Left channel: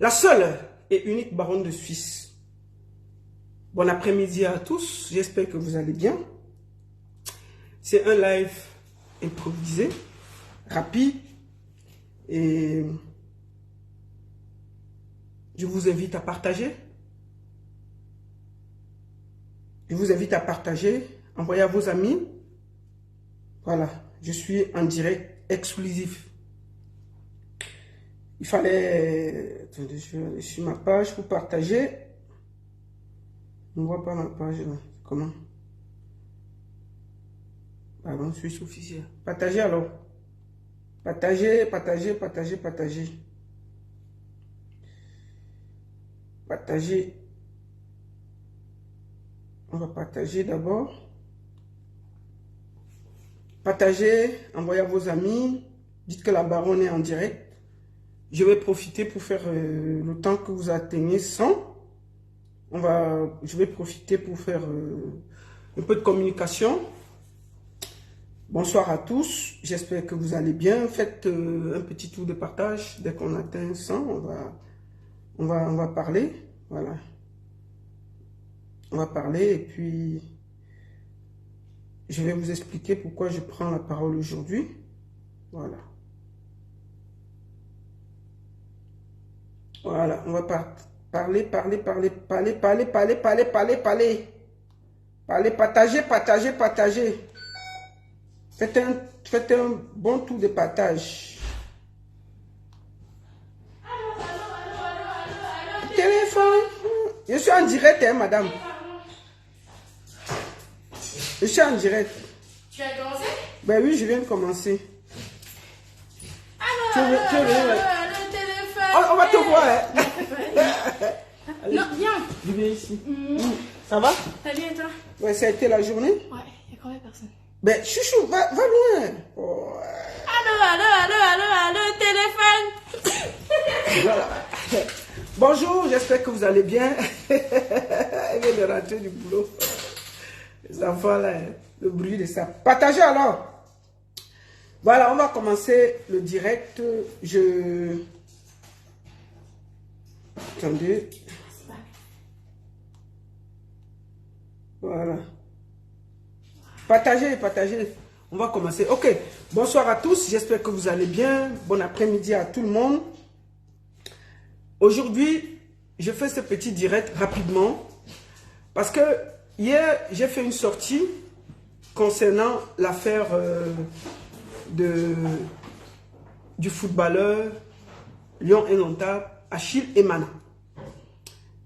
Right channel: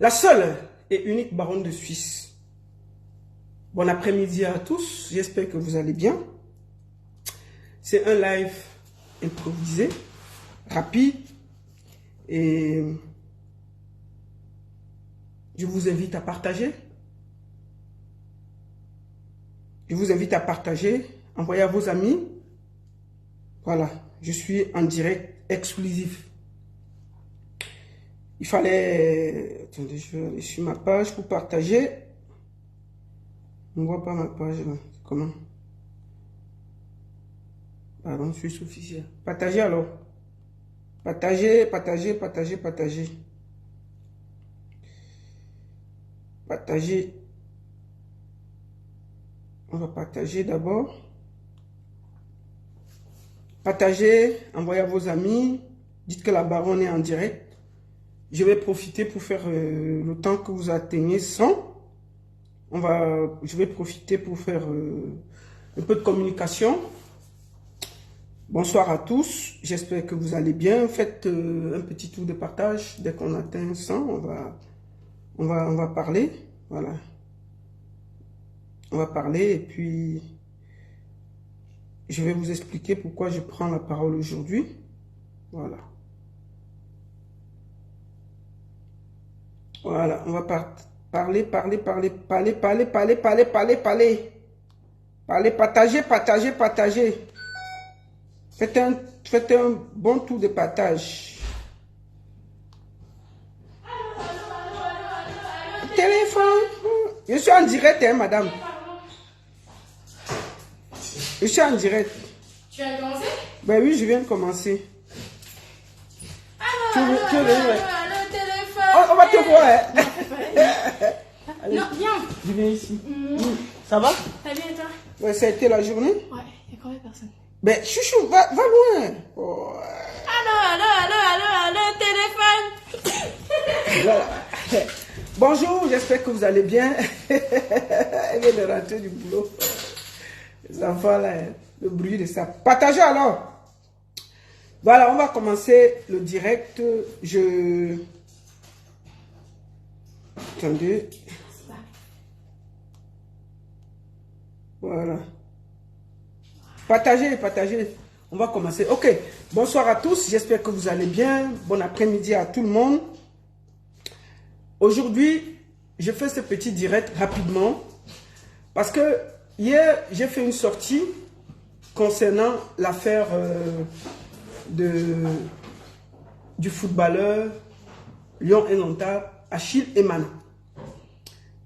La seule et unique baronne de Suisse. Bon après-midi à tous, j'espère que vous allez bien. C'est un live improvisé, rapide, et je vous invite à partager. Je vous invite à partager, envoyer à vos amis. Voilà, je suis en direct exclusif. Il fallait... Attendez, je vais aller sur ma page pour partager. On ne voit pas ma page là. Comment? Pardon, Suisse officiel. Partagez alors. Partagez, partagez, partagez, partagez. Partagez. On va partager d'abord. Partagez, envoyez à vos amis. Dites que la baronne est en direct. Je vais profiter pour faire le temps que vous atteignez 100. Je vais profiter pour faire un peu de communication. Bonsoir à tous. J'espère que vous allez bien. Faites un petit tour de partage. Dès qu'on atteint 100, on va parler. Voilà. On va parler et puis je vais vous expliquer pourquoi je prends la parole aujourd'hui. Voilà. Voilà, on va parler, partager. Faites un bon tour de partage. Téléphone. Je suis en direct, hein, madame. Je suis en direct. Tu as commencé? Ben oui, je viens de commencer. Le téléphone. On va te voir, hein. Allez. Non, viens. Je viens ici. Ça va? T'as bien et toi? Ouais, ça a été la journée? Ouais, il y a combien de personnes? Ben, chouchou, va loin. Oh. Allô, téléphone. Voilà. Bonjour, j'espère que vous allez bien. Elle vient de rentrer du boulot. Les enfants, là, le bruit de ça. Partagez alors. Voilà, on va commencer le direct. Attendez. Voilà. Partagez. On va commencer. Ok. Bonsoir à tous. J'espère que vous allez bien. Bon après-midi à tout le monde. Aujourd'hui, je fais ce petit direct rapidement. Parce que hier, j'ai fait une sortie concernant l'affaire du footballeur Lion Indomptable Achille Emana.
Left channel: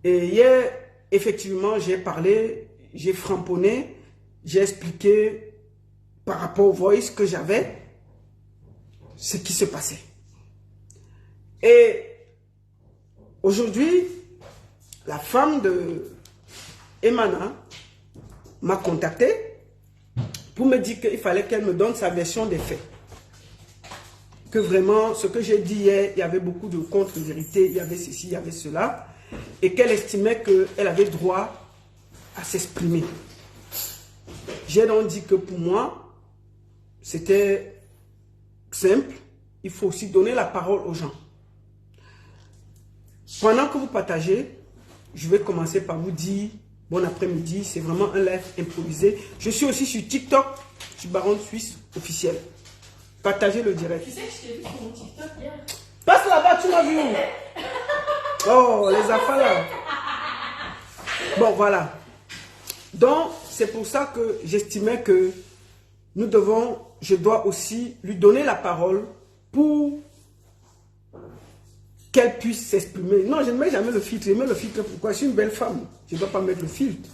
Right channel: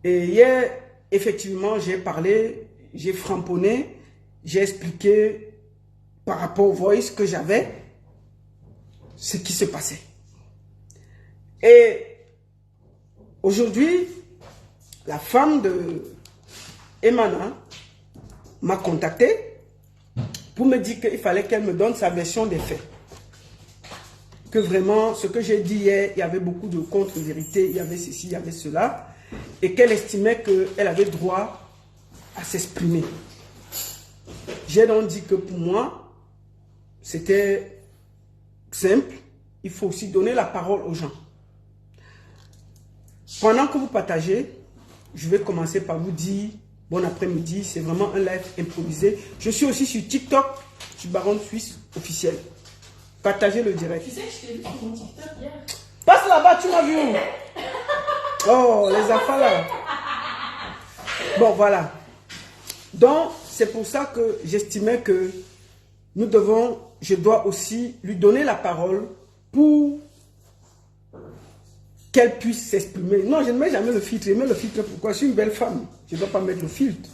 Et hier, effectivement, j'ai parlé, j'ai framponné, j'ai expliqué par rapport au voice que j'avais ce qui se passait. Et aujourd'hui, la femme de Emana m'a contacté pour me dire qu'il fallait qu'elle me donne sa version des faits. Que vraiment, ce que j'ai dit hier, il y avait beaucoup de contre-vérités, il y avait ceci, il y avait cela, et qu'elle estimait qu'elle avait droit à s'exprimer. J'ai donc dit que pour moi, c'était simple, il faut aussi donner la parole aux gens. Pendant que vous partagez, je vais commencer par vous dire bon après-midi, c'est vraiment un live improvisé. Je suis aussi sur TikTok, sur Baronne Suisse officielle. Partagez le direct. Tu sais que je t'ai vu sur mon TikTok hier. Passe là-bas, tu m'as vu où? Oh, les enfants là. Bon, voilà. Donc, c'est pour ça que j'estimais que je dois aussi lui donner la parole pour qu'elle puisse s'exprimer. Non, je ne mets jamais le filtre. Je mets le filtre pourquoi? Je suis une belle femme. Je ne dois pas mettre le filtre.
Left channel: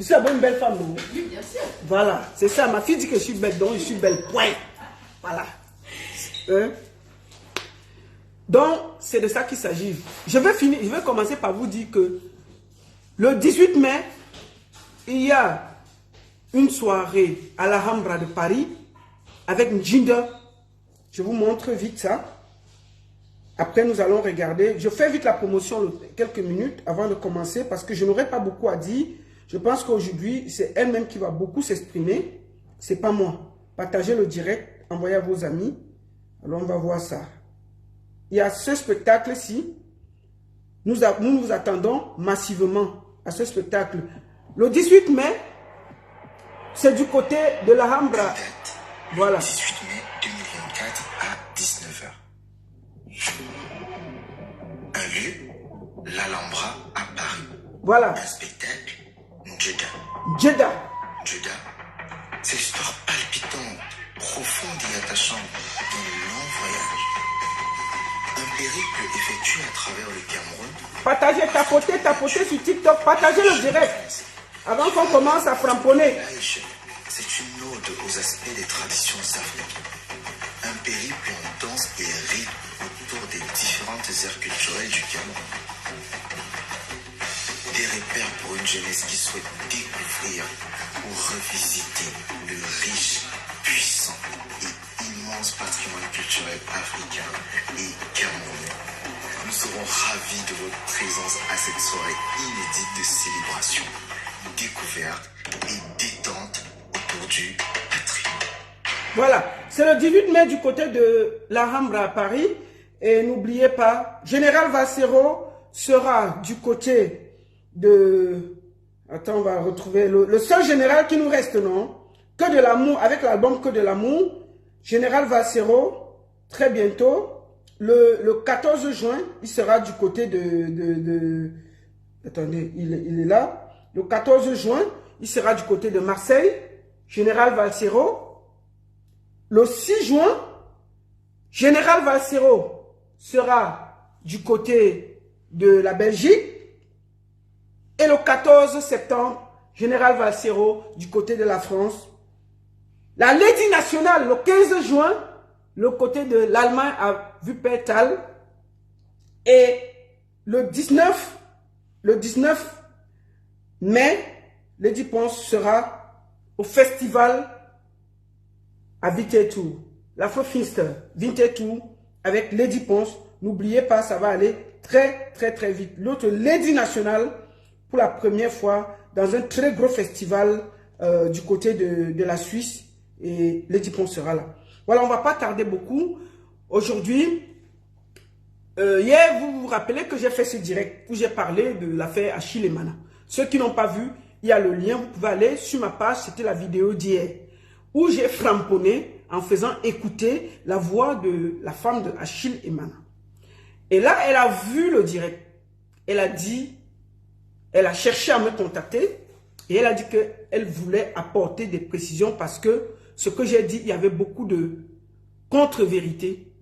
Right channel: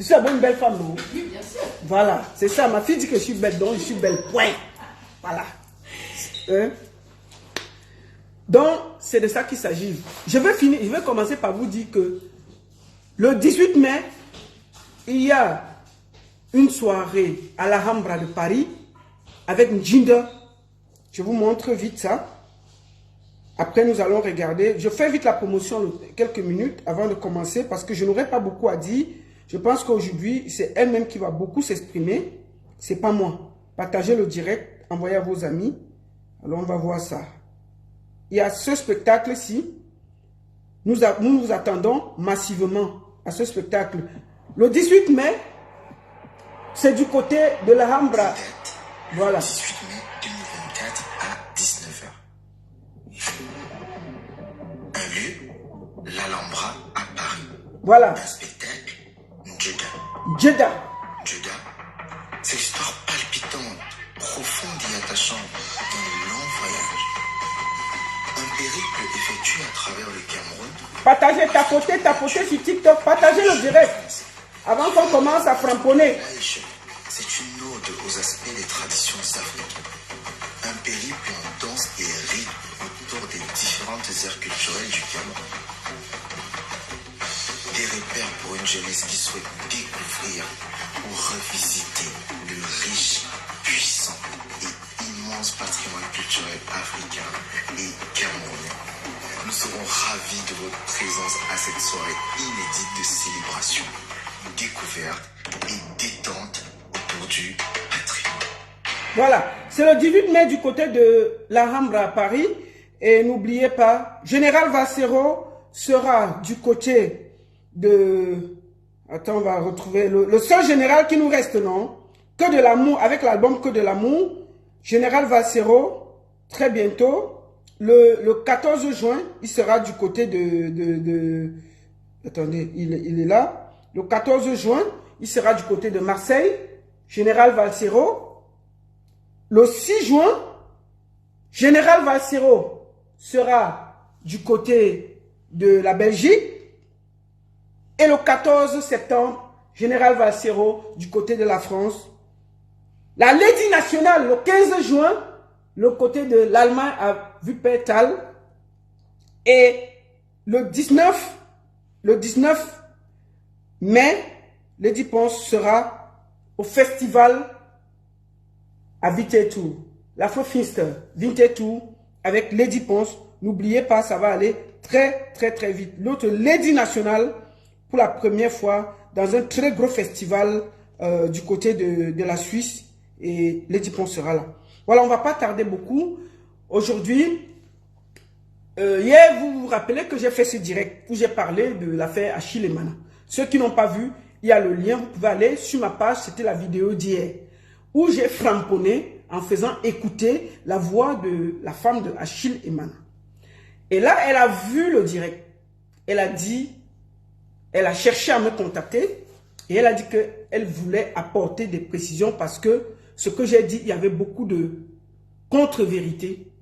Je suis d'abord une belle femme, non? Oui, bien sûr. Voilà, c'est ça. Ma fille dit que je suis belle, donc je suis belle. Point. Voilà. Hein? Donc, c'est de ça qu'il s'agit. Je vais commencer par vous dire que le 18 mai, il y a une soirée à la Alhambra de Paris avec Njinder. Je vous montre vite ça. Après, nous allons regarder. Je fais vite la promotion quelques minutes avant de commencer parce que je n'aurai pas beaucoup à dire. Je pense qu'aujourd'hui, c'est elle-même qui va beaucoup s'exprimer. C'est pas moi. Partagez le direct, envoyez à vos amis. Alors, on va voir ça. Il y a ce spectacle-ci nous nous attendons massivement à ce spectacle. Le 18 mai, c'est du côté de l'Alhambra. Voilà. 18 mai 2024 à 19h. Un lieu, l'Alhambra à Paris. Voilà. Un spectacle, Jeddah. Jeddah. Jeddah, c'est l'histoire palpitante, profonde et attachante d'un long voyage. Un périple effectué à travers le Cameroun. Partagez, tapotez sur TikTok, partagez le direct. Avant qu'on commence à framponner. C'est une ode aux aspects des traditions africaines. Un périple en danse et rythme autour des différentes aires culturelles du Cameroun. Des repères pour une jeunesse qui souhaite découvrir ou revisiter le riche, puissant et immense patrimoine culturel africain et camerounais. Nous serons ravis de votre présence à cette soirée inédite de célébration, découverte et détente autour du patrimoine. Voilà, c'est le 18 mai du côté de l'Alhambra à Paris. Et n'oubliez pas, Général Vassero sera du côté de... Attends, on va retrouver le seul général qui nous reste, non? Que de l'amour, avec l'album Que de l'amour. Général Vassero, très bientôt. Le 14 juin, il sera du côté de attendez, il est là. Le 14 juin, il sera du côté de Marseille. Général Vassero. Le 6 juin, Général Vassero sera du côté de la Belgique. Et le 14 septembre, Général Vassero du côté de la France. La Lady nationale, le 15 juin, le côté de l'Allemagne à Wuppertal. Et le 19 mai, Lady Ponce sera au festival à Winterthur. L'Afrofest Winterthur avec Lady Ponce. N'oubliez pas, ça va aller très vite. L'autre Lady nationale, pour la première fois, dans un très gros festival du côté de la Suisse. Et Lady Ponce sera là. Voilà, on ne va pas tarder beaucoup. Aujourd'hui, hier, vous vous rappelez que j'ai fait ce direct où j'ai parlé de l'affaire Achille Emana. Ceux qui n'ont pas vu, il y a le lien, vous pouvez aller sur ma page, c'était la vidéo d'hier, où j'ai framponné en faisant écouter la voix de la femme de Achille Emana. Et là, elle a vu le direct. Elle a dit, elle a cherché à me contacter et elle a dit qu'elle voulait apporter des précisions parce que ce que j'ai dit, il y avait beaucoup de contre-vérité.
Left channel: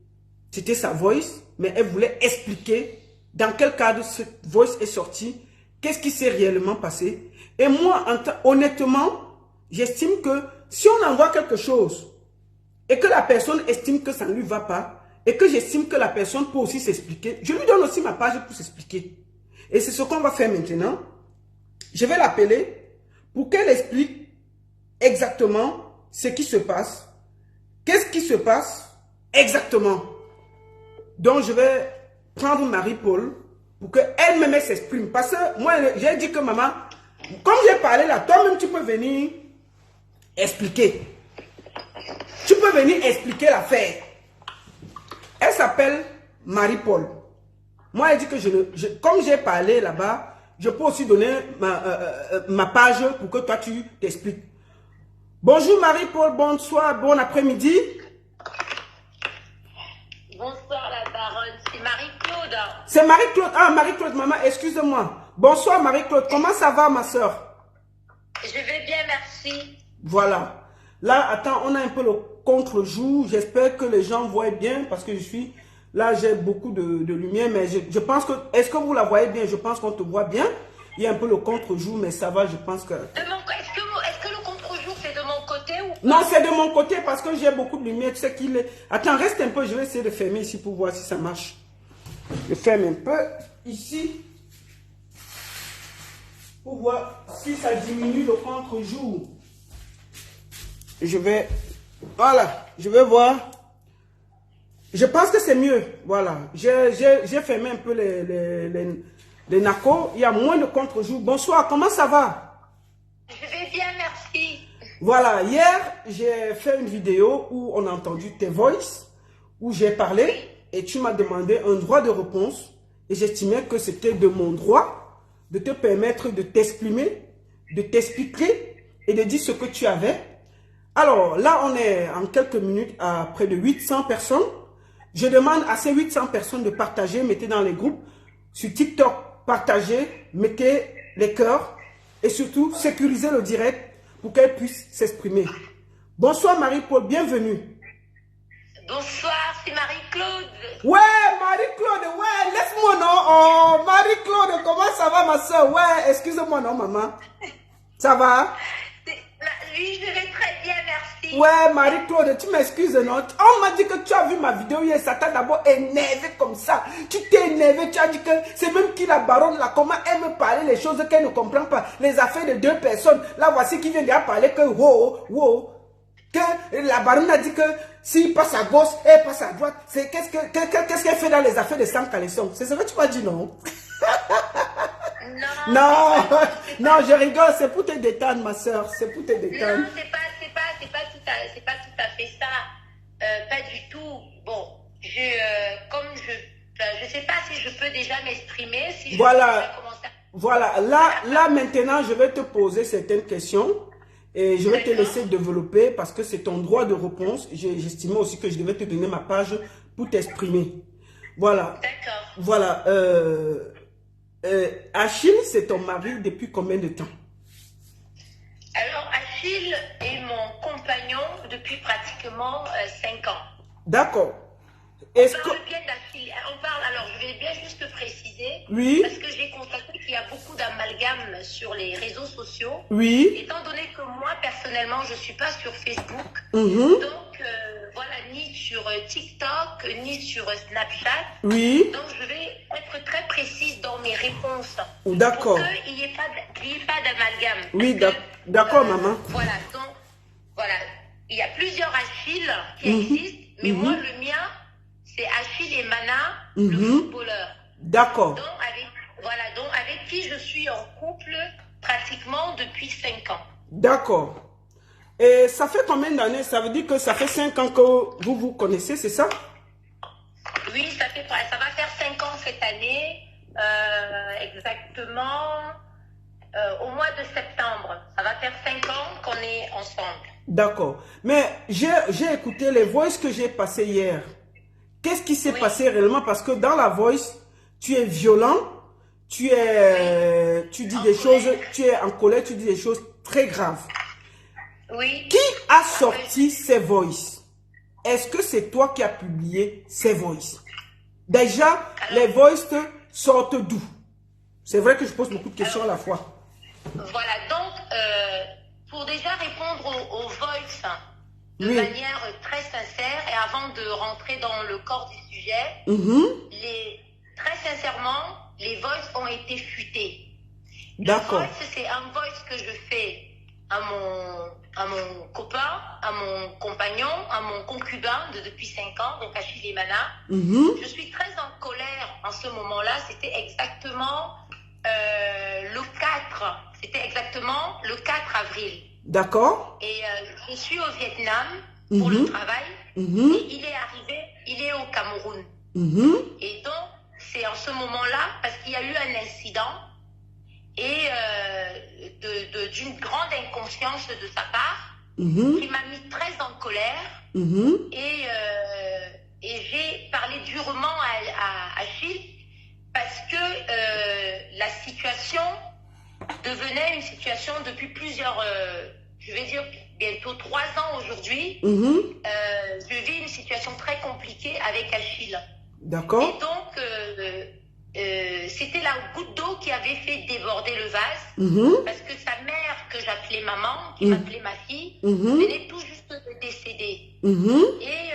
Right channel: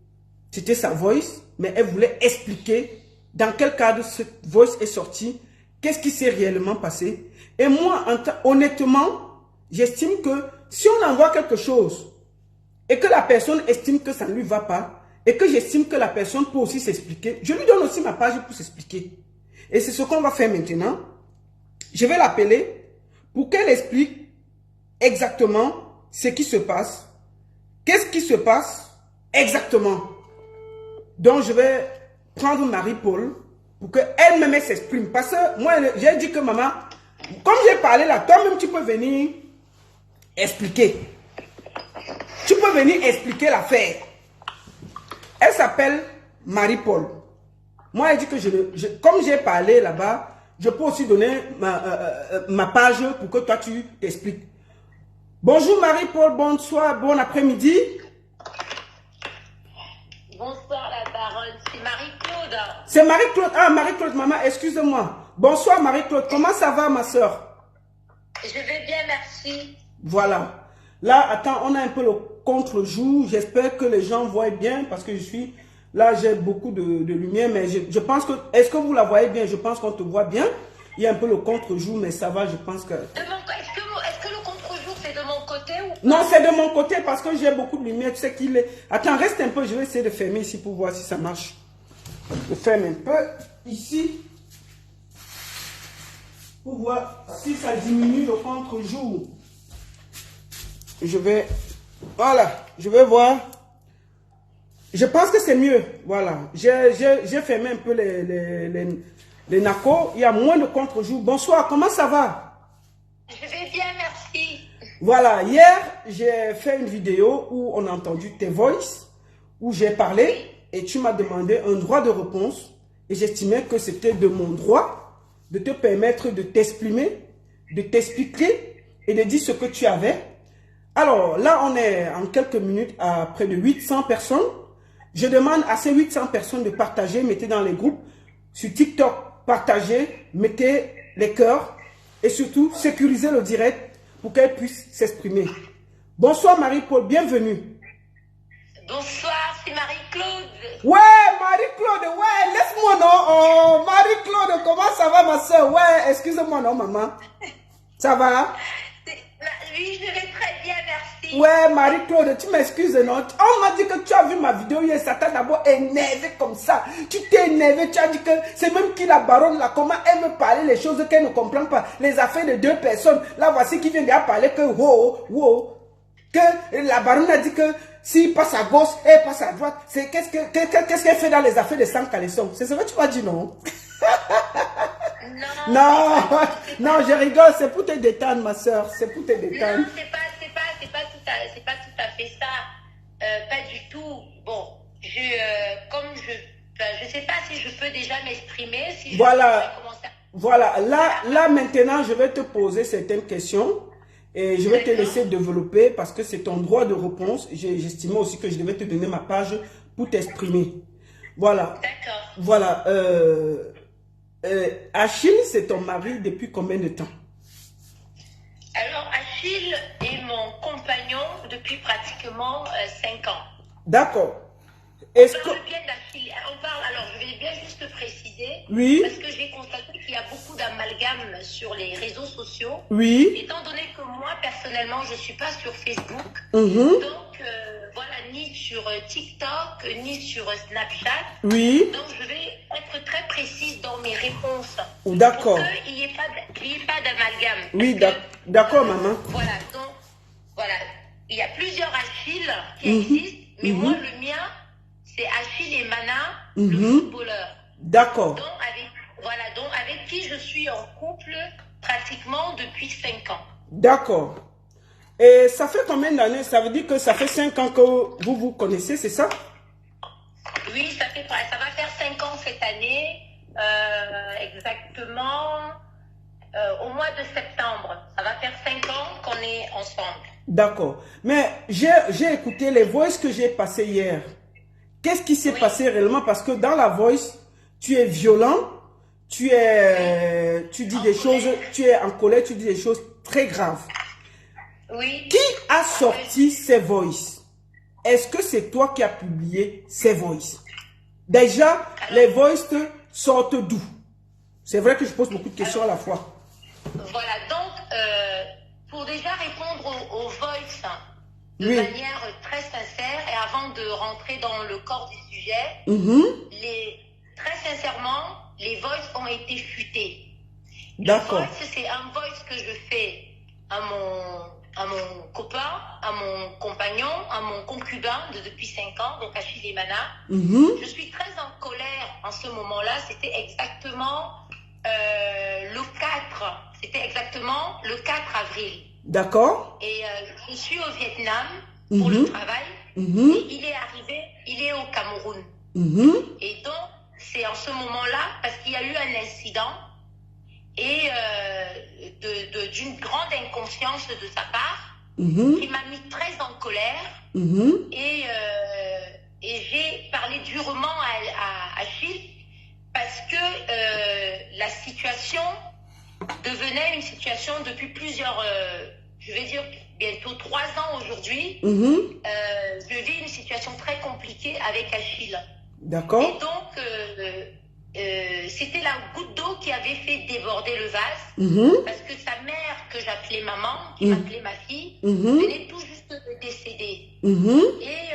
C'était sa voice, mais elle voulait expliquer dans quel cadre cette voice est sortie, qu'est-ce qui s'est réellement passé. Et moi, honnêtement, j'estime que si on envoie quelque chose et que la personne estime que ça ne lui va pas, et que j'estime que la personne peut aussi s'expliquer, je lui donne aussi ma page pour s'expliquer. Et c'est ce qu'on va faire maintenant. Je vais l'appeler pour qu'elle explique exactement ce qui se passe. Qu'est-ce qui se passe exactement? Donc je vais prendre Marie-Paul pour qu'elle-même s'exprime. Parce que moi, j'ai dit que maman, comme j'ai parlé là, toi-même tu peux venir expliquer. Tu peux venir expliquer l'affaire. Elle s'appelle Marie-Paul. Moi, elle dit que comme j'ai parlé là-bas, je peux aussi donner ma page pour que toi, tu t'expliques. Bonjour Marie-Paul, bonsoir, bon après-midi. Bonsoir la baronne, c'est Marie-Claude. C'est Marie-Claude. Ah, Marie-Claude, maman, excuse-moi. Bonsoir Marie-Claude, comment ça va ma soeur? Je vais bien, merci. Voilà. Là, attends, on a un peu le contre-jour. J'espère que les gens voient bien parce que je suis... Là, j'ai beaucoup de lumière, mais je pense que... Est-ce que vous la voyez bien? Je pense qu'on te voit bien. Il y a un peu le contre-jour, mais ça va, je pense que... Est-ce que le contre-jour, c'est de mon côté ou pas? Non, c'est de mon côté parce que j'ai beaucoup de lumière. Tu sais qu'il est... Attends, reste un peu. Je vais essayer de fermer ici pour voir si ça marche. Je ferme un peu ici pour voir si ça diminue le contre-jour. Je vais... Voilà, je vais voir. Je pense que c'est mieux. Voilà, j'ai fermé un peu les nacos. Il y a moins de contre-jour. Bonsoir, comment ça va? Je vais bien, merci. Voilà, hier, j'ai fait une vidéo où on a entendu tes voices, où j'ai parlé et tu m'as demandé un droit de réponse. et j'estimais que c'était de mon droit de te permettre de t'exprimer, de t'expliquer et de dire ce que tu avais. Alors là, on est en quelques minutes à près de 800 personnes. Je demande à ces 800 personnes de partager, mettez dans les groupes, sur TikTok, partagez, mettez les cœurs et surtout sécurisez le direct pour qu'elle puisse s'exprimer. Bonsoir Marie-Paul, bienvenue. Bonsoir, c'est Marie-Claude. Ouais, Marie-Claude, ouais, laisse-moi non. Oh, Marie-Claude, comment ça va ma soeur? Ouais, excusez-moi non maman. Ça va? Oui, je vais très bien, merci. Ouais, Marie-Claude, tu m'excuses, non? On m'a dit que tu as vu ma vidéo hier, ça t'a d'abord énervé comme ça. Tu t'es énervé, tu as dit que c'est même qui la baronne là, comment elle me parlait les choses qu'elle ne comprend pas, les affaires de deux personnes. Là, voici qui vient de parler que que la baronne a dit que s'il passe à gauche, elle passe à droite. Qu'est-ce qu'elle fait dans les affaires de sang caleçon? C'est ce que tu m'as dit, non? Non, non, je rigole, c'est pour te détendre, ma soeur, c'est pour te détendre. Non, c'est pas tout à fait ça. Pas du tout. Bon, je sais pas si je peux déjà m'exprimer, si voilà. je peux commencer. Voilà, là maintenant, je vais te poser certaines questions et je vais te laisser développer parce que c'est ton droit de réponse. J'estimais aussi que je devais te donner ma page pour t'exprimer. Voilà. D'accord. Voilà. Achille, c'est ton mari depuis combien de temps? Alors, Achille est mon compagnon depuis pratiquement 5 ans. D'accord. On parle bien d'Achille. Alors, je vais bien juste préciser. Oui. Parce que j'ai constaté qu'il y a beaucoup d'amalgames sur les réseaux sociaux. Oui. Étant donné que moi, personnellement, je ne suis pas sur Facebook. Donc, voilà, ni sur TikTok, ni sur Snapchat. Oui. Donc, je vais être très précise dans mes réponses. D'accord. Pour qu'il n'y ait pas d'amalgame. Oui, d'accord, maman. Voilà, donc, voilà. Il y a plusieurs Achilles qui existent, mais moi, le mien, c'est Achille et Mana, le footballeur. D'accord. Donc, avec qui je suis en couple pratiquement depuis 5 ans. D'accord. Et ça fait combien d'années? Ça veut dire que ça fait 5 ans que vous vous connaissez, c'est ça? Oui, ça va faire 5 ans cette année, exactement au mois de septembre. Ça va faire 5 ans qu'on est ensemble. D'accord. Mais j'ai écouté les voices que j'ai passées hier. Qu'est-ce qui s'est passé réellement? Parce que dans la voice, tu es violent, tu dis des choses, tu es en colère, tu dis des choses très graves. Oui. Qui a sorti ces voices? Est-ce que c'est toi qui as publié ces voices? Déjà, les voices sortent d'où? C'est vrai que je pose beaucoup de questions à la fois. Voilà, donc, pour déjà répondre aux voices de manière très sincère et avant de rentrer dans le corps du sujet, très sincèrement, les voices ont été fuitées. D'accord. Le voice, c'est un voice que je fais à mon copain, à mon compagnon, à mon concubin depuis 5 ans, donc Achille et Mana. Je suis très en colère en ce moment-là. C'était exactement le 4. C'était exactement le 4 avril. D'accord. Et je suis au Vietnam pour le travail. Et il est au Cameroun. Et donc, c'est en ce moment-là, parce qu'il y a eu un incident et d'une grande inconscience de sa part, qui m'a mis très en colère. Et j'ai parlé durement à Achille parce que la situation devenait une situation depuis plusieurs, je vais dire bientôt 3 ans aujourd'hui. Je vis une situation très compliquée avec Achille. D'accord. Et donc, c'était la goutte d'eau qui avait fait déborder le vase, parce que sa mère, que j'appelais maman, qui m'appelait ma fille, venait tout juste de décéder. Et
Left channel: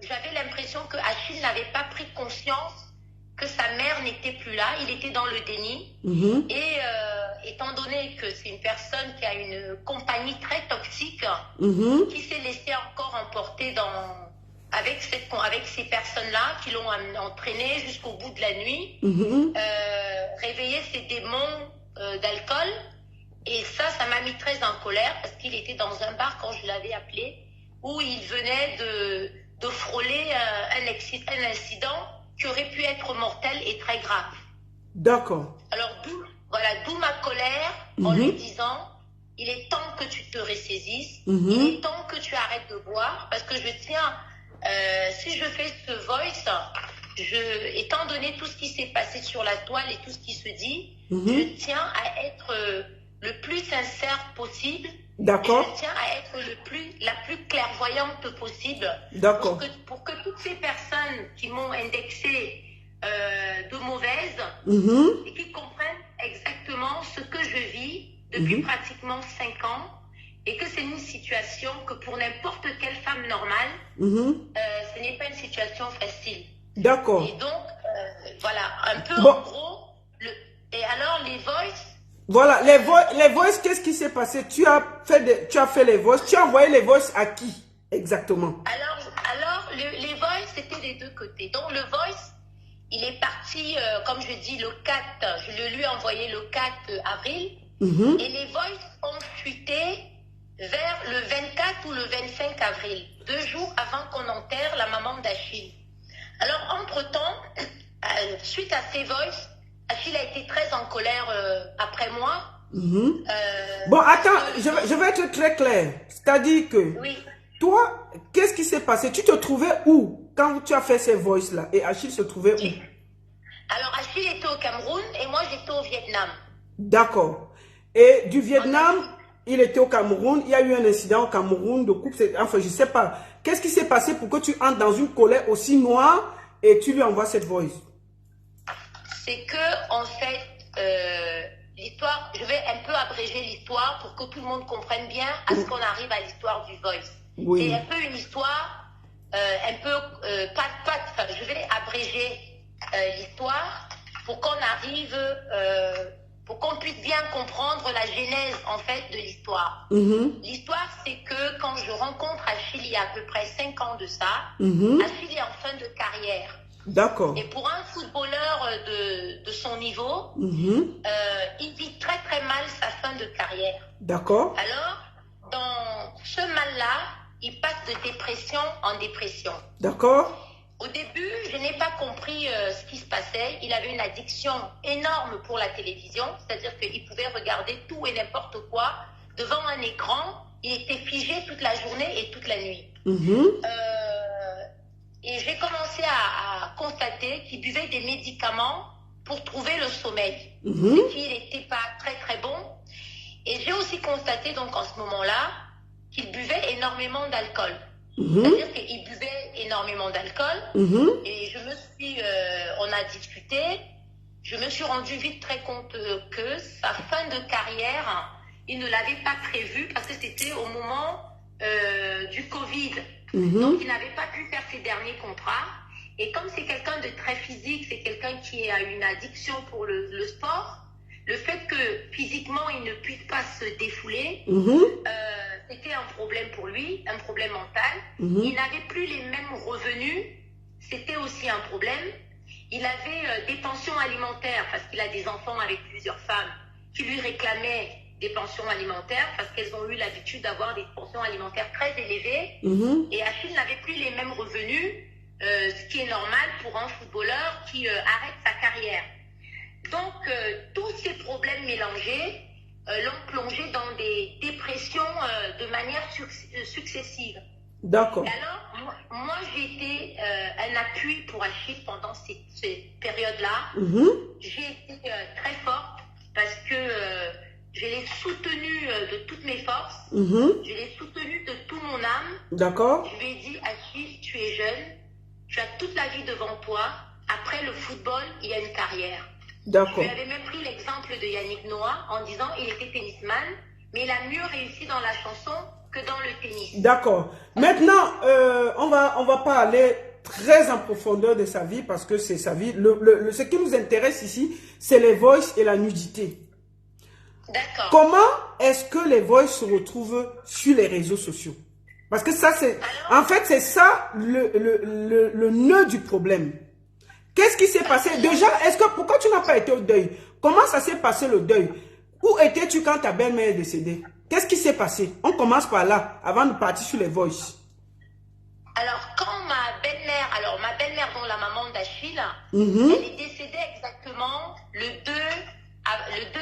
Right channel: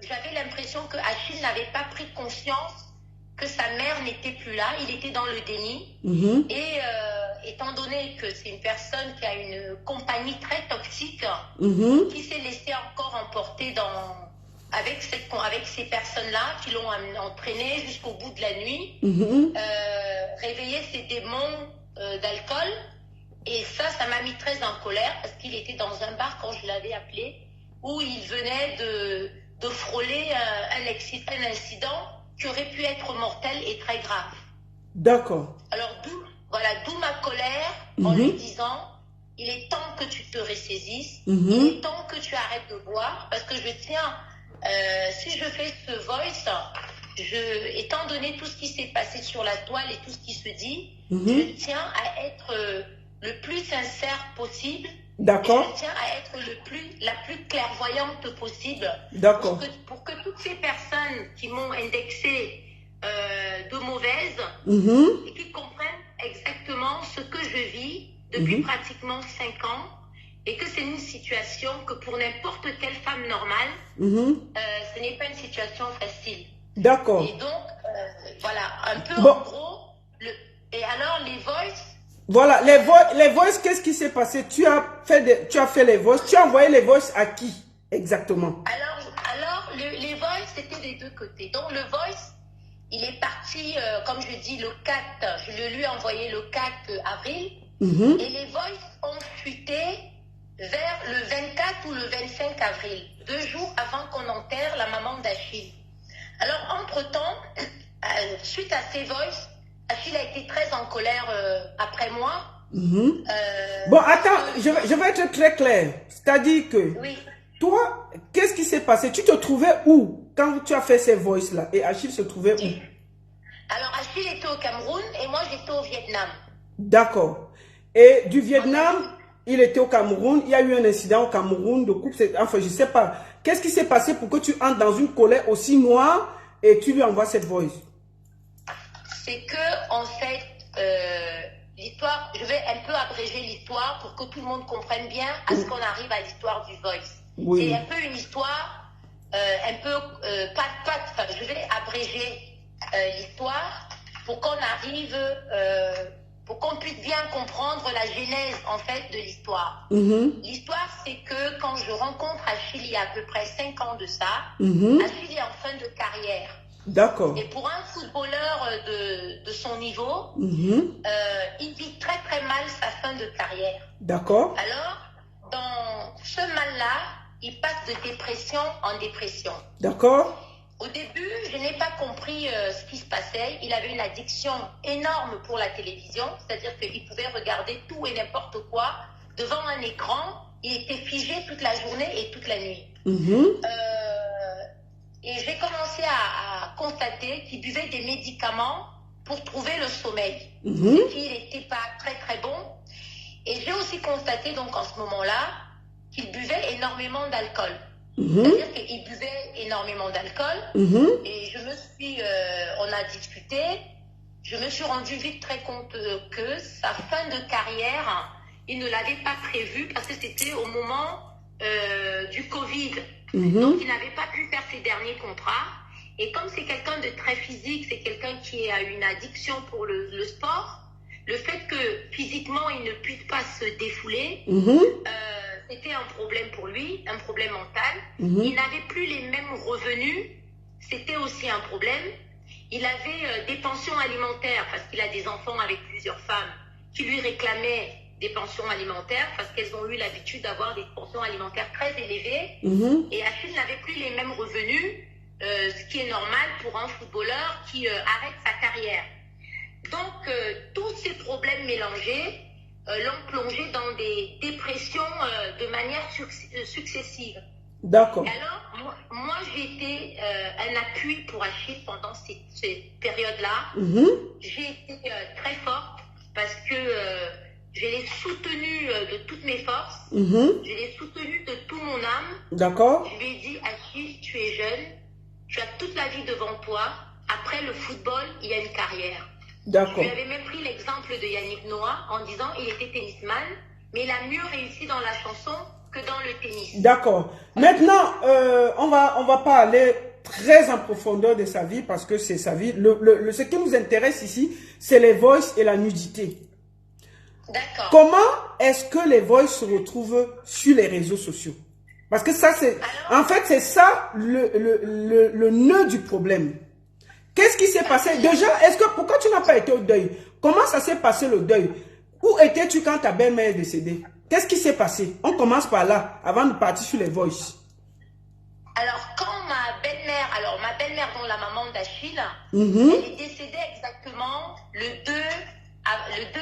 j'avais l'impression que Achille n'avait pas pris conscience que sa mère n'était plus là, il était dans le déni. Et étant donné que c'est une personne qui a une compagnie très toxique, qui s'est laissée encore emporter avec ces personnes-là qui l'ont entraîné jusqu'au bout de la nuit, réveiller ses démons d'alcool. Et ça m'a mis très en colère parce qu'il était dans un bar quand je l'avais appelé, où il venait de frôler un incident qui aurait pu être mortel et très grave. D'accord. Alors, d'où ma colère en lui disant, il est temps que tu te ressaisisses, il est temps que tu arrêtes de boire, parce que je tiens, si je fais ce voice, étant donné tout ce qui s'est passé sur la toile et tout ce qui se dit, je tiens à être le plus sincère possible. D'accord. Je tiens à être la plus clairvoyante possible. D'accord. Pour que toutes ces personnes qui m'ont indexé de mauvaise et qui comprennent exactement ce que je vis depuis pratiquement 5 ans et que c'est une situation que pour n'importe quelle femme normale, ce n'est pas une situation facile. D'accord. Et donc, voilà, un peu en gros, et alors les voices. Voilà, les voices, qu'est-ce qui s'est passé? Tu as fait les voices, tu as envoyé les voices à qui exactement? Alors les voices, c'était des deux côtés. Donc le voice, il est parti, comme je dis, le 4, je le lui ai envoyé le 4 avril, et les voices ont fuité vers le 24 ou le 25 avril, 2 jours avant qu'on enterre la maman d'Achille. Alors, entre-temps, suite à ces voices, Achille a été très en colère après moi. Bon, attends, je vais être très clair. C'est-à-dire que, toi, qu'est-ce qui s'est passé? Tu te trouvais où quand tu as fait ces voices-là? Et Achille se trouvait où? Alors, Achille était au Cameroun et moi, j'étais au Vietnam. D'accord. Et du Vietnam, il était au Cameroun. Il y a eu un incident au Cameroun de coupe. Enfin, je ne sais pas. Qu'est-ce qui s'est passé pour que tu entres dans une colère aussi noire et tu lui envoies cette voice? C'est que, en fait, l'histoire, je vais un peu abréger l'histoire pour que tout le monde comprenne bien à ce qu'on arrive à l'histoire du voice. Oui. C'est un peu une histoire, un peu, je vais abréger l'histoire pour qu'on arrive, pour qu'on puisse bien comprendre la genèse, en fait, de l'histoire. L'histoire, c'est que quand je rencontre Achille, il y a à peu près 5 ans de ça, Achille est en fin de carrière. D'accord. Et pour un footballeur de son niveau, il vit très très mal sa fin de carrière. D'accord. Alors, dans ce mal-là, il passe de dépression en dépression. D'accord. Au début, je n'ai pas compris ce qui se passait. Il avait une addiction énorme pour la télévision, c'est-à-dire qu'il pouvait regarder tout et n'importe quoi devant un écran. Il était figé toute la journée et toute la nuit. Et j'ai commencé à constater qu'il buvait des médicaments pour trouver le sommeil. Ce qui n'était pas très très bon. Et j'ai aussi constaté donc en ce moment-là qu'il buvait énormément d'alcool. C'est-à-dire qu'il buvait énormément d'alcool. Et je me suis, on a discuté, je me suis rendu vite très compte que sa fin de carrière, il ne l'avait pas prévue parce que c'était au moment du Covid. Donc, il n'avait pas pu faire ses derniers contrats. Et comme c'est quelqu'un de très physique, c'est quelqu'un qui a une addiction pour le sport, le fait que physiquement, il ne puisse pas se défouler, c'était un problème pour lui, un problème mental. Il n'avait plus les mêmes revenus, c'était aussi un problème. Il avait des pensions alimentaires, parce qu'il a des enfants avec plusieurs femmes, qui lui réclamaient des pensions alimentaires parce qu'elles ont eu l'habitude d'avoir des pensions alimentaires très élevées. Et Achille n'avait plus les mêmes revenus, ce qui est normal pour un footballeur qui arrête sa carrière. Donc, tous ces problèmes mélangés l'ont plongé dans des dépressions de manière successive. D'accord. Alors, moi j'ai été un appui pour Achille pendant ces périodes-là. J'ai été très forte parce que je l'ai soutenu de toutes mes forces. Je l'ai soutenu de tout mon âme. D'accord. Je lui ai dit, Achille, tu es jeune, tu as toute la vie devant toi. Après le football, il y a une carrière. D'accord. Je lui avais même pris l'exemple de Yannick Noah en disant, il était tennisman, mais il a mieux réussi dans la chanson que dans le tennis. D'accord. Maintenant, on va pas aller très en profondeur de sa vie parce que c'est sa vie. Ce qui nous intéresse ici, c'est les voices et la nudité. D'accord. Comment est-ce que les voices se retrouvent sur les réseaux sociaux? Parce que ça, c'est... En fait, c'est ça le nœud du problème. Qu'est-ce qui s'est passé? Déjà, pourquoi tu n'as pas été au deuil? Comment ça s'est passé le deuil? Où étais-tu quand ta belle-mère est décédée? Qu'est-ce qui s'est passé? On commence par là, avant de partir sur les voices. Alors, quand ma belle-mère, alors ma belle-mère, dont la maman d'Achille, elle est décédée exactement le 2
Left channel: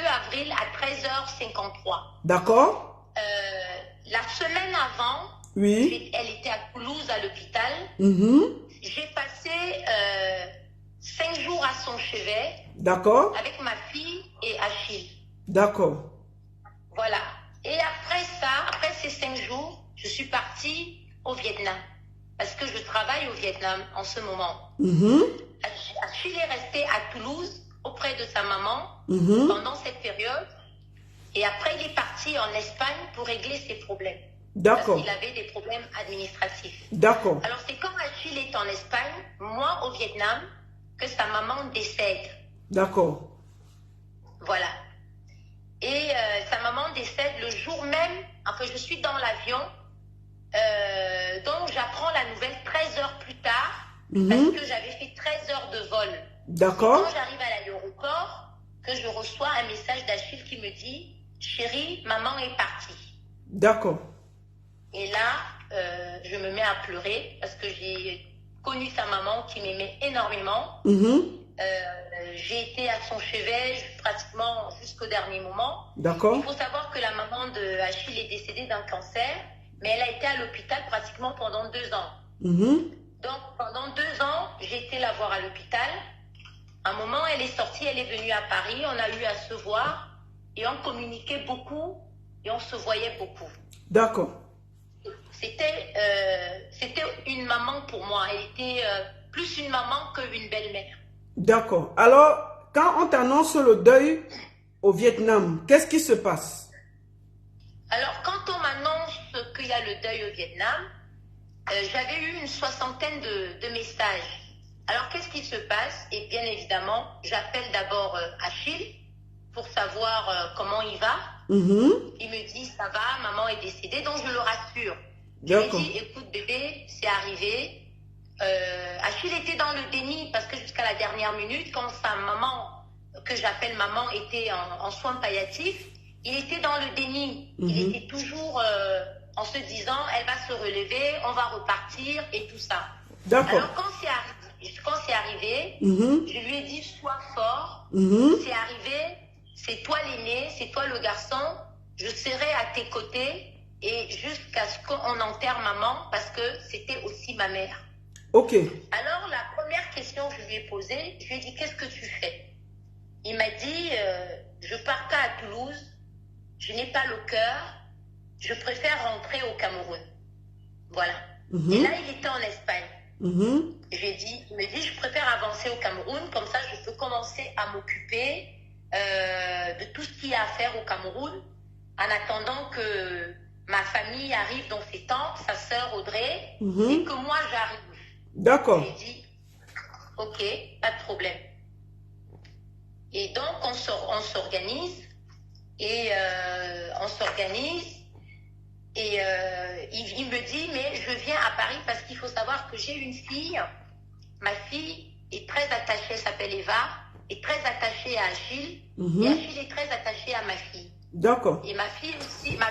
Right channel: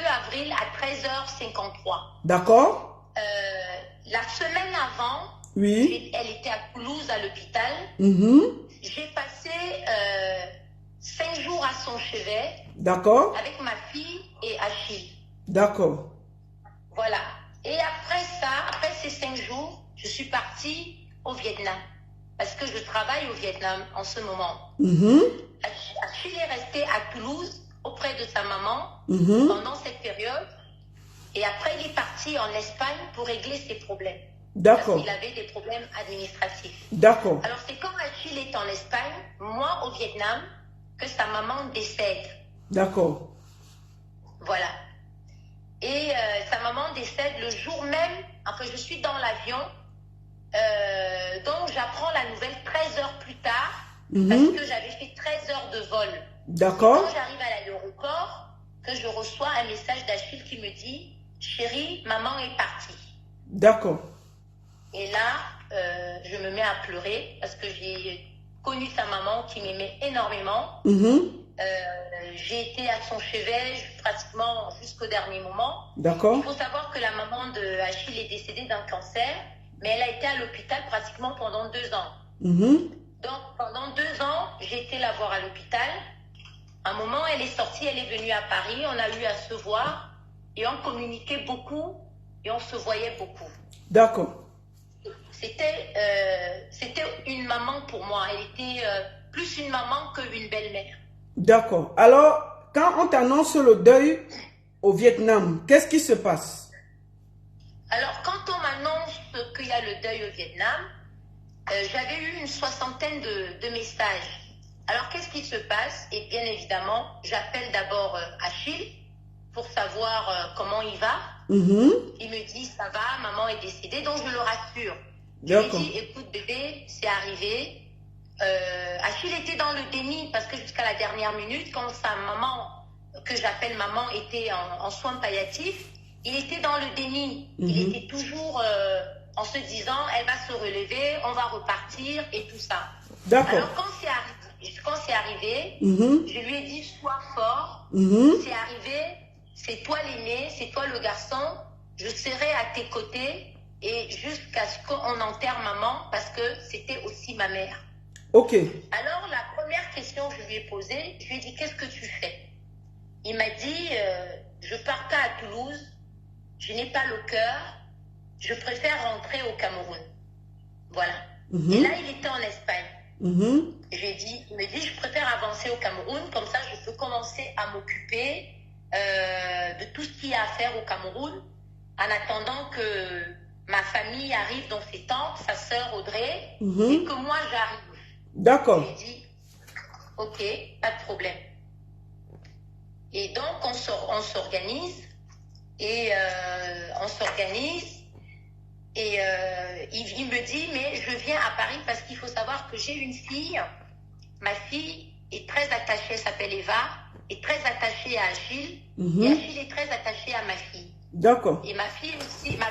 avril à 13h53. D'accord. La semaine avant, oui. Elle était à Toulouse à l'hôpital. J'ai passé 5 jours à son chevet. D'accord. Avec ma fille et Achille. D'accord. Voilà. Et après ça, après ces 5 jours, je suis partie au Vietnam. Parce que je travaille au Vietnam en ce moment. Achille est resté à Toulouse auprès de sa maman pendant cette période. Et après, il est parti en Espagne pour régler ses problèmes. D'accord. Parce qu'il avait des problèmes administratifs. D'accord. Alors, c'est quand Achille est en Espagne, moi au Vietnam, que sa maman décède. D'accord. Voilà. Et sa maman décède le jour même, enfin je suis dans l'avion, donc j'apprends la nouvelle 13 heures plus tard, parce que j'avais fait 13 heures de vol. D'accord. Quand j'arrive à l'aéroport, que je reçois un message d'Achille qui me dit « Chérie, maman est partie ». D'accord. Et là, je me mets à pleurer, parce que j'ai connu sa maman qui m'aimait énormément. J'ai été à son chevet pratiquement jusqu'au dernier moment. D'accord. Il faut savoir que la maman de Achille est décédée d'un cancer, mais elle a été à l'hôpital pratiquement pendant 2 ans. Donc pendant 2 ans, j'ai été la voir à l'hôpital. À un moment, elle est sortie, elle est venue à Paris, on a eu à se voir et on communiquait beaucoup et on se voyait beaucoup. D'accord. C'était une maman pour moi. Elle était plus une maman qu'une belle-mère. D'accord. Alors, quand on t'annonce le deuil au Vietnam, qu'est-ce qui se passe? Alors, quand on m'annonce qu'il y a le deuil au Vietnam, j'avais eu une 60aine de messages. Alors, qu'est-ce qui se passe? Et bien évidemment, j'appelle d'abord Achille pour savoir comment il va. Il me dit, ça va, maman est décédée, donc je le rassure. Je lui dis, écoute bébé, c'est arrivé. Achille était dans le déni parce que jusqu'à la dernière minute, quand sa maman, que j'appelle maman, était en soins palliatifs, il était dans le déni. Il était toujours en se disant, elle va se relever, on va repartir et tout ça. D'accord. Alors quand c'est arrivé, je lui ai dit, sois fort, c'est arrivé, c'est toi l'aîné, c'est toi le garçon, je serai à tes côtés et jusqu'à ce qu'on enterre maman parce que c'était aussi ma mère. Ok. Alors, la première question que je lui ai posée, je lui ai dit, qu'est-ce que tu fais? Il m'a dit, je pars pas à Toulouse, je n'ai pas le cœur, je préfère rentrer au Cameroun. Voilà. Et là, il était en Espagne. Il me dit, je préfère avancer au Cameroun, comme ça, je peux commencer à m'occuper de tout ce qu'il y a à faire au Cameroun, en attendant que ma famille arrive dans ses temps, sa sœur Audrey, et que moi, j'arrive. D'accord. J'ai dit, ok, pas de problème. Et donc, on s'organise. Et il me dit, mais je viens à Paris parce qu'il faut savoir que j'ai une fille. Ma fille est très attachée, elle s'appelle Eva, est très attachée à Achille. Et Achille est très attaché à ma fille. D'accord. Et ma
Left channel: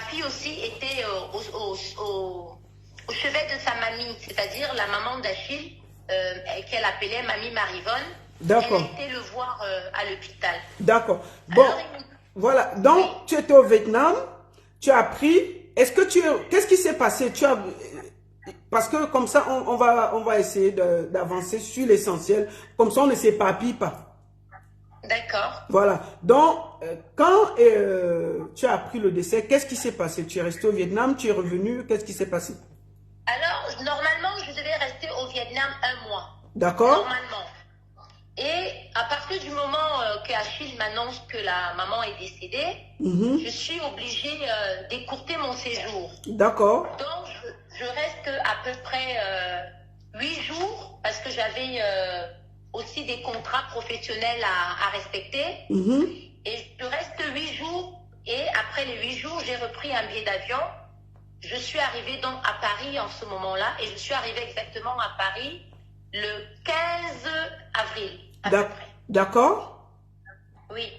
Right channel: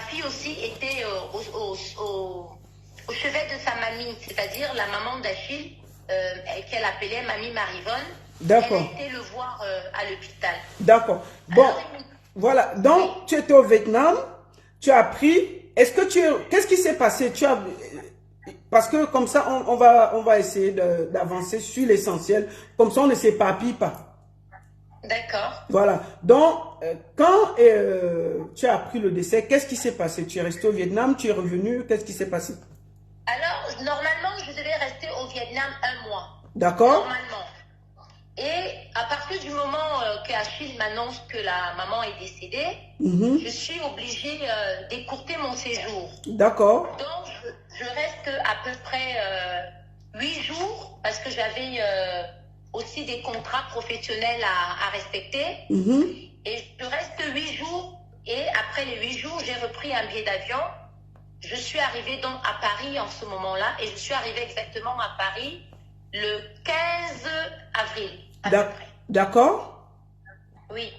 fille aussi était au chevet de sa mamie, c'est-à-dire la maman d'Achille, qu'elle appelait Mamie Marivonne. D'accord. Elle a été le voir à l'hôpital. D'accord. Bon, alors, voilà. Donc, tu étais au Vietnam, tu as appris. Qu'est-ce qui s'est passé? Parce que comme ça, on va essayer d'avancer sur l'essentiel. Comme ça, on ne s'éparpille pas. D'accord. Voilà. Donc, quand tu as appris le décès, qu'est-ce qui s'est passé? Tu es resté au Vietnam, tu es revenu, qu'est-ce qui s'est passé? Alors, normalement, je devais rester au Vietnam 1 mois. D'accord. Normalement. Et à partir du moment que Achille m'annonce que la maman est décédée, je suis obligée d'écourter mon séjour. D'accord. Donc, je reste à peu près 8 jours parce que j'avais aussi des contrats professionnels à respecter. Et je reste 8 jours et après les 8 jours, j'ai repris un billet d'avion. Je suis arrivée donc à Paris en ce moment-là et je suis arrivée exactement à Paris le 15 avril, à peu près. D'accord. Oui.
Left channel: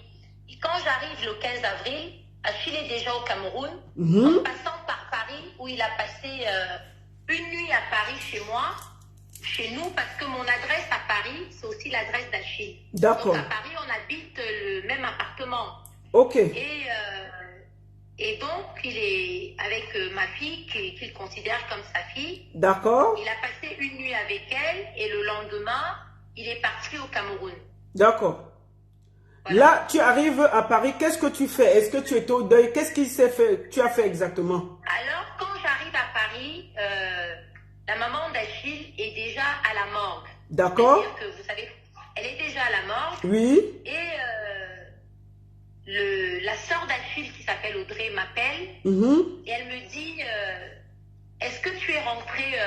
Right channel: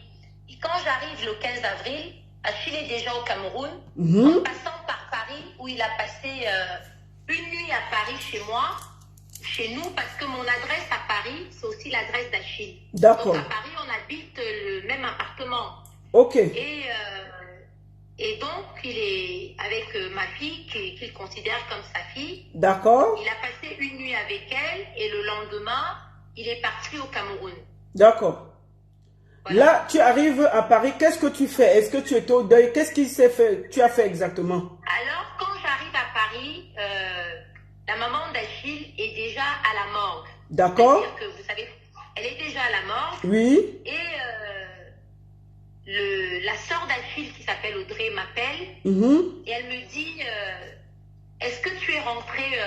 Et quand j'arrive le 15 avril, Achille est déjà au Cameroun, en passant par Paris, où il a passé une nuit à Paris chez moi. chez nous parce que mon adresse à Paris, c'est aussi l'adresse d'Achille. D'accord. Donc à Paris, on habite le même appartement. Ok. Et donc, il est avec ma fille, qu'il considère comme sa fille. D'accord. Il a passé une nuit avec elle et le lendemain, il est parti au Cameroun. D'accord. Voilà. Là, tu arrives à Paris, qu'est-ce que tu fais? Est-ce que tu étais au deuil? Qu'est-ce qu'il s'est fait? Tu as fait exactement? Alors, quand j'arrive à Paris, la maman d'Achille est déjà à la morgue. D'accord. C'est-à-dire que, vous savez, elle est déjà à la morgue. Oui. Et la sœur d'Achille, qui s'appelle Audrey, m'appelle. Et elle me dit, est-ce que tu es rentrée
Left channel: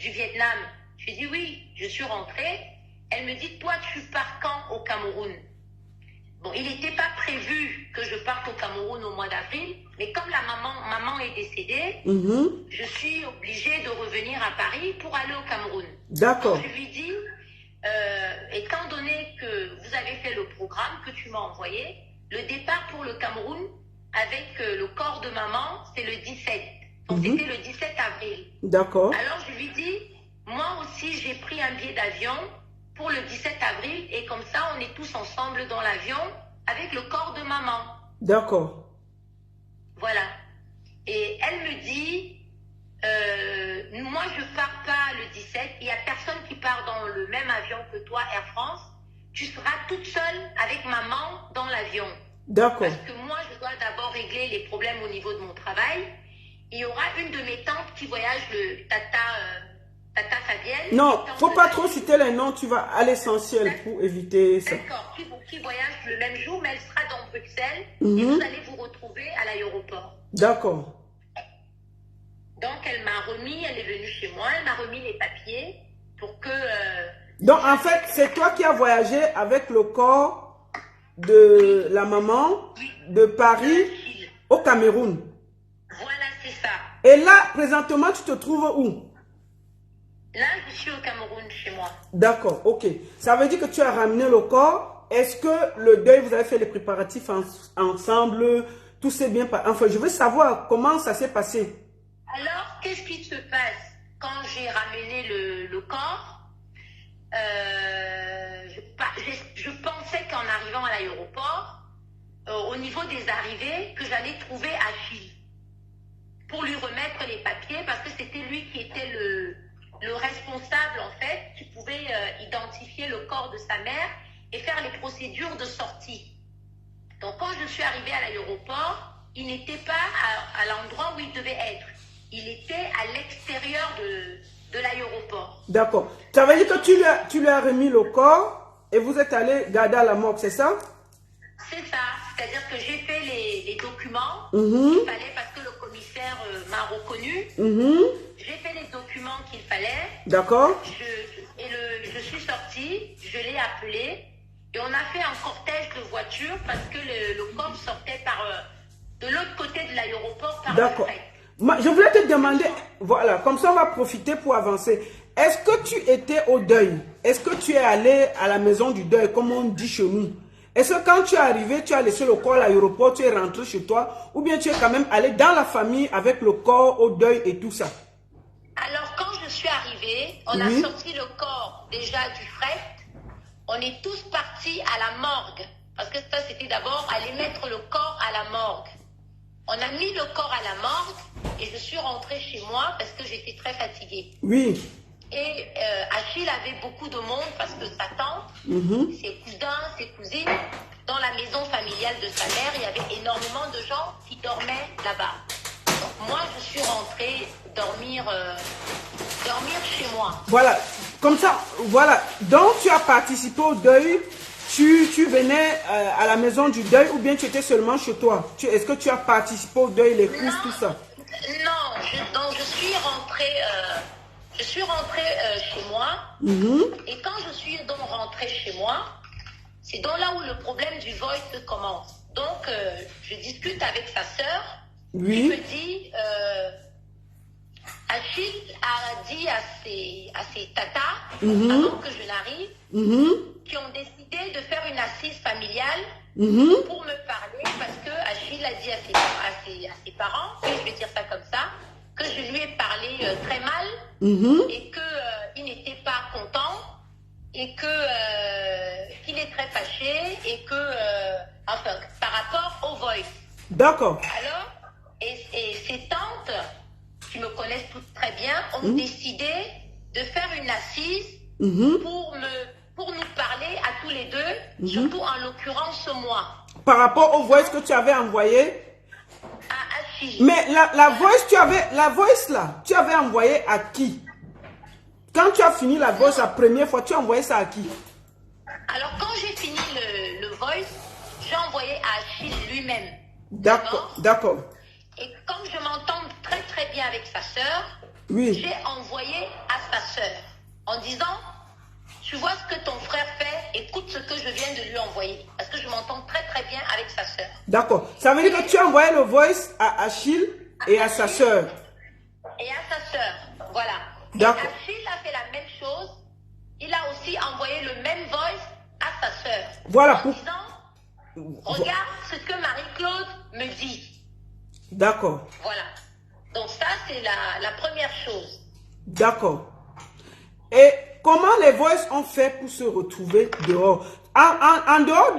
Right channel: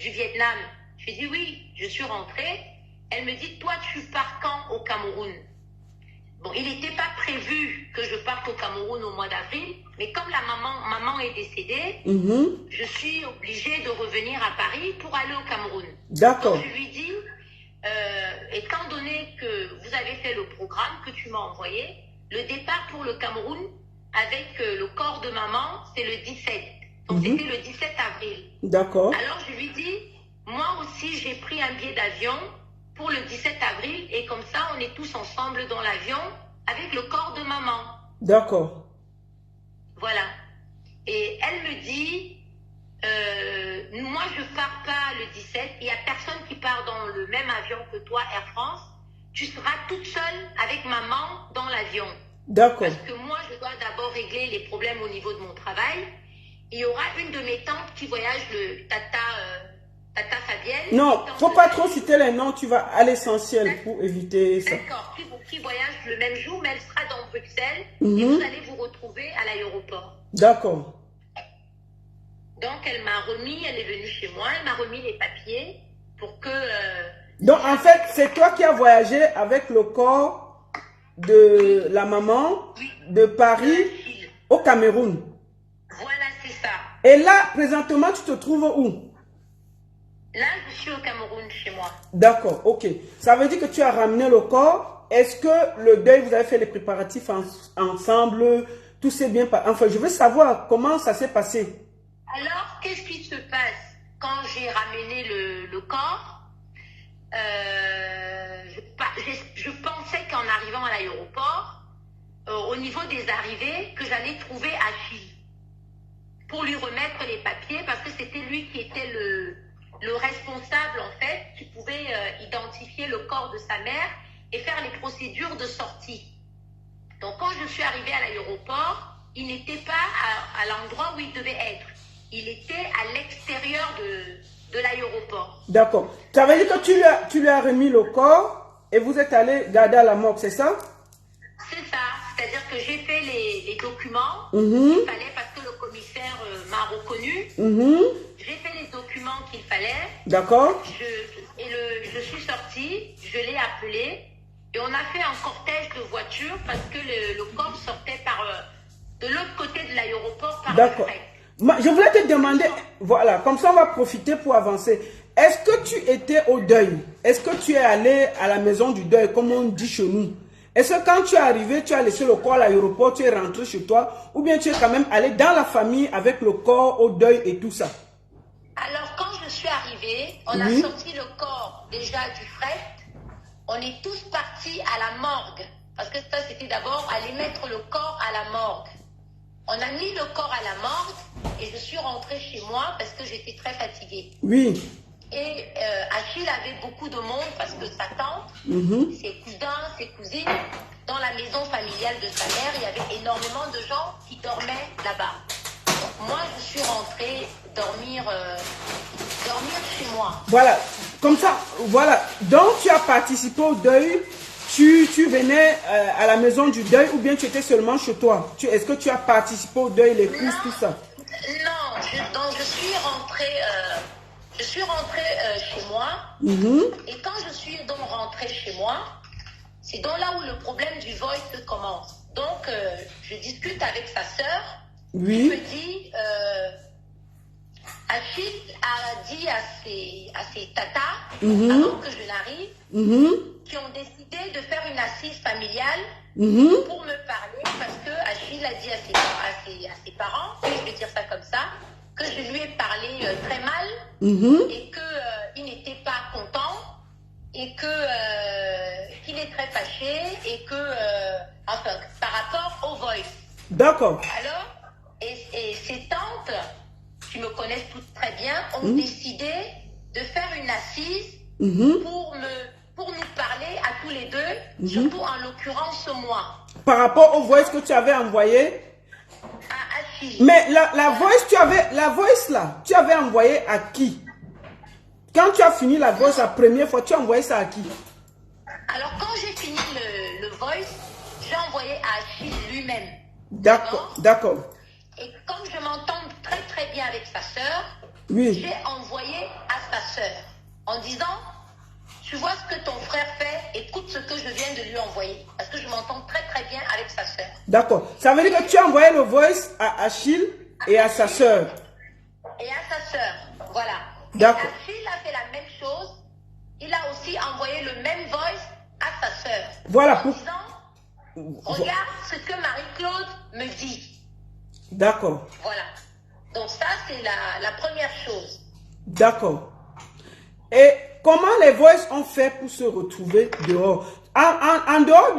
du Vietnam? Je lui dis oui, je suis rentrée. Elle me dit, toi, tu pars quand au Cameroun? Bon, il n'était pas prévu que je parte au Cameroun au mois d'avril, mais comme la maman est décédée, je suis obligée de revenir à Paris pour aller au Cameroun. D'accord. Donc, je lui dis, étant donné que vous avez fait le programme que tu m'as envoyé, le départ pour le Cameroun avec le corps de maman, c'est le 17. Donc, c'était le 17 avril. D'accord. Alors, je lui dis, moi aussi, j'ai pris un billet d'avion pour le 17 avril et comme ça, on est tous ensemble dans l'avion avec le corps de maman. D'accord. Voilà. Et elle me dit, moi, je ne pars pas le 17. Il n'y a personne qui part dans le même avion que toi, Air France. Tu seras toute seule avec maman dans l'avion. D'accord. Parce que moi, je dois d'abord régler les problèmes au niveau de mon travail. Il y aura une de mes tantes qui voyage, le Tata Fabienne. Non, il ne faut pas trop citer les noms, tu vas à l'essentiel pour éviter ça. D'accord, qui voyage le même jour, mais elle sera dans Bruxelles et vous allez vous retrouver à l'aéroport. D'accord. Donc, elle est venue chez moi, elle m'a remis les papiers pour que... Donc, en fait, c'est toi qui as voyagé avec le corps de la maman de Paris au Cameroun. Voilà, c'est ça. Et là, présentement, tu te trouves où? Là, je suis au Cameroun, chez moi. D'accord, ok. Ça veut dire que tu as ramené le corps. Est-ce que le deuil, vous avez fait les préparatifs ensemble? Tout s'est bien passé? Enfin, je veux savoir comment ça s'est passé. Alors, qu'est-ce qui se passe quand j'ai ramené le corps? Je pensais qu'en arrivant à l'aéroport, au niveau des arrivées, que j'allais trouver Achille pour lui remettre les papiers parce que c'était lui qui était le responsable en fait, qui pouvait identifier le corps de sa mère et faire les procédures de sortie. Donc quand je suis arrivée à l'aéroport, il n'était pas à l'endroit où il devait être. Il était à l'extérieur de l'aéroport. D'accord. Ça veut dire que tu lui as remis le corps et vous êtes allé garder à la morgue, c'est ça? C'est ça. C'est-à-dire que j'ai fait les documents qu'il fallait parce que le commissaire m'a reconnu. J'ai fait les documents qu'il fallait. D'accord. Je suis sortie, je l'ai appelé et on a fait un cortège de voitures parce que le corps sortait de l'autre côté de l'aéroport par le fret. Je voulais te demander, voilà, comme ça on va profiter pour avancer. Est-ce que tu étais au deuil? Est-ce que tu es allé à la maison du deuil, comme on dit chez nous? Est-ce que quand tu es arrivé, tu as laissé le corps à l'aéroport, tu es rentré chez toi, ou bien tu es quand même allé dans la famille avec le corps au deuil et tout ça? Alors, quand je suis arrivée, on a sorti le corps déjà du fret. On est tous partis à la morgue. Parce que ça, c'était d'abord aller mettre le corps à la morgue. On a mis le corps à la morgue et je suis rentrée chez moi parce que j'étais très fatiguée. Oui. Et Achille avait beaucoup de monde parce que sa tante, ses cousins, ses cousines, dans la maison familiale de sa mère, il y avait énormément de gens qui dormaient là-bas. Donc moi, je suis rentrée dormir chez moi. Voilà, comme ça, voilà. Donc tu as participé au deuil, tu venais à la maison du deuil ou bien tu étais seulement chez toi? Est-ce que tu as participé au deuil, les crises, tout ça? Non, je suis rentrée... chez moi et quand je suis donc rentrée chez moi, c'est donc là où le problème du voice commence. Donc, je discute avec sa sœur qui me dit, Achille a dit à ses tatas, avant que je n'arrive, qui ont décidé de faire une assise familiale pour me parler parce que Achille a dit à ses parents, je vais dire ça comme ça, que je lui ai parlé très mal et qu'il n'était pas content et qu'il est très fâché et enfin, par rapport au voice. D'accord. Alors, et ses tantes, qui me connaissent toutes très bien, ont décidé de faire une assise pour nous parler à tous les deux, surtout en l'occurrence moi. Par rapport au voice que tu avais envoyé. À Achille. Mais la voice là, tu avais envoyé à qui? Quand tu as fini la voice la première fois, tu as envoyé ça à qui? Alors quand j'ai fini le voice, j'ai envoyé à Achille lui-même. D'accord, d'accord. Et comme je m'entends très très bien avec sa sœur, j'ai envoyé à sa sœur en disant, tu vois ce que ton frère fait, écoute ce que je viens de lui envoyer. Parce que je m'entends très très bien avec sa sœur. D'accord. Ça veut dire que tu as envoyé le voice à Achille et à sa sœur. Et à sa sœur, voilà. D'accord. Achille a fait la même chose. Il a aussi envoyé le même voice à sa sœur. Voilà. En disant, regarde ce que Marie-Claude me dit. D'accord. Voilà. Donc ça, c'est la première chose. D'accord. Et comment les voices ont fait pour se retrouver dehors? En dehors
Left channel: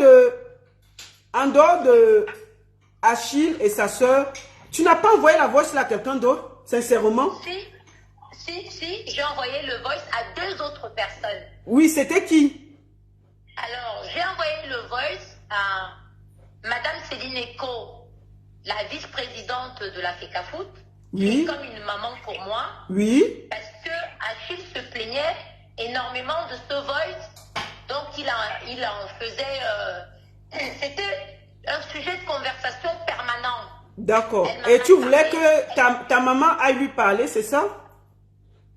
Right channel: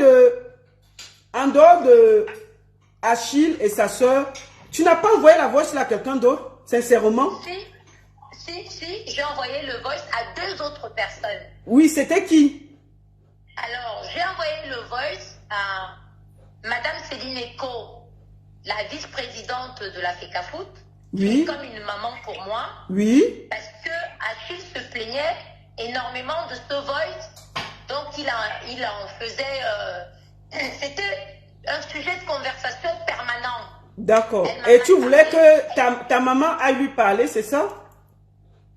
de Achille et sa sœur, tu n'as pas envoyé la voice à quelqu'un d'autre, sincèrement? Si, j'ai envoyé le voice à 2 autres personnes. Oui, c'était qui? Alors, j'ai envoyé le voice à Madame Céline Eco, la vice-présidente de la FECAFOOT, qui est comme une maman pour moi. Oui. Parce que Achille se plaignait énormément de ce voice. Donc, il en faisait... c'était un sujet de conversation permanent. D'accord. Et tu voulais que ta maman aille lui parler, c'est ça?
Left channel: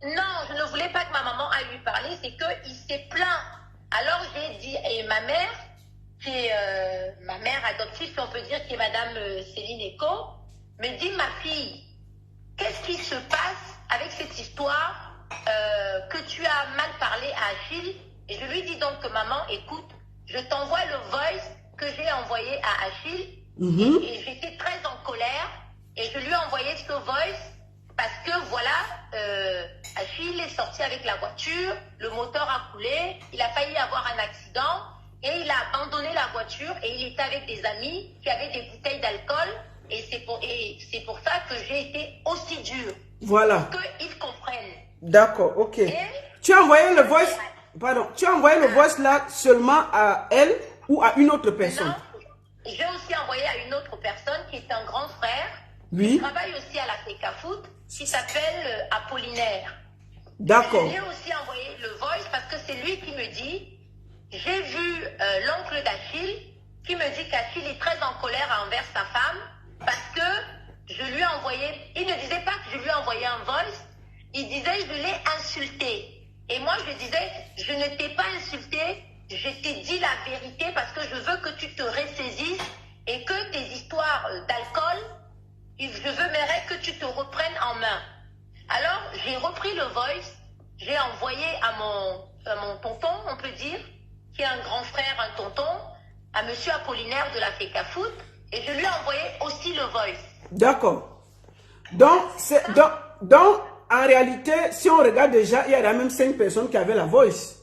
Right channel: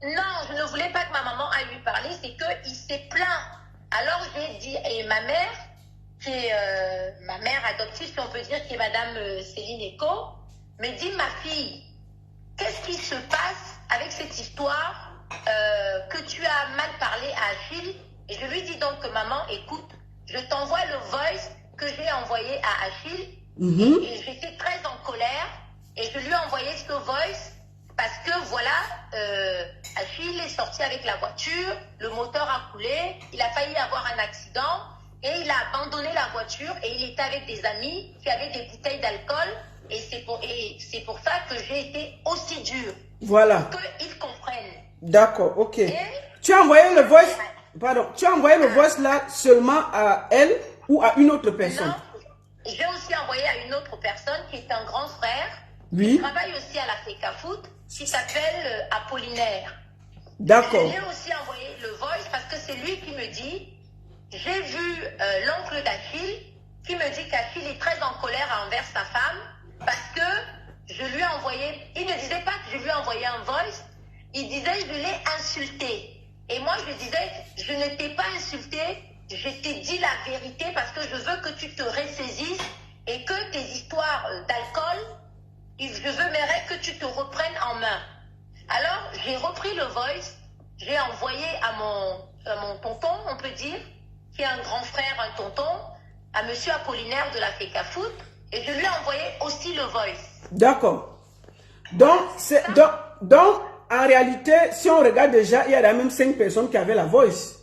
Non, je ne voulais pas que ma maman aille lui parler, c'est qu'il s'est plaint. Alors j'ai dit, et ma mère, qui est ma mère adoptive, si on peut dire, qui est Madame Céline Eco, me dit, ma fille, qu'est-ce qui se passe avec cette histoire que tu as mal parlé à Achille? Et je lui dis donc, maman, écoute, je t'envoie le voice que j'ai envoyé à Achille, et j'étais très en colère, et je lui ai envoyé ce voice parce que voilà, Achille est sorti avec la voiture, le moteur a coulé, il a failli avoir un accident, et il a abandonné la voiture, et il était avec des amis qui avaient des bouteilles d'alcool, et c'est pour ça que j'ai été aussi dure. Voilà. Pour qu'ils comprennent. D'accord, ok. Tu as envoyé le voice, tu as envoyé le voice là seulement à elle ou à une autre personne? Non, j'ai aussi envoyé à une autre personne qui est un grand frère, oui, qui travaille aussi à la FECAFOOT, qui s'appelle Apollinaire. D'accord. Je lui ai aussi envoyé le voice parce que c'est lui qui me dit, j'ai vu l'oncle d'Achille qui me dit qu'Achille est très en colère envers sa femme parce que je lui ai envoyé, il ne disait pas que je lui ai envoyé un voice, il disait je l'ai insulté. Et moi je disais, je ne t'ai pas insulté, je t'ai dit la vérité parce que je veux que tu te ressaisisses et que tes histoires d'alcool, je veux que tu te reprennes en main. Alors, j'ai repris le voice, j'ai envoyé à mon tonton, on peut dire, qui est un grand frère, un tonton, à monsieur Apollinaire de la FECAFOOT, et je lui ai envoyé aussi le voice. D'accord. Donc, en réalité, si on regarde déjà, il y a même 5 personnes qui avaient la voice.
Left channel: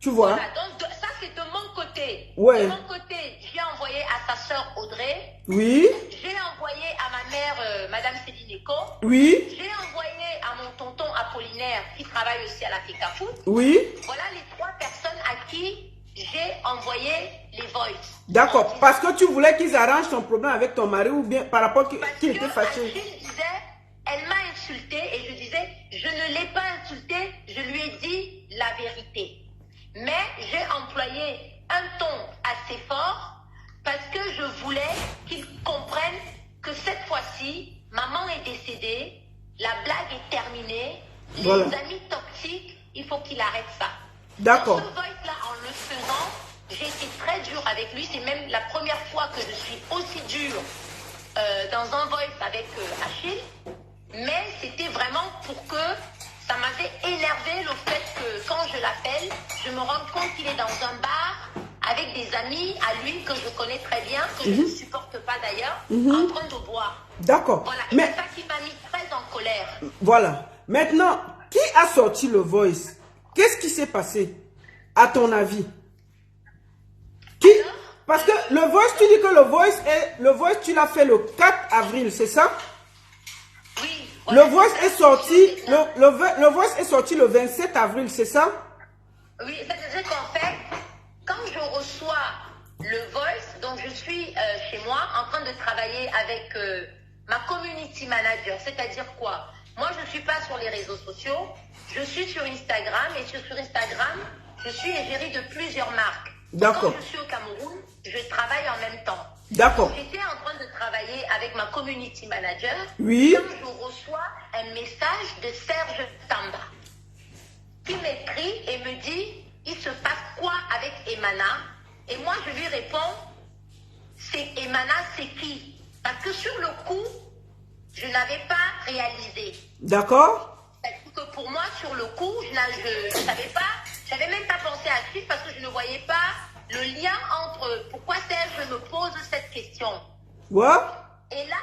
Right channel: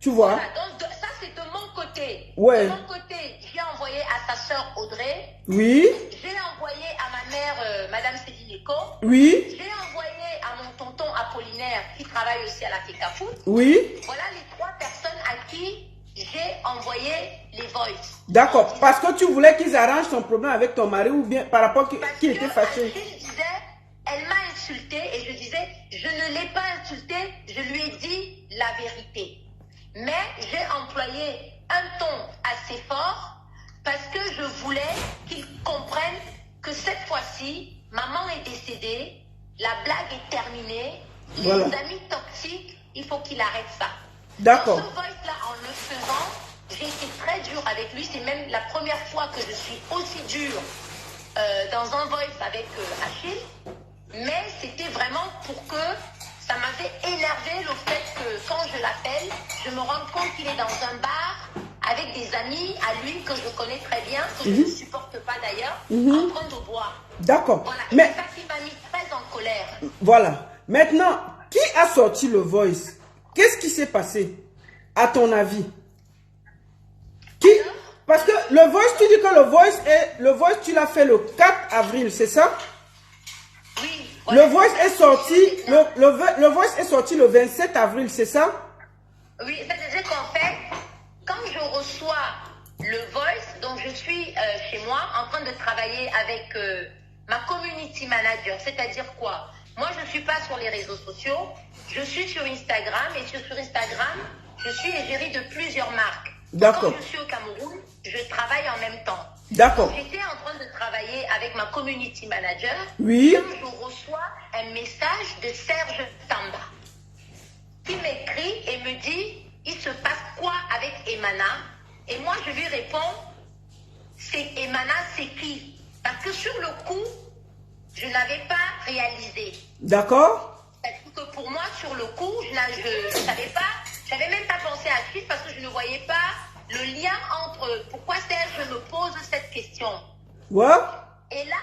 Tu vois? Voilà, donc ça c'est de mon côté. Ouais. De mon côté, j'ai envoyé à sa sœur Audrey. Oui. J'ai envoyé à ma mère, Madame Céline Eco. Oui. J'ai envoyé à mon tonton Apollinaire qui travaille aussi à la FECAFOOT. Oui. Voilà les 3 personnes à qui j'ai envoyé les voice. D'accord. Parce que tu voulais qu'ils arrangent ton problème avec ton mari ou bien par rapport qu'il était fâché. Achille disait, elle m'a insulté et je disais, je ne l'ai pas insulté, je lui ai dit la vérité. Mais j'ai employé un ton assez fort parce que je voulais qu'ils comprennent que cette fois-ci, maman est décédée, la blague est terminée, voilà. Les amis toxiques, il faut qu'il arrête ça. D'accord. Dans ce voice-là, en le faisant, j'ai été très dure avec lui. C'est même la première fois que je suis aussi dure dans un voice avec Achille. Mais c'était vraiment pour que ça m'avait énervé le fait que quand je l'appelle, je me rends compte qu'il est dans un bar avec des amis à lui que je connais très bien, que je ne supporte pas d'ailleurs, en train de boire. D'accord. Voilà, et c'est ça qui m'a mis très en colère. Voilà. Maintenant, qui a sorti le voice? Qu'est-ce qui s'est passé, à ton avis? Qui? Parce que le voice, tu dis que le voice, tu l'as fait le 4 avril, c'est ça? Oui. Voilà, le voice est sorti, le voice est sorti le 27 avril, c'est ça? Oui, c'est-à-dire qu'en fait, quand je reçois le voice, donc je suis chez moi en train de travailler avec ma community manager, c'est-à-dire quoi? Moi, je ne suis pas sur les réseaux sociaux, je suis sur Instagram et sur Instagram, je suis égérie de plusieurs marques. D'accord. Quand je suis au Cameroun, je travaille en même temps. D'accord. J'étais en train de travailler avec ma community manager. Oui. Quand je reçois un message de Serge Tamba qui m'écrit et me dit il se passe quoi avec Emana? Et moi, je lui réponds c'est Emana, c'est qui? Parce que sur le coup, je n'avais pas réalisé. D'accord. Parce que pour moi, sur le coup, je ne savais pas, je n'avais même pas pensé à suivre parce que je ne voyais pas le lien entre pourquoi Serge me pose cette question. Ouais. Et là,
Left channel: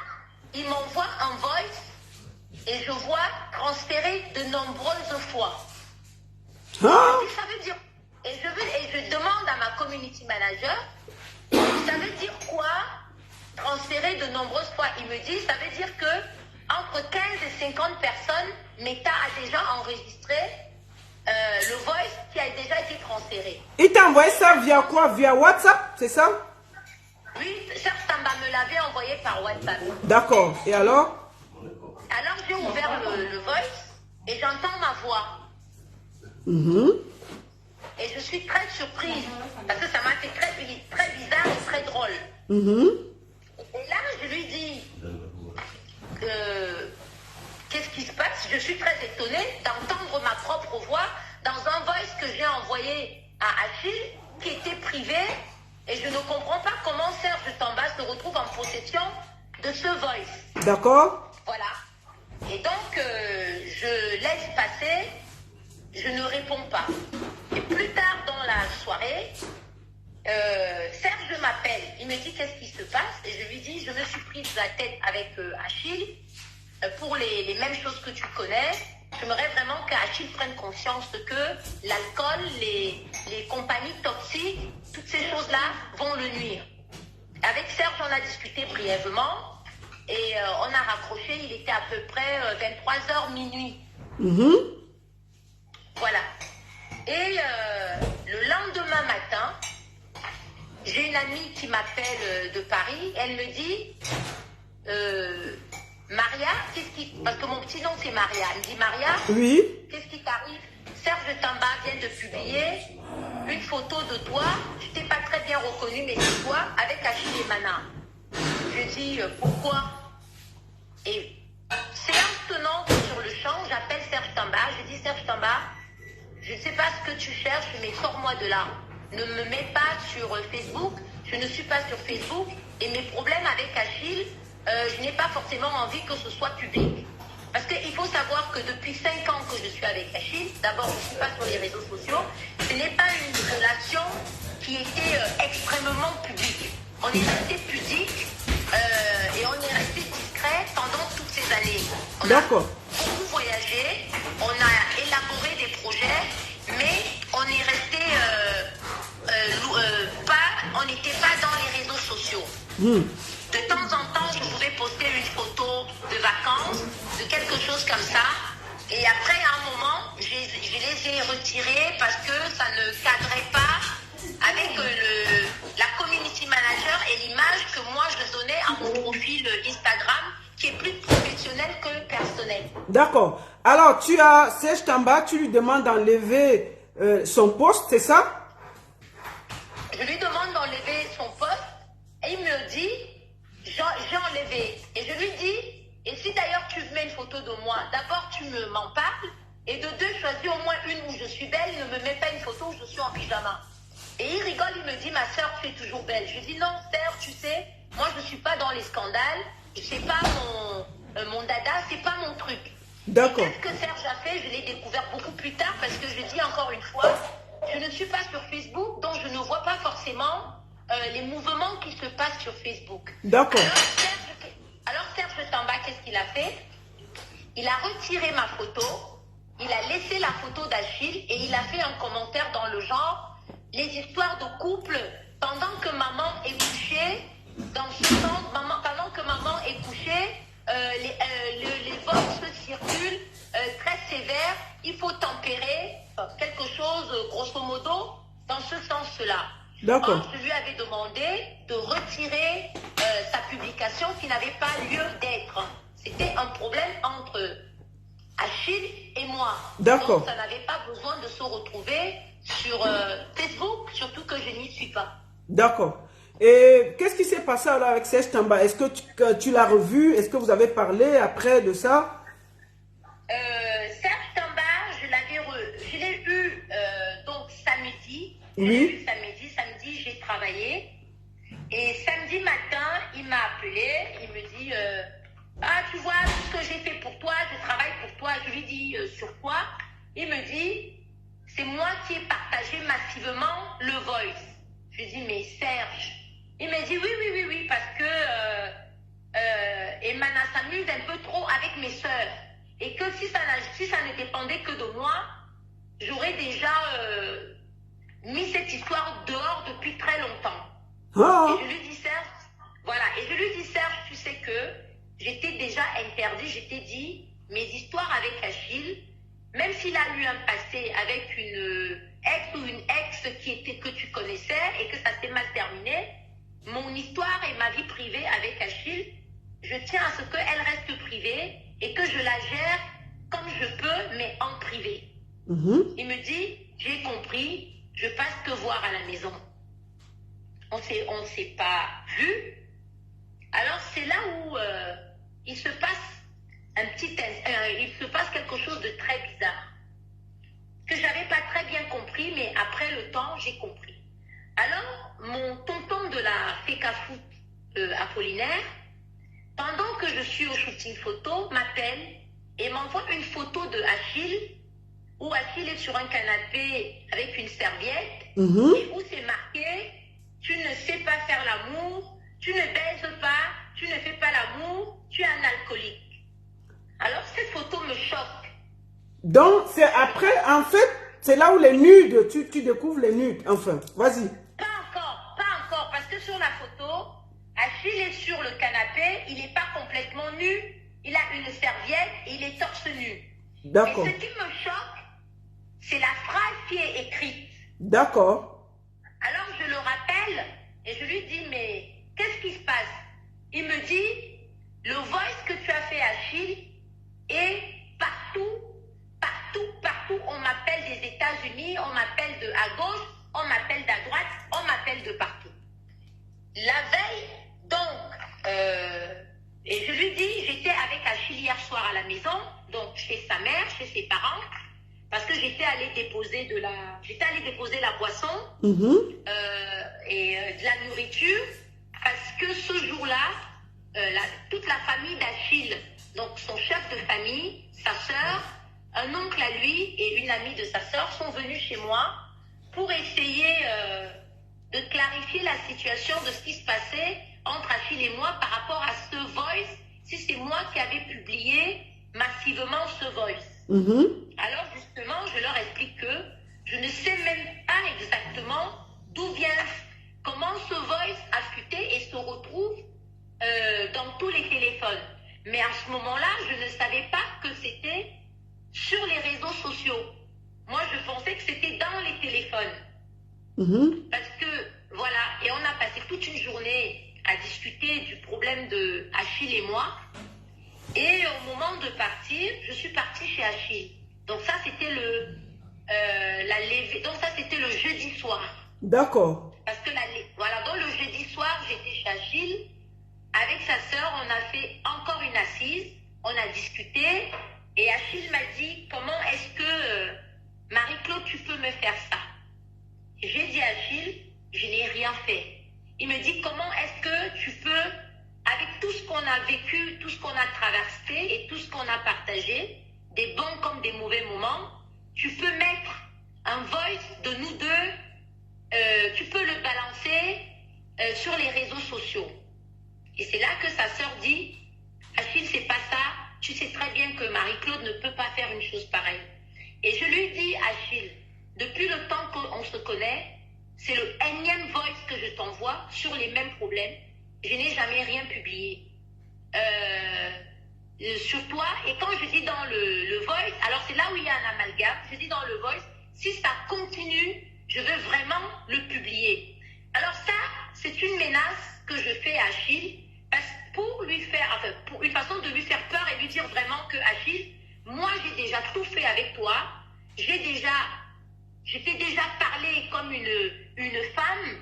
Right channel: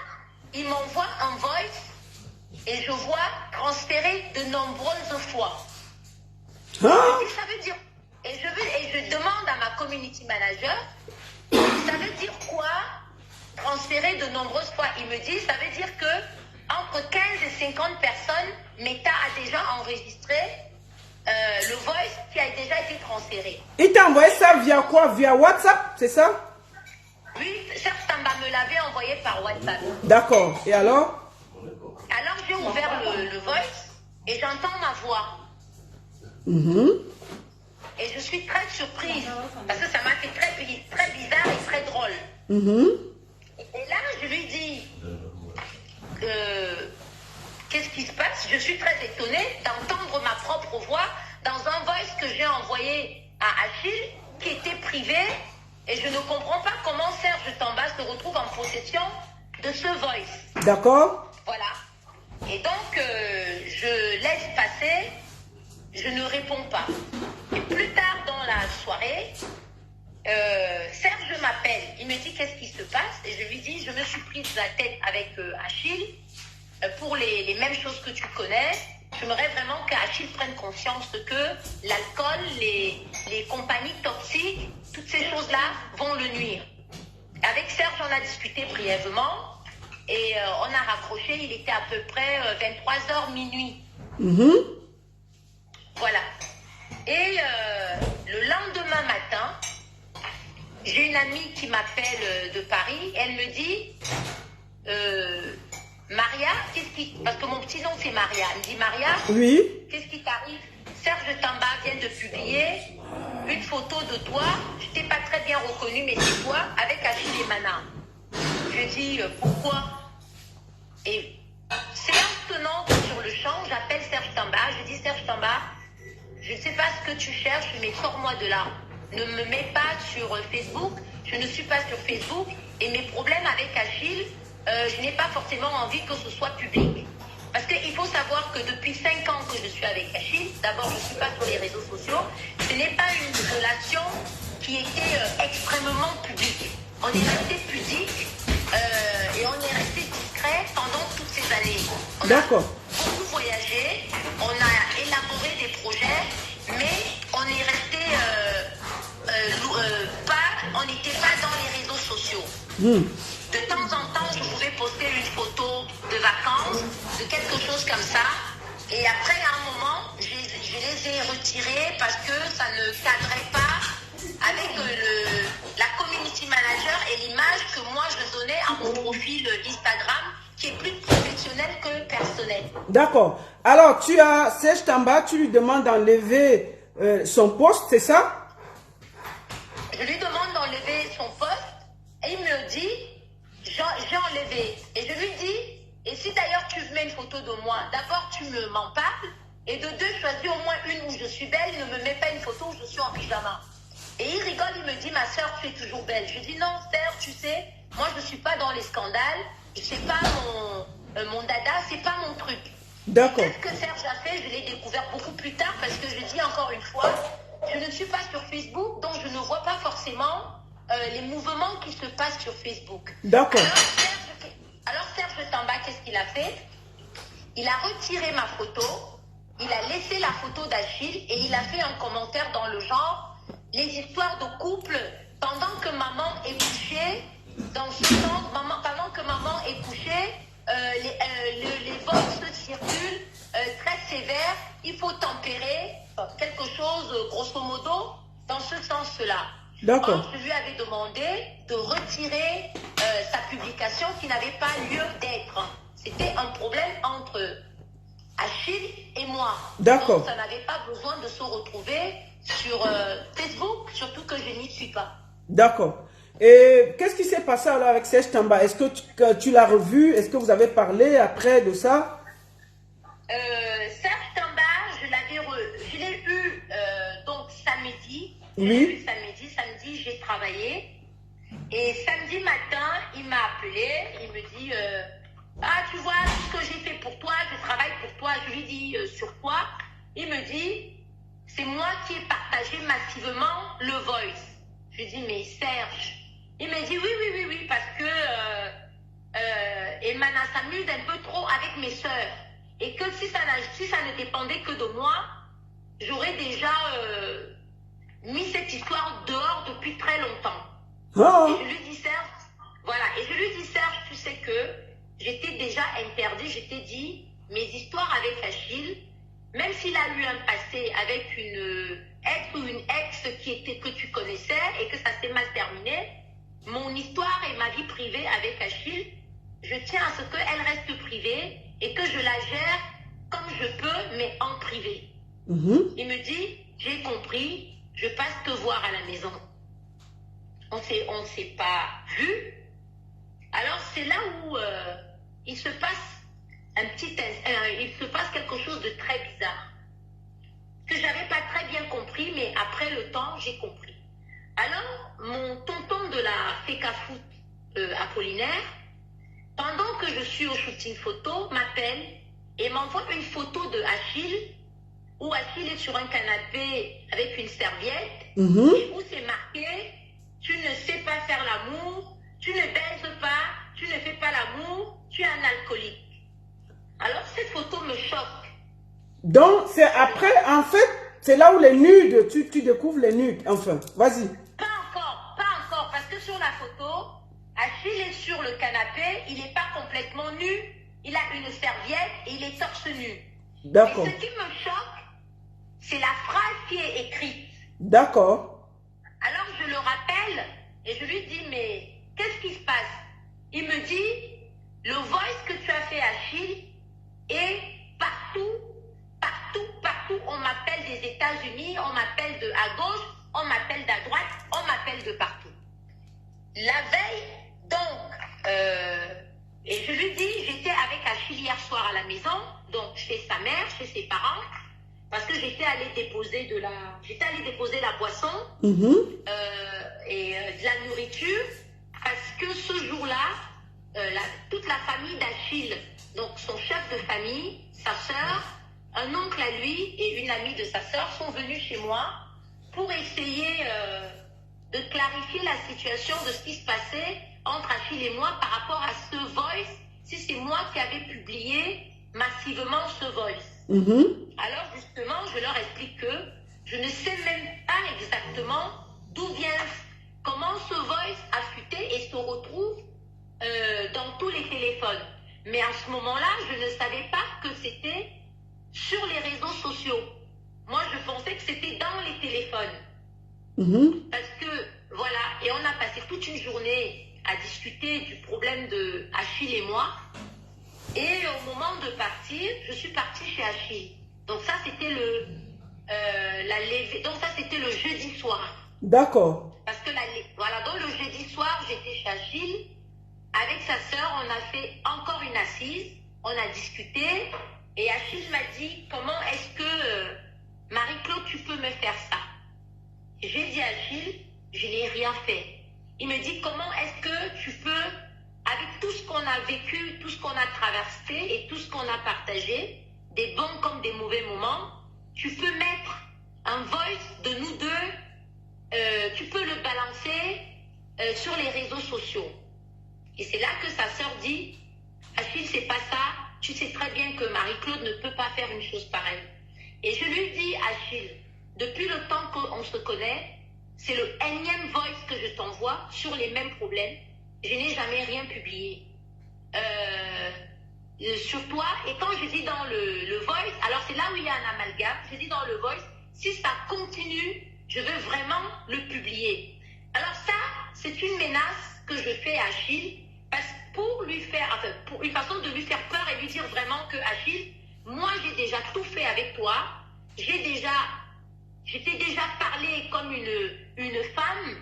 il m'envoie un voice et je vois transférer de nombreuses fois. Hein? Ça veut dire, et je demande à ma community manager, ça veut dire quoi transférer de nombreuses fois? Il me dit, ça veut dire que entre 15 et 50 personnes, Meta a déjà enregistré le voice qui a déjà été transféré. Il t'a envoyé ça via quoi? Via WhatsApp, c'est ça? Oui, Serge Tamba me l'avait envoyé par WhatsApp. D'accord. Et alors? Alors j'ai ouvert le voice et j'entends ma voix. Et je suis très surprise parce que ça m'a fait très bizarre et très drôle. Et là, je lui dis qu'est-ce qui se passe? Je suis très étonnée d'entendre ma propre voix dans un voice que j'ai envoyé à Achille qui était privé et je ne comprends pas comment Serge Tamba se retrouve en possession de ce voice. D'accord. Voilà. Et donc, je laisse passer, je ne réponds pas. Et plus tard dans la soirée, Serge m'appelle. Il me dit qu'est-ce qui se passe et je lui dis je me suis prise la tête avec Achille pour les mêmes choses que tu connais. J'aimerais vraiment qu'Achille prenne conscience que l'alcool, les compagnies toxiques, toutes ces choses-là vont le nuire. Avec Serge, on a discuté brièvement et on a raccroché. Il était à peu près 23h minuit. Voilà. Et le lendemain matin, j'ai une amie qui m'appelle de Paris. Elle me dit Maria, parce que mon petit nom c'est Maria. Elle me dit Maria, oui. Qu'est-ce qui t'arrive? Serge Tamba vient de publier une photo de toi. Je t'ai pas très bien reconnue, mais c'est toi avec Achille et Mana. Je dis pourquoi? Et séance tenante sur le champ, j'appelle Serge Tamba. Je dis Serge Tamba, je ne sais pas ce que tu cherches, mais sors-moi de là. Ne me mets pas sur Facebook. Je ne suis pas sur Facebook. Et mes problèmes avec Achille, je n'ai pas forcément envie que ce soit public. Parce qu'il faut savoir que depuis 5 ans que je suis avec Achille, d'abord je ne suis pas sur les réseaux sociaux, ce n'est pas une relation qui était extrêmement publique. On est resté pudique et on est resté discret pendant toutes ces années. On a beaucoup voyagé, on a élaboré des projets, mais on est resté on n'était pas dans les réseaux sociaux. De temps en temps, je pouvais poster une photo de vacances, de quelque chose comme ça. Et après, à un moment, je les ai retirés parce que ça ne cadrait pas avec la community manager et l'image que moi je donnais à mon profil Instagram, qui est plus professionnel que personnel. D'accord. Alors, tu as Serge Tamba, tu lui demandes d'enlever son poste, c'est ça? Je lui demande d'enlever son poste et il me dit j'ai enlevé. Et je lui dis, et si d'ailleurs tu mets une photo de moi, d'abord tu m'en parles, et de deux, choisis au moins une où je suis belle, ne me mets pas une photo où je suis en pyjama. Et il rigole, il me dit, ma soeur, tu es toujours belle. Je dis, non, Serge, tu sais, moi je ne suis pas dans les scandales, c'est pas mon dada, c'est pas mon truc. D'accord. Qu'est-ce que Serge a fait? Je l'ai découvert beaucoup plus tard parce que je dis encore une fois, je ne suis pas sur Facebook, donc je ne vois pas forcément les mouvements qui se passent sur Facebook. D'accord. Alors Serge Tamba, qu'est-ce qu'il a fait? Il a retiré ma photo, il a laissé la photo d'Achille et il a fait un commentaire dans le genre « Les histoires de couple, pendant que maman est couchée, dans ce sens, pendant que maman est couchée, les votes circulent très sévères, il faut tempérer quelque chose, grosso modo, dans ce sens-là. » D'accord. Or, je lui avais demandé de retirer sa publication qui n'avait pas lieu d'être. C'était un problème entre Achille et moi. D'accord. Donc, ça n'avait pas besoin de se retrouver sur Facebook, surtout que je n'y suis pas. D'accord. Et qu'est-ce qui s'est passé alors avec Serge Tamba? Est-ce que tu l'as revu? Est-ce que vous avez parlé après de ça? Serge Tamba, je l'ai eu donc samedi. Oui. Samedi, j'ai travaillé. Et samedi matin, il m'a appelé, il me dit ah, tu vois ce que j'ai fait pour toi, je travaille pour toi. Je lui dis sur quoi? Il me dit c'est moi qui ai partagé massivement le voice. Je lui dis mais Serge. Il me dit oui, parce que Emana s'amuse un peu trop avec mes soeurs. Et que si ça ne dépendait que de moi, j'aurais déjà mis cette histoire dehors depuis très longtemps. Oh. Et je lui dis Serge, voilà, et je lui dis Serge, tu sais que j'étais déjà interdit, j'étais dit, mes histoires avec Achille, même s'il a eu un passé avec une ex ou une ex que tu connaissais et que ça s'est mal terminé, mon histoire et ma vie privée avec Achille, je tiens à ce qu'elle reste privée et que je la gère comme je peux, mais en privé. Il me dit, j'ai compris, je passe te voir à la maison. On ne s'est pas vu. Alors c'est là où il se passe quelque chose de très bizarre que j'avais pas très bien compris, mais après le temps j'ai compris. Alors mon tonton de la FECA Foot Apollinaire, pendant que je suis au shooting photo, m'appelle et m'envoie une photo de Achille où Achille est sur un canapé avec une serviette et où c'est marqué tu ne sais pas faire l'amour, tu ne baises pas, tu ne fais pas l'amour, tu es un alcoolique. Alors cette photo me choque. Donc c'est après, en fait, c'est là où les nudes, tu découvres les nudes, enfin, vas-y. Pas encore, parce que sur la photo, Achille est sur le canapé, il n'est pas complètement nu, il a une serviette et il est torse nu. D'accord. Et ce qui me choque, c'est la phrase qui est écrite. D'accord. Alors je le rappelle et je lui dis mais qu'est-ce qui se passe? Il me dit le voice que tu as fait Achille est partout, on m'appelle des États-Unis, on m'appelle de à gauche, on m'appelle d'à droite, on m'appelle de partout. La veille, donc, et je lui dis, j'étais avec Achille hier soir à la maison, donc chez sa mère, chez ses parents, parce que j'étais allée déposer la boisson et de la nourriture, parce que ce jour-là, toute la famille d'Achille, donc son chef de famille, sa sœur, un oncle à lui et une amie de sa sœur sont venus chez moi pour essayer de clarifier la situation de ce qui se passait entre Achille et moi par rapport à ce voice, si c'est moi qui avais publié massivement ce voice. Alors justement, je leur explique que je ne sais même pas exactement d'où vient, comment ce voice a fuité et se retrouve dans tous les téléphones. Mais à ce moment-là, je ne savais pas que c'était sur les réseaux sociaux. Moi, je pensais que c'était dans les téléphones. Parce que, voilà, et on a passé toute une journée à discuter du problème de Achille et moi. Et au moment de partir, je suis partie chez Achille. Donc ça, c'était c'était le jeudi soir. D'accord. Parce que voilà, donc le jeudi soir, j'étais chez Achille. Avec sa sœur, on a fait encore une assise. On a discuté. Et Achille m'a dit, comment est-ce que Marie-Claude, tu peux me faire ça? J'ai dit à Achille, je n'ai rien fait. Il me dit, comment est-ce que tu peux, avec tout ce qu'on a vécu, tout ce qu'on a traversé et tout ce qu'on a partagé, des bons comme des mauvais moments, tu peux mettre un voice de nous deux, tu peux le balancer sur les réseaux sociaux. Et c'est là que sa sœur dit, Achille, c'est pas ça, tu sais très bien que Marie-Claude ne peut pas faire une chose pareille. Et je lui dis, Achille, depuis le temps qu'on se connaît, c'est le énième voice que je t'envoie sur les mêmes problèmes. Je n'ai jamais rien publié sur toi. Et quand je dis dans le voice, alors c'est là où il y a un amalgame, je dis dans le voice, si ça continue, je veux vraiment le publier. Alors ça, c'est une menace que je fais à Achille, pour lui faire, enfin, pour une façon de lui faire peur et lui dire vraiment que Achille, moi j'ai déjà tout fait avec toi, je t'ai déjà parlé comme une femme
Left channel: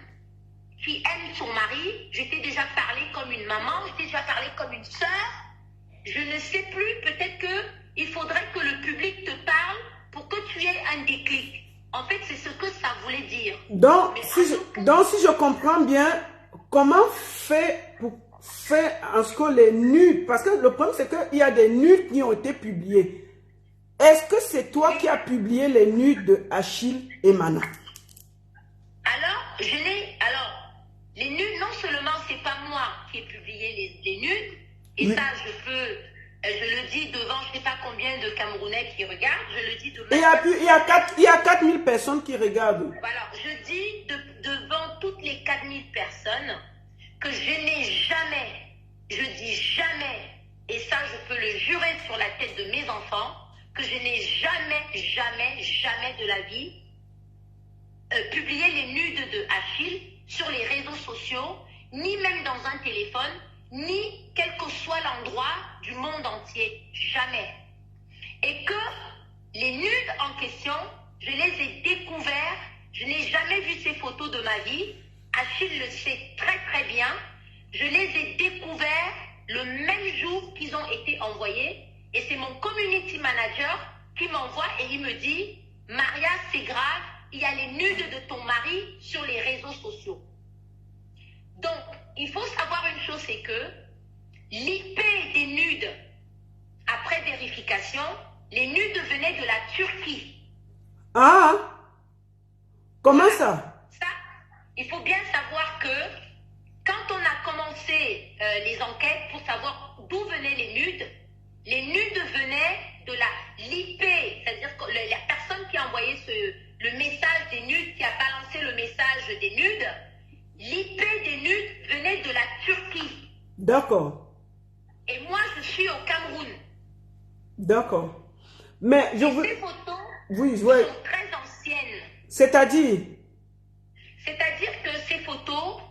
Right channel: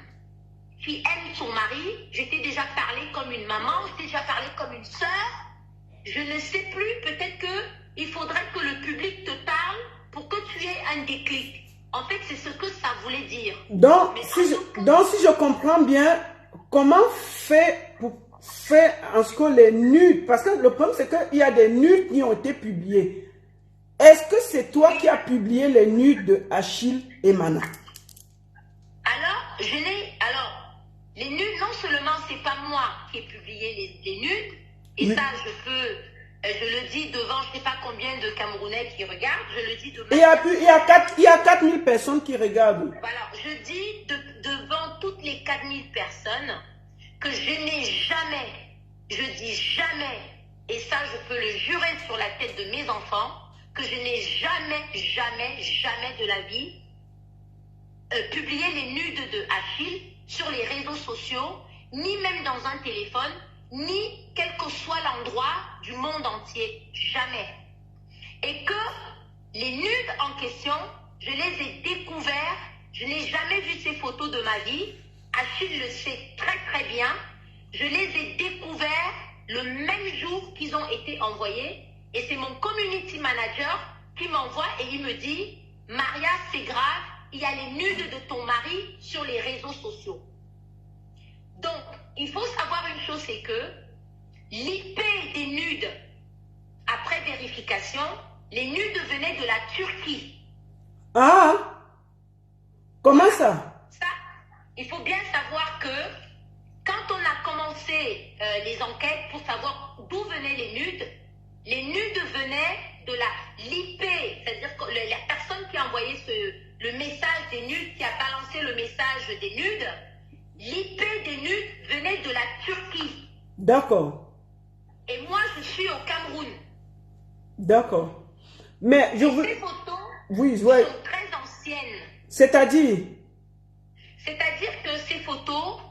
qui aime son mari, je t'ai déjà parlé comme une maman, je t'ai déjà parlé comme une sœur. Je ne sais plus, peut-être qu'il faudrait que le public te parle pour que tu aies un déclic. En fait, c'est ce que ça voulait dire. Donc, si je comprends bien, comment faire en ce que les nudes, parce que le problème c'est qu'il y a des nudes qui ont été publiés. Est-ce que c'est toi qui as publié les nudes de Achille et Mana? Alors, les nudes, non seulement c'est pas moi qui ai publié les nudes, et oui. Ça, je le dis devant je ne sais pas combien de Camerounais qui regardent, je le dis devant... Il y a 4000 personnes qui regardent. Voilà, je dis devant toutes les 4000 personnes que je n'ai jamais, je dis jamais, et ça je peux le jurer sur la tête de mes enfants, que je n'ai jamais de la vie publié les nudes de Achille sur les réseaux sociaux, ni même dans un téléphone, ni quel que soit l'endroit du monde entier. Jamais. Et que les nudes en question, je les ai découverts, je n'ai jamais vu ces photos de ma vie. Achille le sait très très bien. Je les ai découverts le même jour qu'ils ont été envoyés. Et c'est mon community manager qui m'envoie et il me dit « Maria, c'est grave, il y a les nudes de ton mari sur les réseaux sociaux. » Donc, il faut savoir une chose, c'est que l'IP des nudes, après vérification, les nudes venaient de la Turquie. Ah! Comment ça? Ça, il faut bien savoir que quand on a commencé les enquêtes pour savoir d'où venaient les nudes venaient de l'IP, c'est-à-dire que la personne qui a envoyé le message des nudes, qui a balancé le message des nudes, l'IP des nudes venait de la Turquie. D'accord. Et moi, je suis au Cameroun. D'accord. Mais je veux... Ces photos sont très anciennes. C'est-à-dire que ces photos,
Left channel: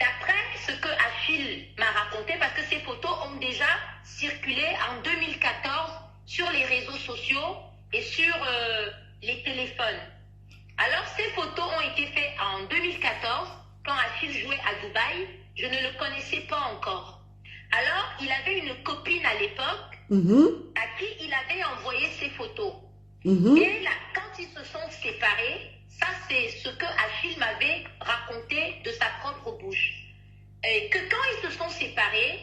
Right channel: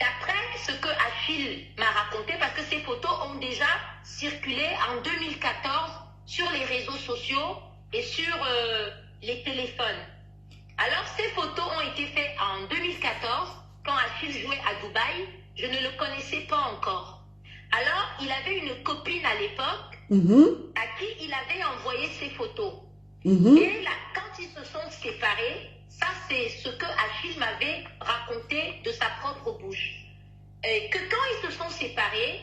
d'après ce que Achille m'a raconté, parce que ces photos ont déjà circulé en 2014 sur les réseaux sociaux et sur les téléphones. Alors, ces photos ont été faites en 2014, quand Achille jouait à Dubaï. Je ne le connaissais pas encore. Alors, il avait une copine à l'époque à qui il avait envoyé ces photos. Et là, quand ils se sont séparés, ça c'est ce que Achille m'avait raconté de sa propre bouche. Que quand ils se sont séparés,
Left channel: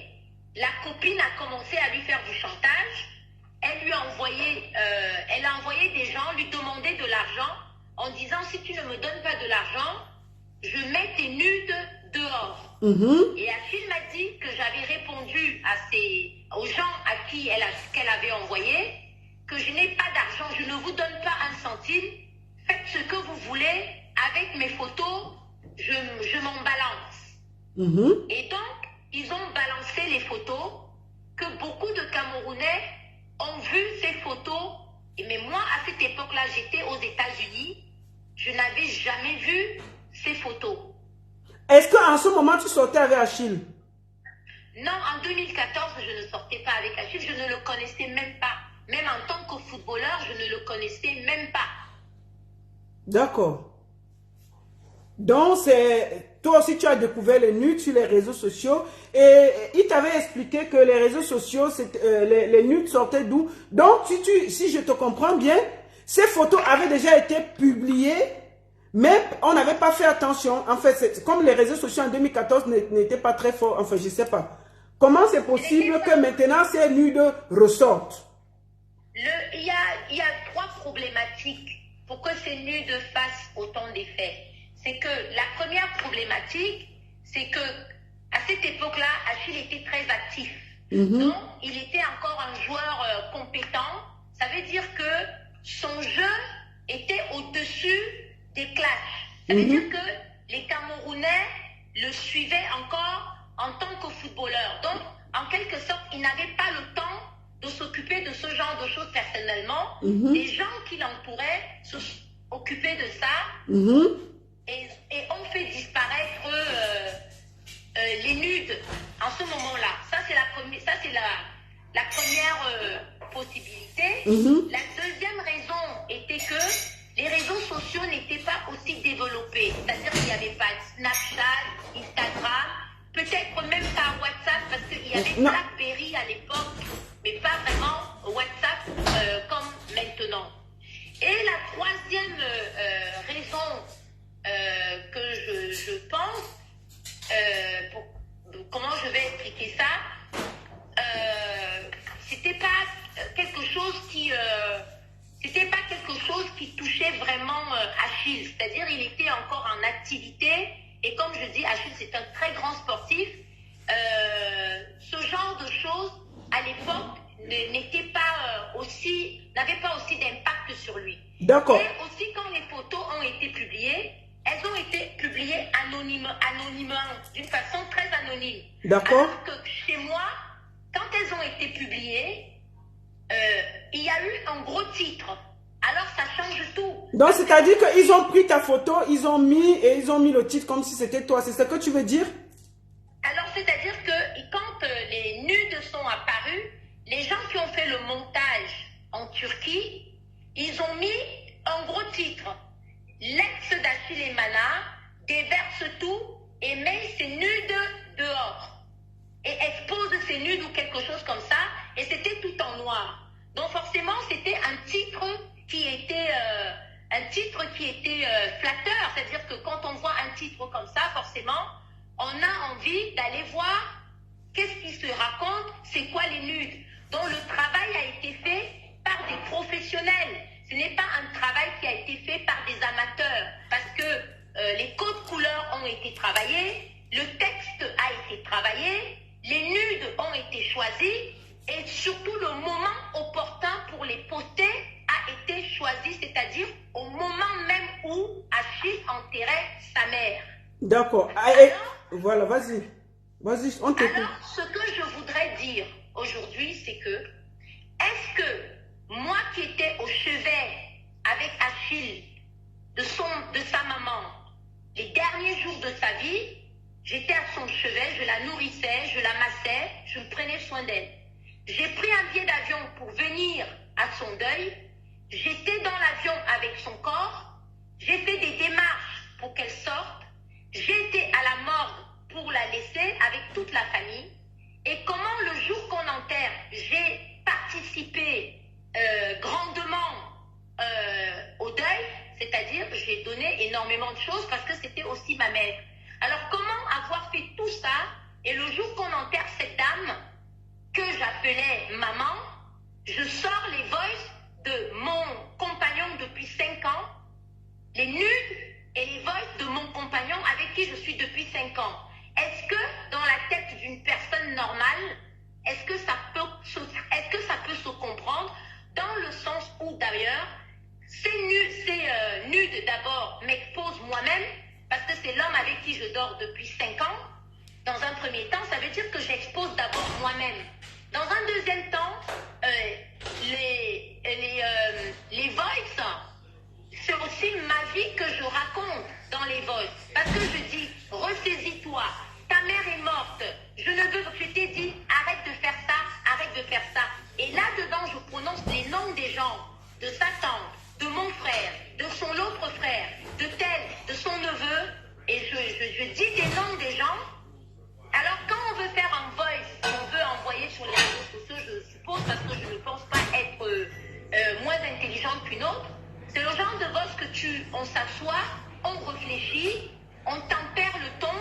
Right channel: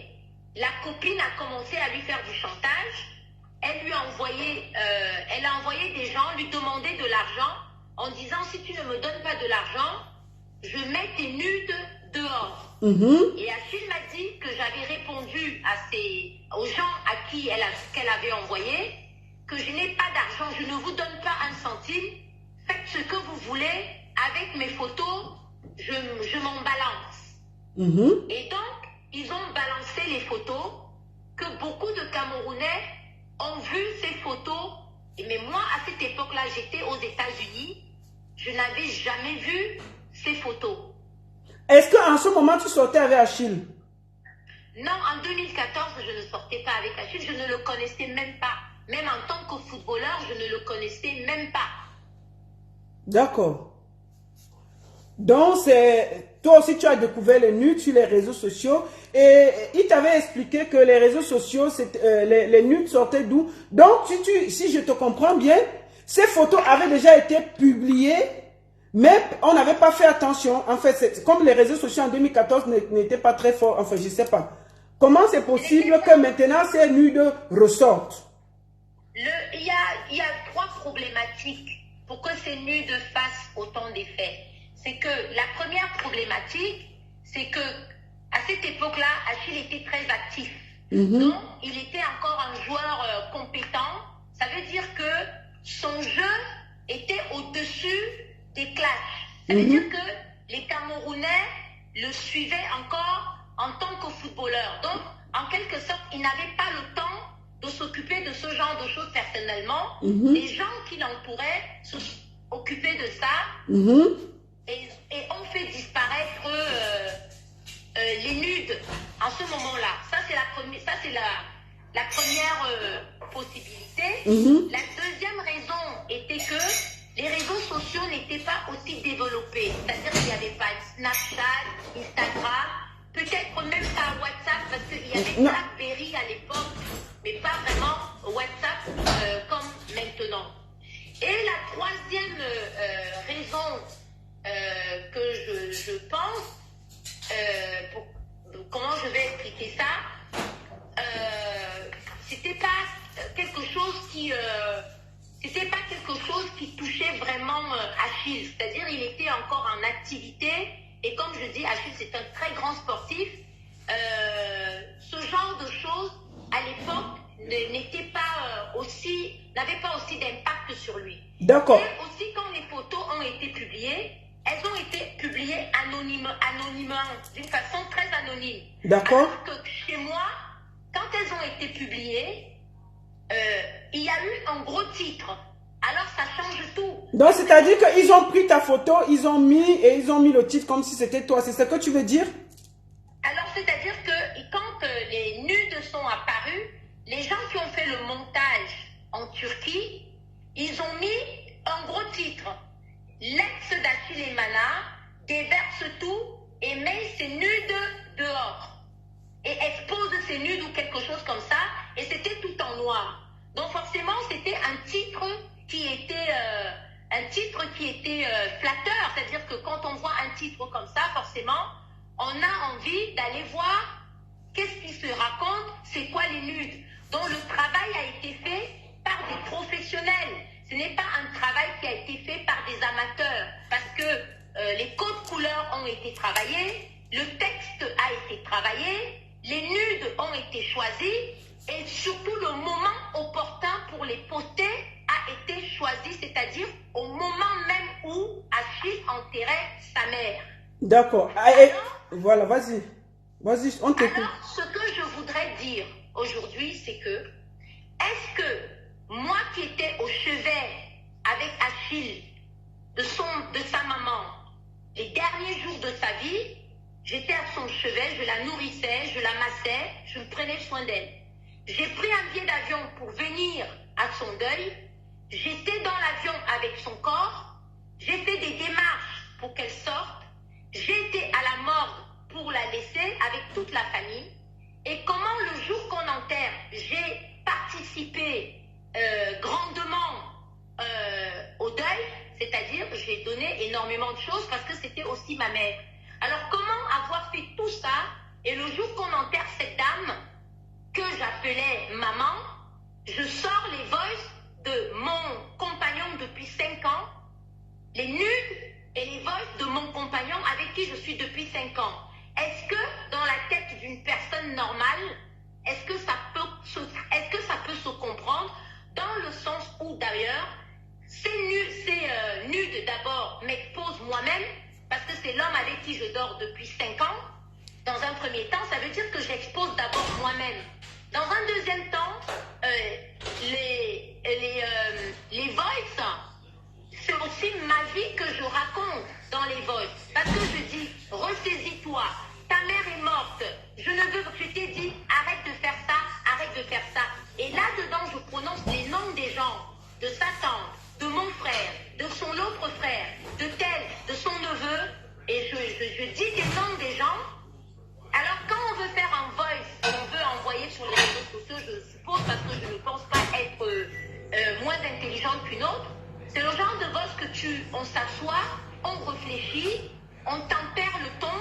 la copine a commencé à lui faire du chantage. Elle a envoyé des gens lui demander de l'argent en disant si tu ne me donnes pas de l'argent, je mets tes nudes dehors. Et Achille m'a dit que j'avais répondu aux gens à qui qu'elle avait envoyé que je n'ai pas d'argent, je ne vous donne pas un centime, faites ce que vous voulez avec mes photos, je m'en balance. Et donc, ils ont balancé les photos, que beaucoup de Camerounais ont vu ces photos. Mais moi, à cette époque-là, j'étais aux États-Unis, je n'avais jamais vu ces photos. Est-ce qu'en ce moment, tu sortais avec Achille? Non, en 2014, je ne sortais pas avec Achille, je ne le connaissais même pas. Même en tant que footballeur, je ne le connaissais même pas. D'accord. Donc, toi aussi, tu as découvert les nudes sur les réseaux sociaux et il t'avait expliqué que les réseaux sociaux, les nudes sortaient d'où? Donc, si je te comprends bien, ces photos avaient déjà été publiées, mais on n'avait pas fait attention. En fait, comme les réseaux sociaux en 2014 n'étaient pas très forts, enfin, je ne sais pas. Comment c'est possible que maintenant ces nudes ressortent? Il y a trois problématiques pour que ces nudes fassent autant d'effet. C'est que la première problématique, c'est que à cette époque-là, Achille était très actif. Donc, il était encore un joueur compétent. Ça veut dire que son jeu était au-dessus des classes. Ça veut dire que les Camerounais le suivaient encore en tant que footballeur. Donc, en quelque sorte, il n'avait pas le temps de s'occuper de ce genre de choses personnellement. Les gens qui l'entouraient s'occupaient de ça et ont fait disparaître les nudes en ce moment-là. Ça, c'est la première possibilité. La deuxième raison était que les réseaux sociaux n'étaient pas aussi développés. C'est-à-dire qu'il n'y avait pas Snapchat, Instagram, peut-être même pas WhatsApp, parce qu'il y avait BlackBerry à l'époque, mais pas vraiment WhatsApp comme maintenant. Et la troisième raison que je pense, comment je vais expliquer ça, c'était pas quelque chose qui touchait vraiment Achille. C'est-à-dire il était encore en activité et comme je dis, Achille c'est un très grand sportif. Ce genre de choses à l'époque n'avait pas aussi d'impact sur lui. D'accord. Et aussi quand les photos ont été publiées, elles ont été publiées anonymement, d'une façon très anonyme. D'accord. Alors que chez moi, quand elles ont été publiées, il y a eu un gros titre. Alors ça change tout. Donc c'est-à-dire qu'ils ont pris ta photo, ils ont mis le titre comme si c'était toi. C'est ce que tu veux dire? Alors c'est-à-dire que quand les nudes sont apparus, les gens qui ont fait le montage en Turquie, ils ont mis un gros titre. L'ex d'Achille Emana déverse tout et met ses nudes dehors. Et expose ses nudes ou quelque chose comme ça. Et c'était tout en noir. Donc forcément, c'était un titre qui était flatteur. C'est-à-dire que quand on voit un titre comme ça, forcément, on a envie d'aller voir qu'est-ce qui se raconte, c'est quoi les nudes. Donc le travail a été fait par des professionnels. Ce n'est pas un travail qui a été fait par des amateurs. Parce que les codes couleurs ont été travaillés, le texte a été travaillé, les nudes ont été choisis et surtout le moment opportun pour les poster a été choisi, c'est-à-dire au moment même où Achille enterrait sa mère. D'accord. Voilà, vas-y. Vas-y, on t'écoute. Alors, ce que je voudrais dire aujourd'hui, c'est que, est-ce que moi qui étais au chevet avec Achille, de sa maman, les derniers jours de sa vie, j'étais à son chevet, je la nourrissais, je la massais, je prenais soin d'elle. J'ai pris un billet d'avion pour venir à son deuil, j'étais dans l'avion avec son corps, j'ai fait des démarches pour qu'elle sorte, j'étais à la morgue pour la laisser avec toute la famille. Et comment le jour qu'on enterre, j'ai participé grandement au deuil, c'est-à-dire j'ai donné énormément de choses parce que c'était aussi ma mère. Alors comment avoir fait tout ça et le jour qu'on enterre cette dame que j'appelais maman, je sors les voices de mon compagnon depuis 5 ans, les nudes et les voices de mon compagnon avec qui je suis depuis 5 ans. Est-ce que dans la tête d'une personne normale, est-ce que ça peut se comprendre dans le sens où d'ailleurs, ces nudes d'abord m'exposent moi-même parce que c'est l'homme avec qui je dors depuis 5 ans. Dans un premier temps, ça veut dire que j'expose d'abord moi-même. Dans un deuxième temps, les voices, c'est aussi ma vie que je raconte dans les voices. Parce que je dis, ressaisis-toi, ta mère est morte, je ne veux que je t'ai dit, arrête de faire ça, arrête de faire ça. Et là-dedans, je prononce les noms des gens, de sa tante, de mon frère, de son autre frère, de tel, de son neveu, et je dis les noms des gens. Alors quand on veut faire un voice et on veut envoyer sur les réseaux sociaux, je suppose, parce que je ne pense pas être moins intelligente qu'une autre, c'est le genre de voice que on s'assoit, on réfléchit, on tempère le ton,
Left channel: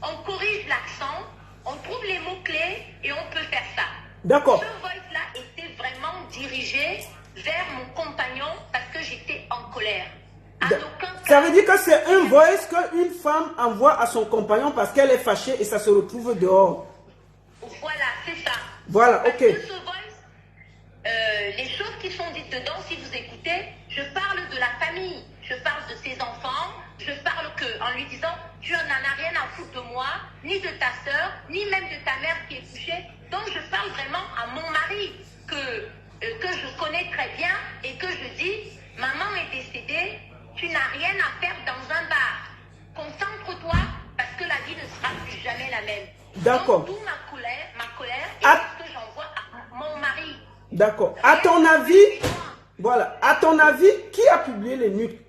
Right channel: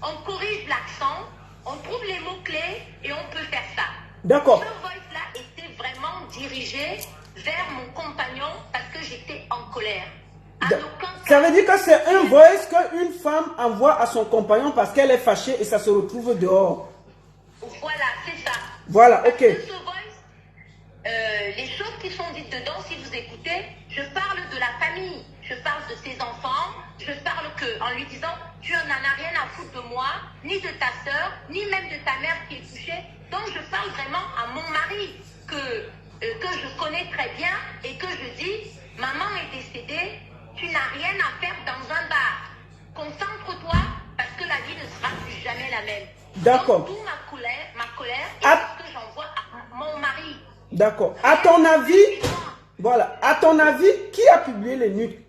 on corrige l'accent, on trouve les mots-clés et on peut faire ça. D'accord. Ce voice-là était vraiment dirigé vers mon compagnon parce que j'étais en colère. Ça veut dire que c'est un voice qu'une femme envoie à son compagnon parce qu'elle est fâchée et ça se retrouve dehors. Voilà, c'est ça. Voilà, ok. Parce que ce voice, les choses qui sont dites dedans, si vous écoutez, je parle de la famille, je parle de ses enfants, je parle en lui disant, tu n'en as rien à foutre de moi, ni de ta soeur, ni même de ta mère qui est touchée. Donc je parle vraiment à mon mari que je connais très bien et que je dis, maman est décédée, tu n'as rien à faire dans un bar. Concentre-toi parce que la vie ne sera plus jamais la même. D'accord. D'où ma colère et ce que j'envoie à mon mari. D'accord. À ton avis, voilà, à ton avis, qui a publié les nuques?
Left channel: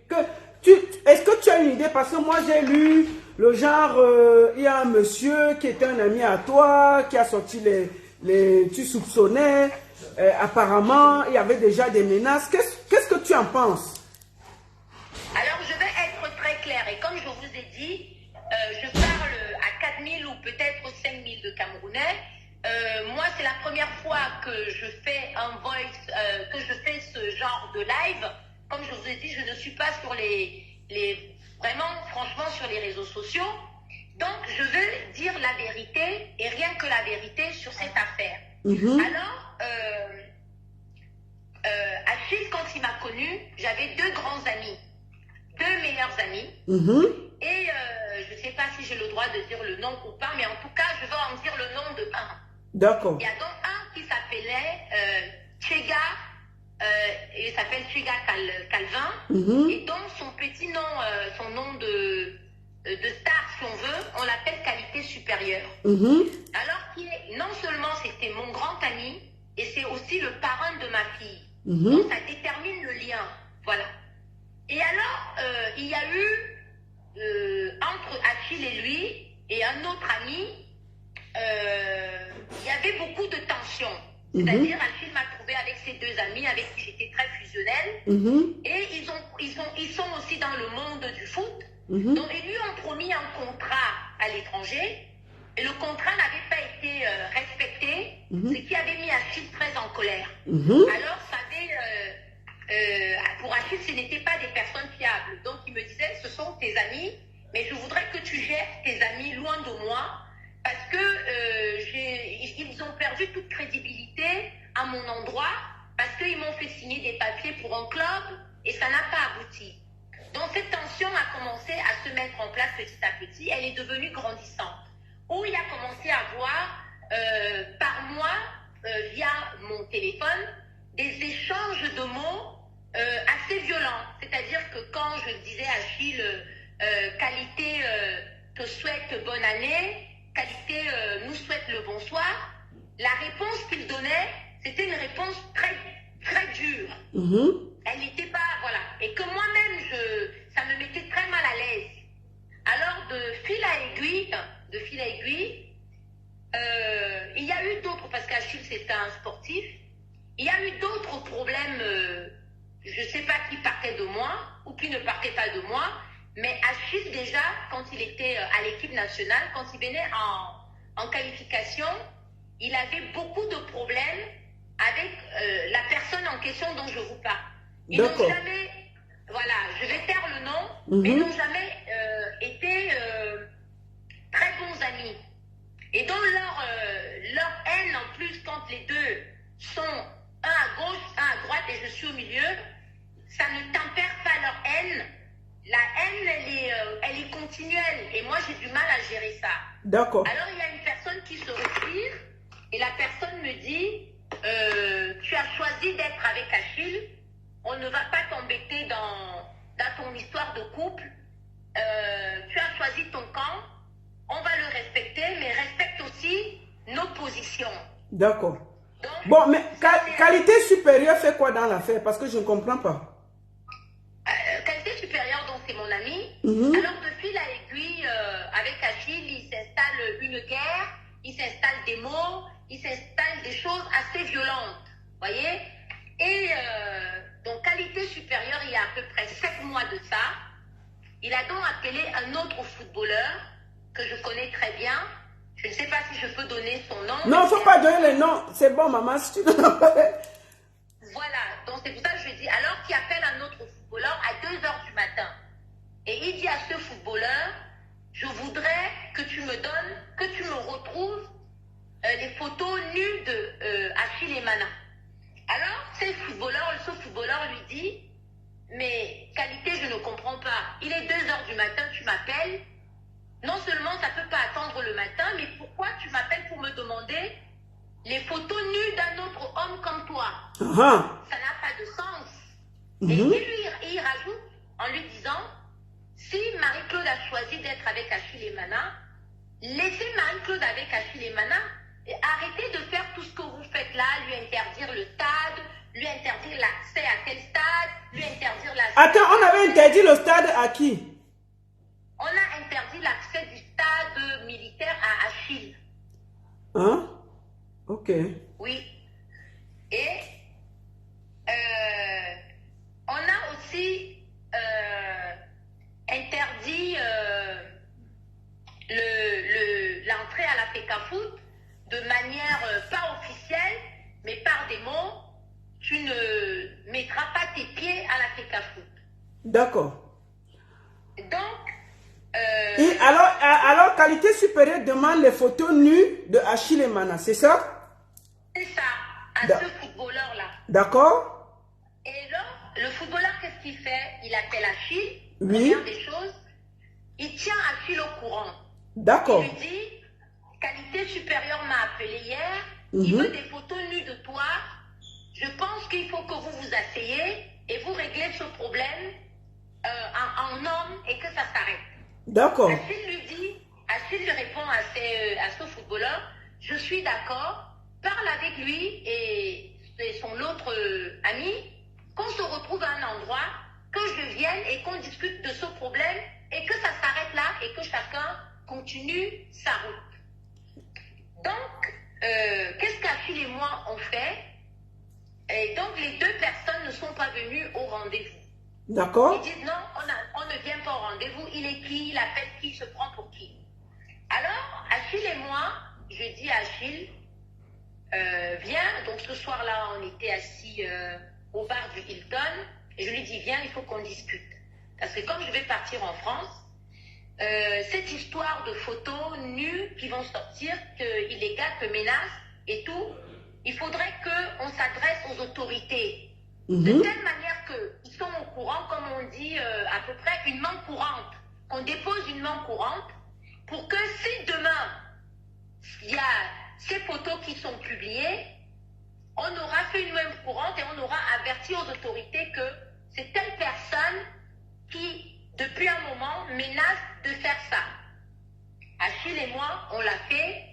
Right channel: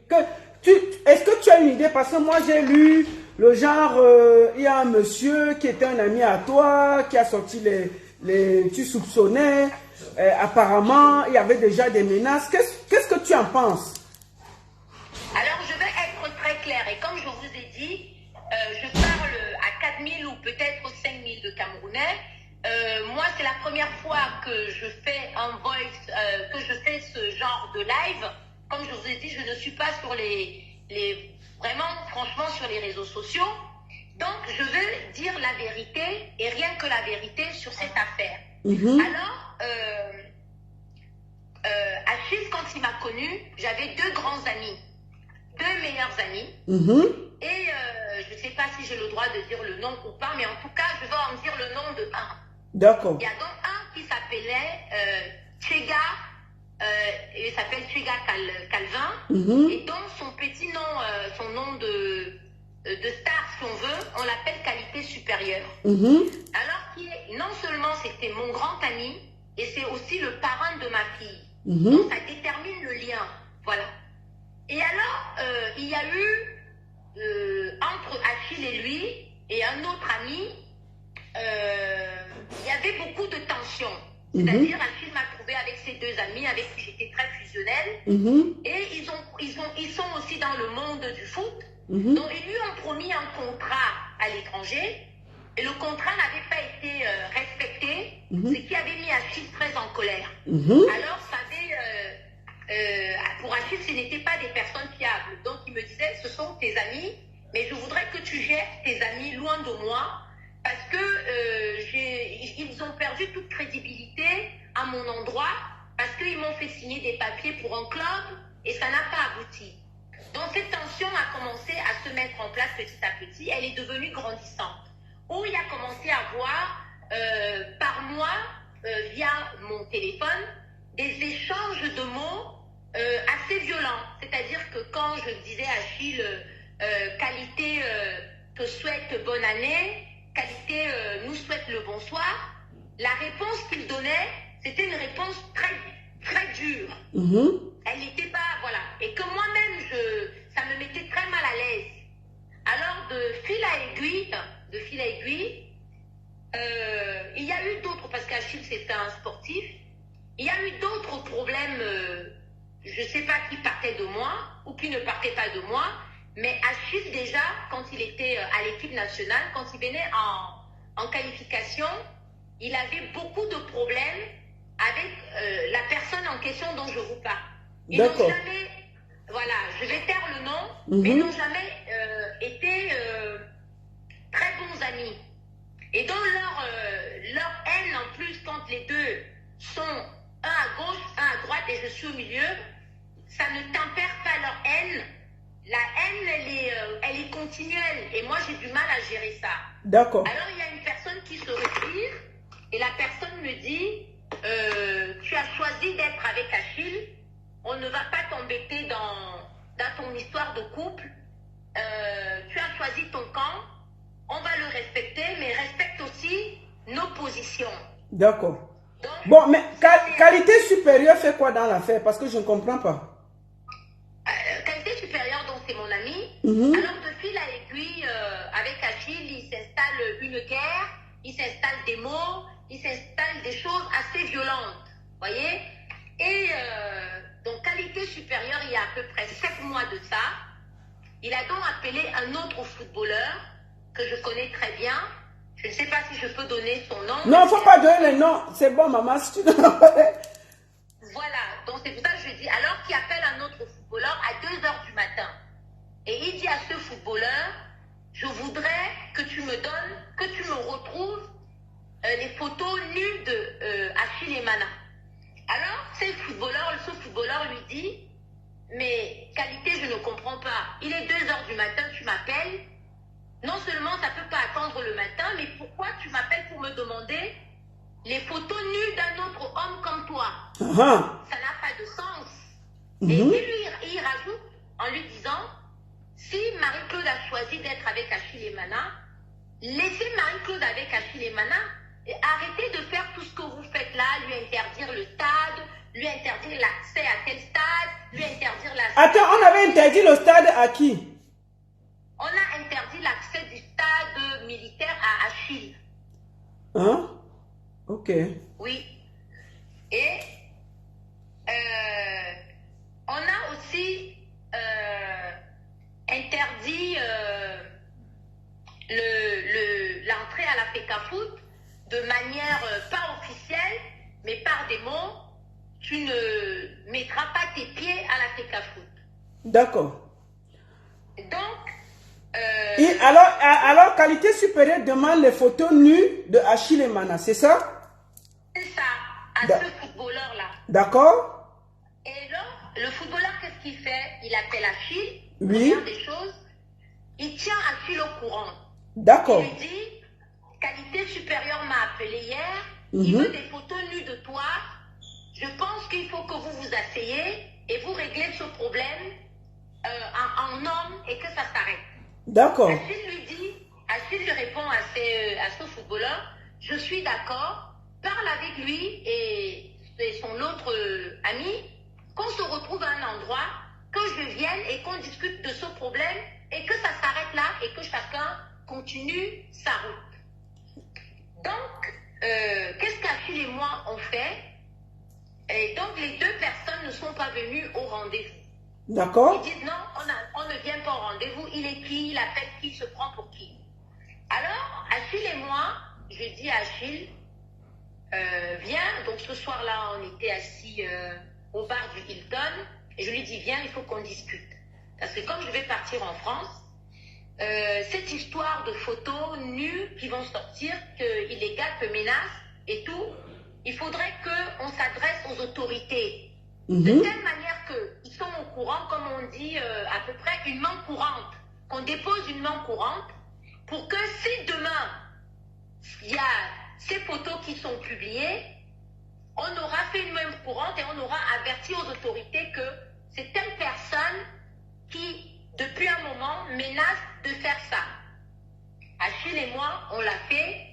Est-ce que tu as une idée? Parce que moi j'ai lu le genre, il y a un monsieur qui était un ami à toi, qui a sorti tu soupçonnais, apparemment il y avait déjà des menaces. Qu'est-ce que tu en penses? Alors je vais être très claire et comme je vous ai dit, je parle à 4000 ou peut-être 5000 de Camerounais. Moi, c'est la première fois que je fais un voice, que je fais ce genre de live. Comme je vous ai dit, je ne suis pas sur vraiment, franchement, sur les réseaux sociaux. Donc, je veux dire la vérité et rien que la vérité sur cette affaire. Alors, Achille, quand il m'a connue, j'avais deux grands amis, deux meilleurs amis. Et je ne sais pas si j'ai le droit de dire le nom ou pas, mais en tout cas, je vais en dire le nom de un. D'accord. Il y a donc un qui s'appelait Tchega, il s'appelle Tchega Calvin, et donc son petit nom, son nom de star, si on veut, on l'appelle Qualité Supérieure. Alors non seulement c'était mon grand ami, et c'est aussi le parrain de ma fille. Donc ça détermine le lien. Voilà. Et alors, il y a eu, entre Achille et lui, et un autre ami, il y avait beaucoup de tensions. C'est-à-dire, Achille m'a trouvé avec ses deux amis, avec qui j'étais très fusionnelle. Et ils sont aussi dans le monde du foot. Donc, ils lui ont promis un contrat à l'étranger. Et le contrat n'avait pas été respecté, ce qui avait mis Achille très en colère. Alors, pour Achille, ce n'étaient pas des personnes fiables. Donc, il me disait, ce sont tes amis, mais je voudrais que tu gères tes amis loin de moi, parce que ils ont perdu toute crédibilité à mon endroit, parce qu'ils m'ont fait signer des papiers pour un club, et ça n'a pas abouti. Donc, cette tension a commencé à se mettre en place petit à petit. Elle est devenue grandissante. Où il a commencé à voir, par mois, via mon téléphone, des échanges de mots assez violents. C'est-à-dire que quand je disais à Achille, Qualité te souhaite bonne année, Qualité nous souhaite le bonsoir, la réponse qu'il donnait, c'était une réponse très, très dure. Elle n'était pas, voilà. Et que moi-même, ça me mettait très mal à l'aise. Alors, de fil à aiguille, il y a eu d'autres, parce qu'Achille c'était un sportif, il y a eu d'autres problèmes, je ne sais pas qui partait de moi ou qui ne partait pas de moi, mais Achille déjà, quand il était à l'équipe nationale, quand il venait en qualification, il avait beaucoup de problèmes avec la personne en question dont je vous parle. Ils n'ont jamais, voilà, je vais taire le nom, mais ils n'ont jamais été très bons amis. Et donc leur haine, en plus, quand les deux sont un à gauche, un à droite et je suis au milieu, ça ne tempère pas leur haine. La haine, elle est continuelle. Et moi, j'ai du mal à gérer ça. D'accord. Alors, il y a une personne qui se retire et la personne me dit, tu as choisi d'être avec Achille, on ne va pas t'embêter dans ton histoire de couple. Tu as choisi ton camp, on va le respecter, mais respecte aussi nos positions. D'accord. Bon, mais qualité supérieure fait quoi dans l'affaire? Parce que je ne comprends pas. Qualité supérieure, donc c'est mon ami. Alors, depuis l'aiguille, avec Achille, il s'installe une guerre, il s'installe des mots, il s'installe des choses assez violentes. Voyez? Et donc, qualité supérieure, il y a à peu près 7 mois de ça, il a donc appelé un autre footballeur que je connais très bien. Je ne sais pas si je peux donner son nom. Non, il ne faut pas donner le nom. C'est bon, maman, si tu donnes pas. Voilà, donc c'est pour ça que je dis, alors qu'il appelle un autre footballeur à 2 h du matin. Et il dit à ce footballeur, je voudrais que tu me donnes, que tu me retrouves les photos nues de Achille Emana. Alors, ce footballeur lui dit, mais qualité, je ne comprends pas. Il est 2 h du matin, tu m'appelles. Non seulement ça ne peut pas attendre le matin, mais pourquoi tu m'appelles pour me demander les photos nues d'un autre homme comme toi? Ça n'a pas de sens. Et il rajoute en lui disant, si Marie-Claude a choisi d'être avec Achille Emana, laissez Marie-Claude avec Achille Emana et arrêtez de faire tout ce que vous faites là, lui interdire le stade, lui interdire l'accès à tel stade, lui interdire la... Attends, on avait interdit le stade à qui? On a interdit l'accès du stade militaire à Achille. Hein? Ok. Oui. Et on a aussi interdit l'entrée à la FECAFOOT de manière pas officielle, mais par des mots. Tu ne mettras pas tes pieds à la FECAFOOT. D'accord. Donc, et alors, qualité supérieure demande les photos nues de Achille Emana, c'est ça? C'est ça, à ce footballeur-là. D'accord. Et là, le footballeur, qu'est-ce qu'il fait? Il appelle Achille, oui. Il regarde des choses, il tient Achille au courant. D'accord. Il lui dit, qualité supérieure m'a appelé hier, il veut des photos nues de toi. Je pense qu'il faut que vous vous asseyez et vous réglez ce problème en homme et que ça s'arrête. D'accord. Achille lui répond à ce footballeur, je suis d'accord, parle avec lui et son autre ami, qu'on se retrouve à un endroit, que je vienne et qu'on discute de ce problème et que ça s'arrête là et que chacun continue sa route. Donc, qu'est-ce qu'Achille et moi on fait? Et donc, les 2 personnes ne sont pas venues au rendez-vous. D'accord. Ils disent non, on ne vient pas au rendez-vous. Il est qui? Il appelle qui? Il se prend pour qui? Alors, Achille et moi, je dis à Achille, viens. Donc, ce soir-là, on était assis au bar du Hilton. Et je lui dis, viens, il faut qu'on discute. Parce que comme je vais partir en France, cette histoire de photos nues qui vont sortir, que illégales, que menaces et tout, il faudrait qu'on s'adresse aux autorités. De telle manière qu'ils sont au courant, comme on dit à peu près, une main courante. Qu'on dépose une main courante pour que si demain, il y a ces photos qui sont publiées, on aura fait une main courante et on aura averti aux autorités que c'est telle personne qui, depuis un moment, menace de faire ça. Achille et moi, on l'a fait.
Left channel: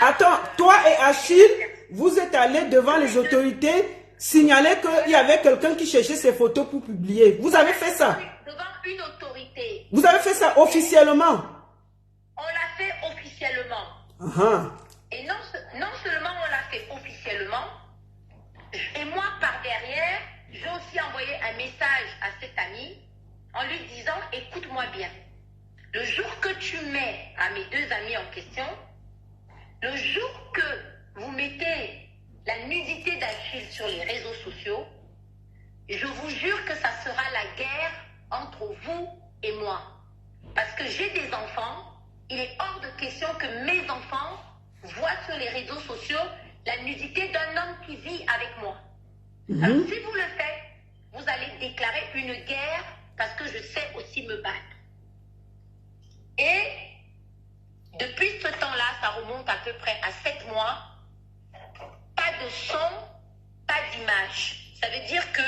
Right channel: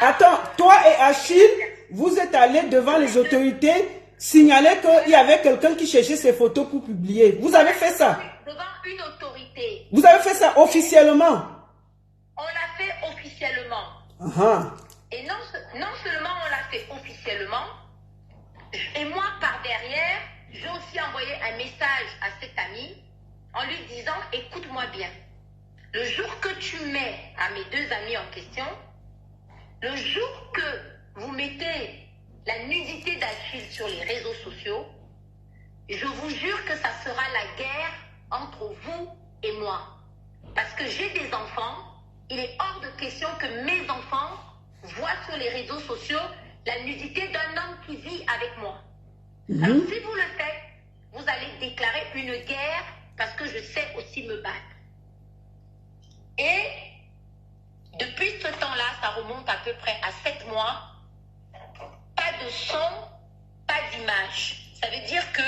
Attends, toi et Achille, vous êtes allés devant les autorités signaler qu'il y avait quelqu'un qui cherchait ces photos pour publier. Vous avez fait ça? Devant une autorité. Vous avez fait ça officiellement? On l'a fait officiellement. Et non seulement on l'a fait officiellement, et moi par derrière, j'ai aussi envoyé un message à cet ami en lui disant, écoute-moi bien, le jour que tu mets à mes 2 amis en question, le jour que vous mettez la nudité d'Achille sur les réseaux sociaux, je vous jure que ça sera la guerre entre vous et moi. Parce que j'ai des enfants, il est hors de question que mes enfants voient sur les réseaux sociaux la nudité d'un homme qui vit avec moi. Alors si vous le faites, vous allez déclarer une guerre parce que je sais aussi me battre. Et depuis ce temps-là, ça remonte à peu près à 7 mois, pas de son, pas d'image. Ça veut dire que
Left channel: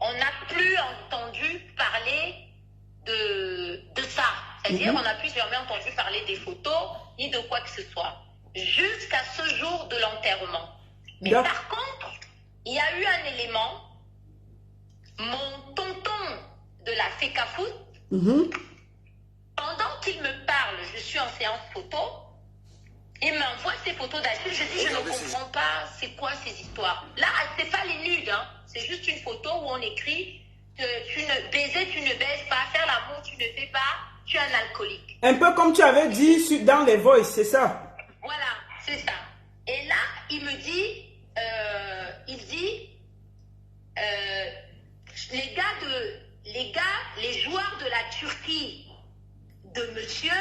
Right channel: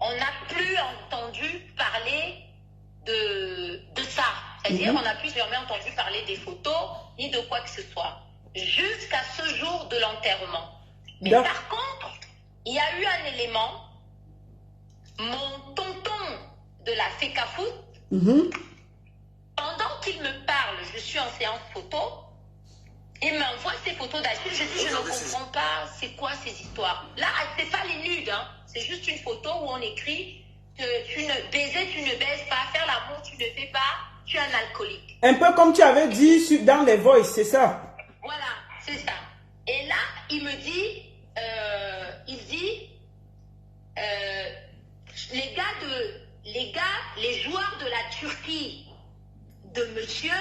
on n'a plus entendu parler de ça. C'est-à-dire qu'on n'a plus jamais entendu parler des photos ni de quoi que ce soit. Jusqu'à ce jour de l'enterrement. Mais par contre, il y a eu un élément. Mon tonton de la FECAFOOT, pendant qu'il me parle, je suis en séance photo, il m'envoie ces photos d'Achille. Je dis, je ne comprends pas, c'est quoi ces histoires? Là, c'est pas les nudes, hein. C'est juste une photo où on écrit que tu ne baises pas, faire l'amour, tu ne fais pas, tu es un alcoolique. Un peu comme tu avais dit dans les voices, c'est ça? Voilà, c'est ça. Et là, il me dit, les gars, les joueurs de la Turquie de monsieur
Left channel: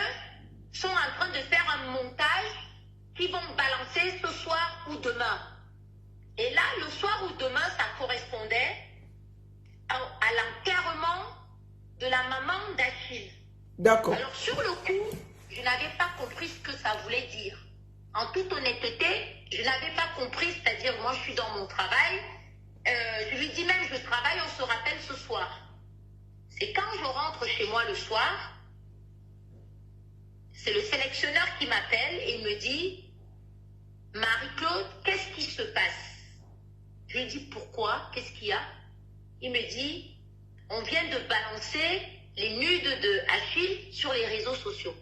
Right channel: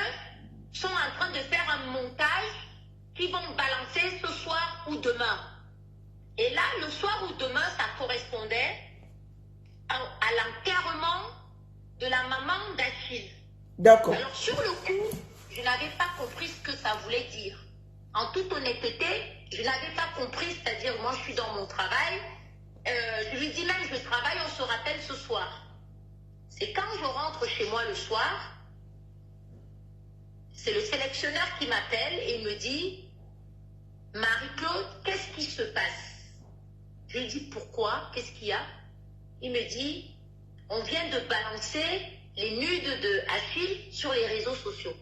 sont en train de faire un montage qu'ils vont balancer ce soir ou demain. Et là, le soir ou demain, ça correspondait à l'enterrement de la maman d'Achille. D'accord. Alors, sur le coup, je n'avais pas compris ce que ça voulait dire. En toute honnêteté, je n'avais pas compris, c'est-à-dire, moi, je suis dans mon travail. Je lui dis même, je travaille, on se rappelle ce soir. C'est quand je rentre chez moi le soir, c'est le sélectionneur qui m'appelle et il me dit, Marie-Claude, qu'est-ce qui se passe? Je lui dis, pourquoi? Qu'est-ce qu'il y a? Il me dit, on vient de balancer les nudes de Achille sur les réseaux sociaux.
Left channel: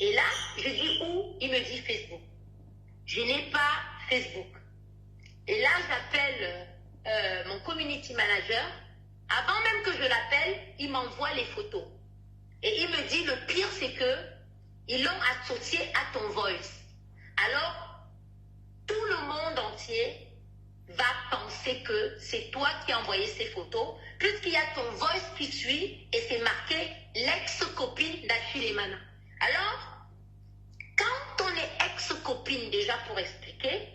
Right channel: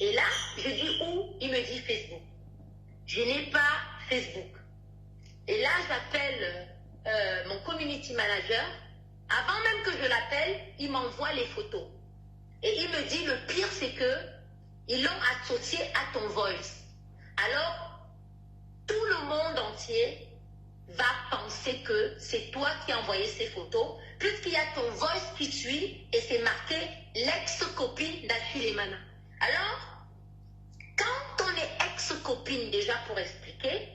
Et là, je dis où? Il me dit Facebook. Je n'ai pas Facebook. Et là, j'appelle mon community manager. Avant même que je l'appelle, il m'envoie les photos. Et il me dit, le pire, c'est que ils l'ont associé à ton voice. Alors, tout le monde entier va penser que c'est toi qui as envoyé ces photos, puisqu'il y a ton voice qui suit et c'est marqué l'ex-copine d'Achille Emana. Alors, quand on est ex-copine, déjà pour expliquer,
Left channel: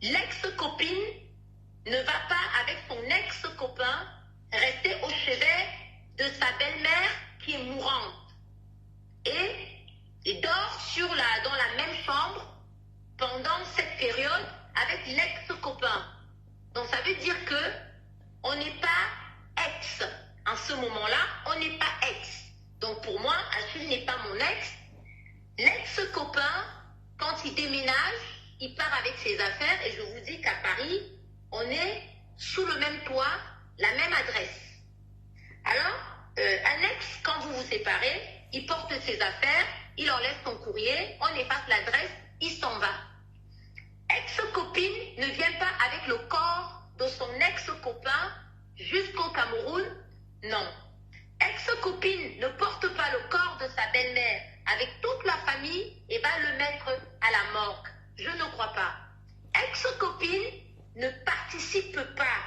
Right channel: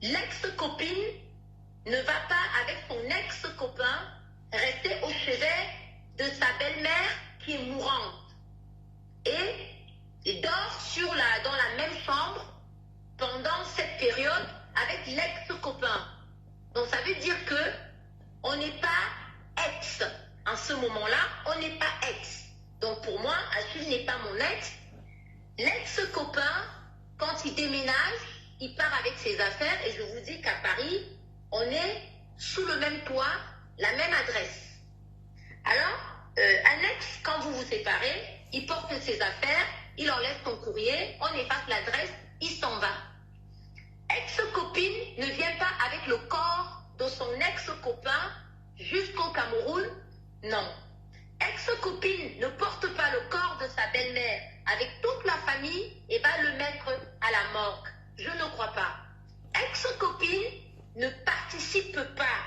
l'ex-copine ne va pas avec son ex-copain rester au chevet de sa belle-mère qui est mourante. Et il dort dans la même chambre pendant cette période avec l'ex-copain. Donc ça veut dire que on n'est pas ex. En ce moment-là, on n'est pas ex. Donc pour moi, Achille n'est pas mon ex. L'ex-copain, quand il déménage, il part avec ses affaires et je vous dis qu'à Paris, on est sous le même toit, la même adresse. Alors, un ex, quand vous vous séparez, il porte ses affaires, il enlève son courrier, on efface l'adresse, il s'en va. Ex-copine ne vient pas avec le corps de son ex-copain jusqu'au Cameroun, non. Ex-copine ne porte pas le corps de sa belle-mère avec toute la famille et va le mettre à la morgue. Je ne crois pas. Ex-copine ne participe pas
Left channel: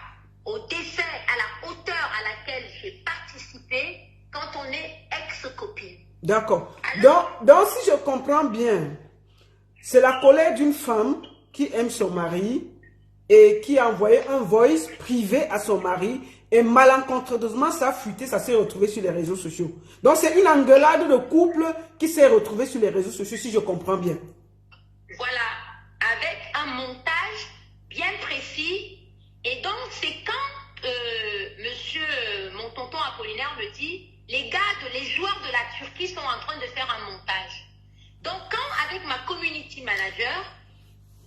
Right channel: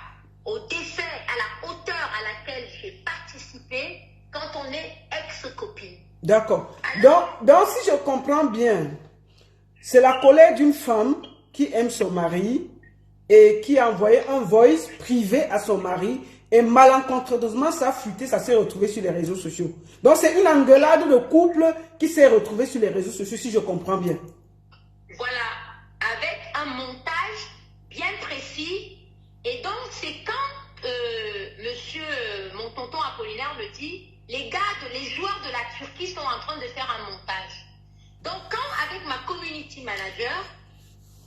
au décès à la hauteur à laquelle j'ai participé quand on est ex-copine. D'accord. Donc, si je comprends bien, c'est la colère d'une femme qui aime son mari et qui a envoyé un voice privé à son mari et malencontreusement ça a fuité, ça s'est retrouvé sur les réseaux sociaux. Donc, c'est une engueulade de couple qui s'est retrouvée sur les réseaux sociaux, si je comprends bien. Voilà, avec un montage bien précis. Et donc, c'est quand mon tonton Apollinaire me dit, les joueurs de la Turquie sont en train de faire un montage. Donc, quand avec ma community manager,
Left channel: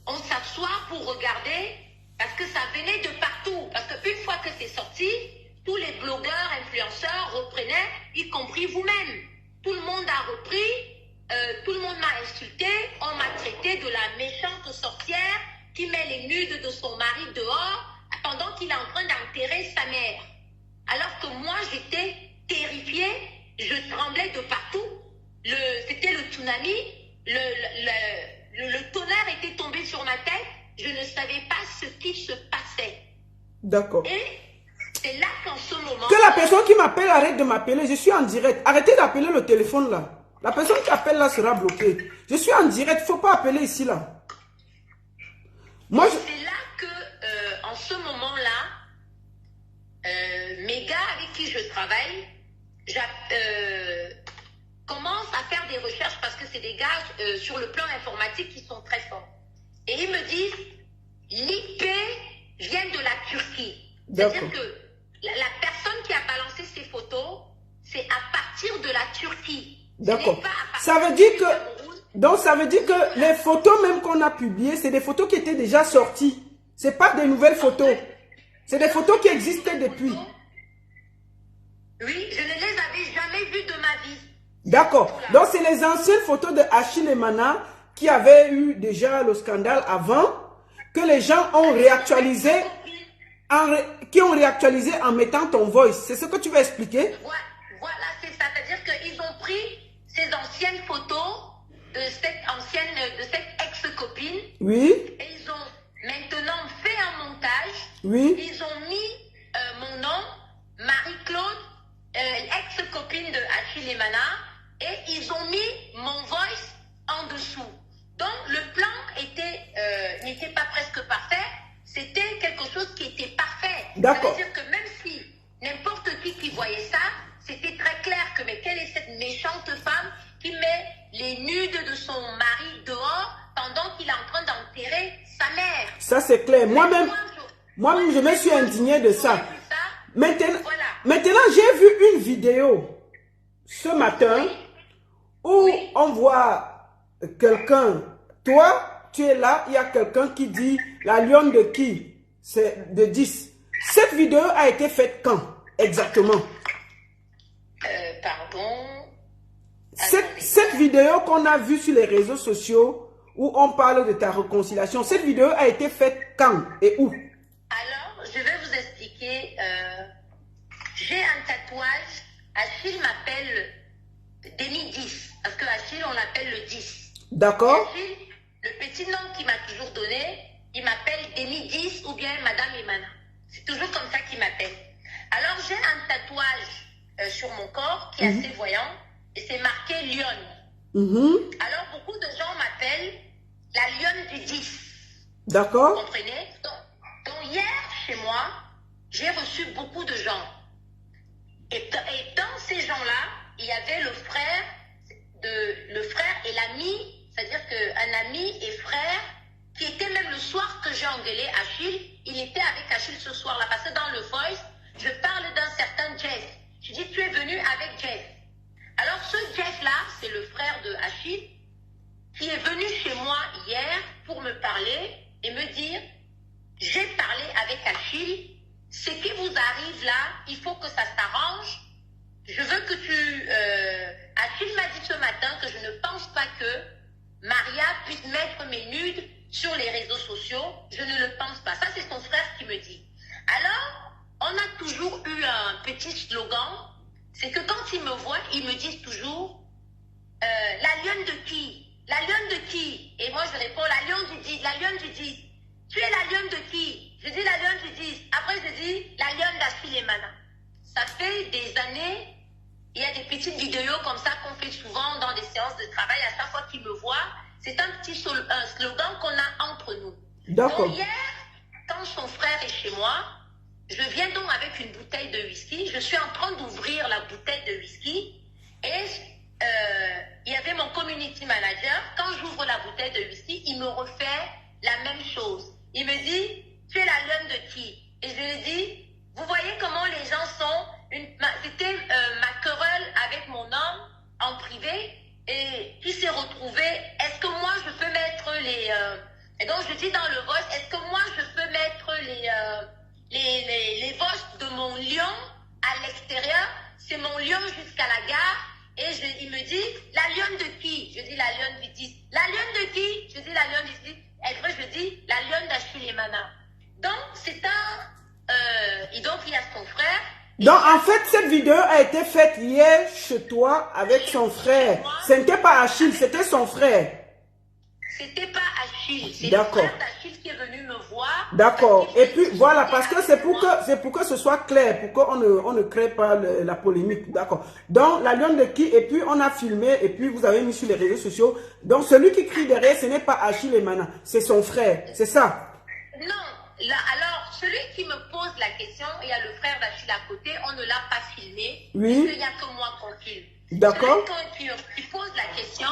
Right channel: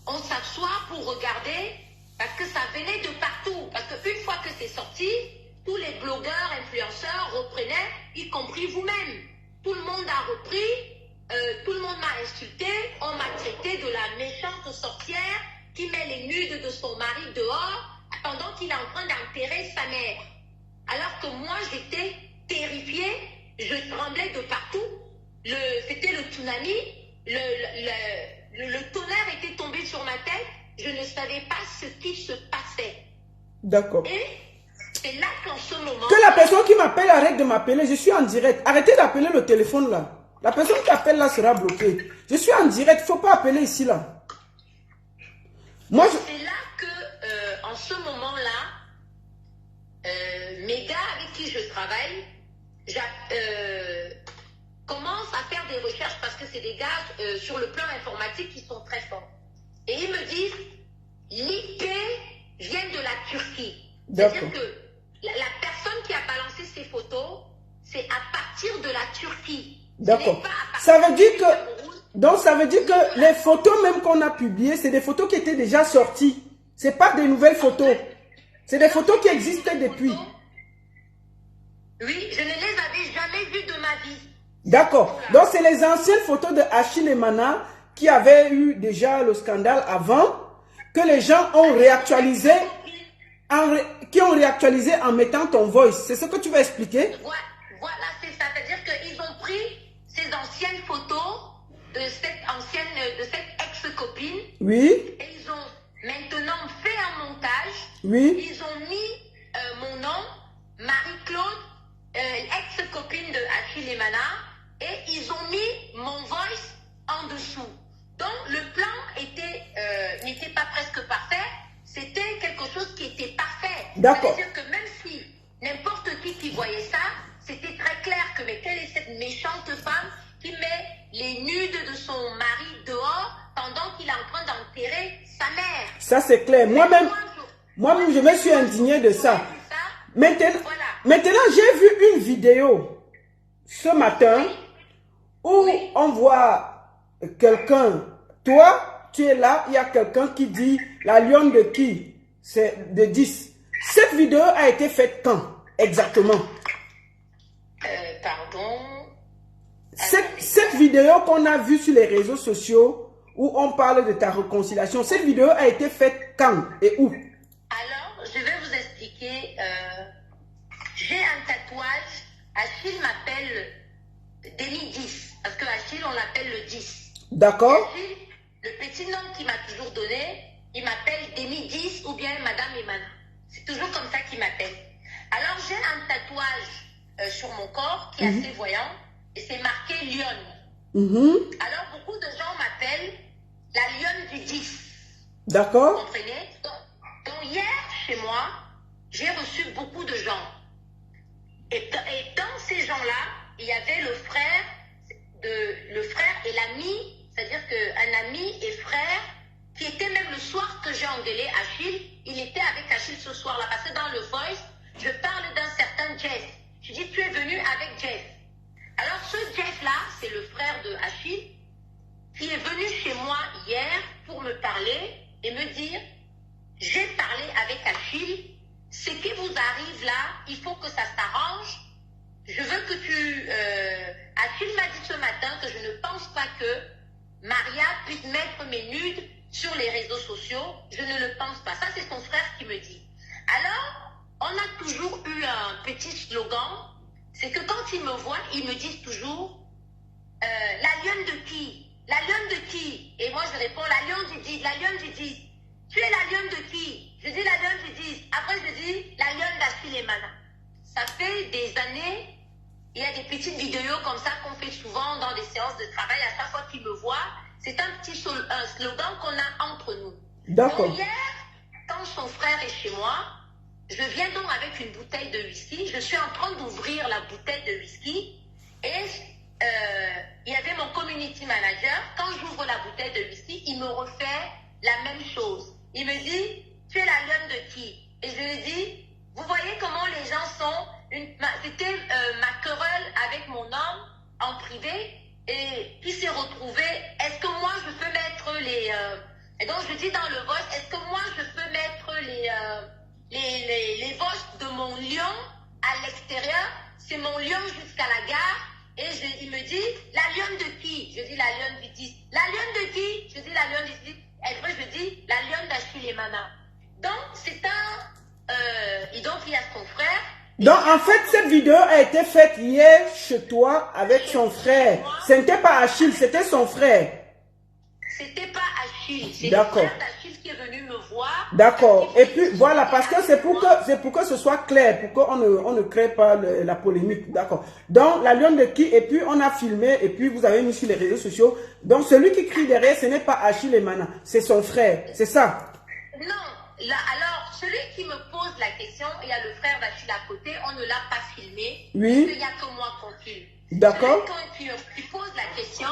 on s'assoit pour regarder, parce que ça venait de partout. Parce qu'une fois que c'est sorti, tous les blogueurs, influenceurs reprenaient, y compris vous-même. Tout le monde a repris, tout le monde m'a insulté, on m'a traité de la méchante sorcière qui met les nudes de son mari dehors pendant qu'il est en train d'enterrer sa mère. Alors que moi, j'étais terrifiée, je tremblais de partout. C'était le tsunami, le tonnerre était tombé sur ma tête, je ne savais pas ce qui se passait. D'accord. Et c'est là qu'en ce moment... Que la personne qui m'appelle arrête de m'appeler, je suis en direct. Arrêtez d'appeler le téléphone là. La personne qui appelle là sera bloquée. Je suis en direct, il ne faut pas appeler ici là. Moi, c'est là que, en ce moment-là, mes gars avec qui je travaille, commencent à faire des recherches parce que c'est des gars sur le plan informatique qui sont très forts. Et ils me disent, l'IP vient de la Turquie. C'est-à-dire que la personne qui a balancé ces photos, c'est à partir de la Turquie. D'accord. Ça veut dire que... Donc, ça veut dire que les photos même qu'on a publiées, c'est des photos qui étaient déjà sorties. Ce n'est pas des nouvelles photos. C'est des photos qui existaient depuis. Oui, je ne les avais jamais vues de ma vie. D'accord. Donc, c'est les anciennes photos de Achille Emana qui avaient eu déjà le scandale avant, que les gens ont réactualisé, en mettant ton voice. C'est ce que tu vas expliquer? Voilà, c'est ça. C'est-à-dire qu'ils ont pris ces anciennes photos de cette ex-copine. Oui. Et ils ont maintenant fait un montage. Oui. Ils ont mis mon nom Achille et Mana et ils ont mis mon voice en dessous. Donc le plan n'était pas presque parfait, c'était quelque chose qui était parfait. D'accord. C'est-à-dire que même si n'importe qui voyait ça, c'était très clair que mais quelle est cette méchante femme qui met les nudes de son mari dehors pendant qu'il est en train d'enterrer sa mère. Ça c'est clair. Moi-même, je me suis indignée de ça. Maintenant, Voilà. maintenant j'ai vu une vidéo ce matin où on voit quelqu'un, toi, tu es là, il y a quelqu'un qui dit la lionne de qui? C'est de 10. Cette vidéo a été faite quand exactement? Pardon. Cette vidéo qu'on a vue sur les réseaux sociaux où on parle de ta réconciliation, cette vidéo a été faite quand et où? Alors, je vais vous expliquer. J'ai un tatouage. Achille m'appelle Demi 10. Parce que Achille, on l'appelle le 10. D'accord. Achille, le petit nom qu'il m'a toujours donné, il m'appelle Demi 10 ou bien Madame Emana. C'est toujours comme ça qu'il m'appelle. Alors, j'ai un tatouage sur mon corps qui est assez voyant et c'est marqué lionne. Alors, beaucoup de gens m'appellent la lionne du 10. D'accord. Vous comprenez? Donc, hier, chez moi, j'ai reçu beaucoup de gens. Et dans ces gens-là, il y avait le frère et l'ami, c'est-à-dire qu'un ami et frère, qui était même le soir que j'ai engueulé Achille, il était avec Achille ce soir-là, parce que dans le voice, je parle d'un certain Jeff. Je dis, tu es venu avec Jeff. Alors ce Jeff-là, c'est le frère de Achille, qui est venu chez moi hier pour me parler et me dire, j'ai parlé avec Achille, ce qui vous arrive là, il faut que ça s'arrange. Je veux que tu... Achille m'a dit ce matin que je ne pense pas que Maria puisse mettre mes nudes sur les réseaux sociaux. Je ne le pense pas. Ça, c'est son frère qui me dit. Alors, on a toujours eu un petit slogan. C'est que quand ils me voient, ils me disent toujours la lionne de qui? La lionne de qui? Et moi, je réponds la lionne du 10. La lionne du 10. Tu es la lionne de qui? Je dis la lionne du 10. Après, je dis la lionne d'Achille et Mana. Ça fait des années, il y a des petites vidéos comme ça qu'on fait souvent dans des séances de travail. À chaque fois qu'ils me voient, c'est un petit slogan qu'on a entre nous. D'accord. Donc hier, quand son frère est chez moi, je viens donc avec une bouteille de whisky. Je suis en train d'ouvrir la bouteille de whisky et il y avait mon community manager. Quand j'ouvre la bouteille de whisky, il me refait la même chose. Il me dit, tu es la lionne de qui? Et je lui dis, vous voyez comment les gens sont. C'était ma querelle avec mon homme en privé et qui s'est retrouvé. Est-ce que moi je peux mettre les... et donc je dis dans le voice, est-ce que moi je peux mettre les voices de mon lion à l'extérieur? C'est mon lion jusqu'à la gare. Et il me dit, la lionne de qui? Je dis la lionne du 10. La lionne de qui? Je dis la lionne du 10. Et après je dis la lionne d'Achille et Mana. Donc c'est et donc il y a son frère. Donc en fait cette vidéo a été faite hier chez toi avec son frère. Ce n'était pas Achille, c'était son frère. C'était pas Achille, c'est le D'accord. frère d'Achille qui est venu me voir. D'accord. Et puis voilà, parce que c'est pour que ce soit clair, pour qu'on ne crée pas la polémique. D'accord. Donc la lionne de qui? Et puis on a filmé et puis vous avez mis sur les réseaux sociaux. Donc celui qui crie derrière, ce n'est pas Achille et Mana, c'est son frère. C'est ça? Non. Là, alors, celui qui me pose la question, il y a le frère d'Achille à côté, on ne l'a pas filmé. Oui. Il n'y a que moi qu'on filme. D'accord. Celui qui pose la question,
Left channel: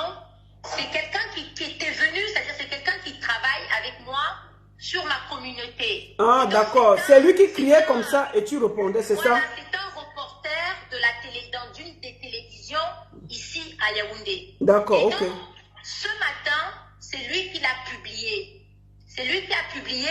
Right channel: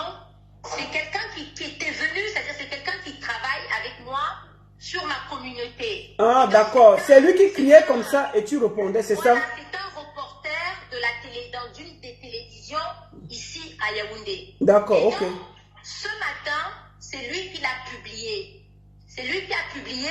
c'est quelqu'un qui était venu, c'est-à-dire c'est quelqu'un qui travaille avec moi sur ma communauté. Ah, d'accord. C'est lui qui criait comme ça et tu répondais, c'est voilà, ça? c'est un reporter de la dans d'une des télévisions ici à Yaoundé. D'accord, Et ok. donc, ce matin, c'est lui qui l'a publié. C'est lui qui a publié.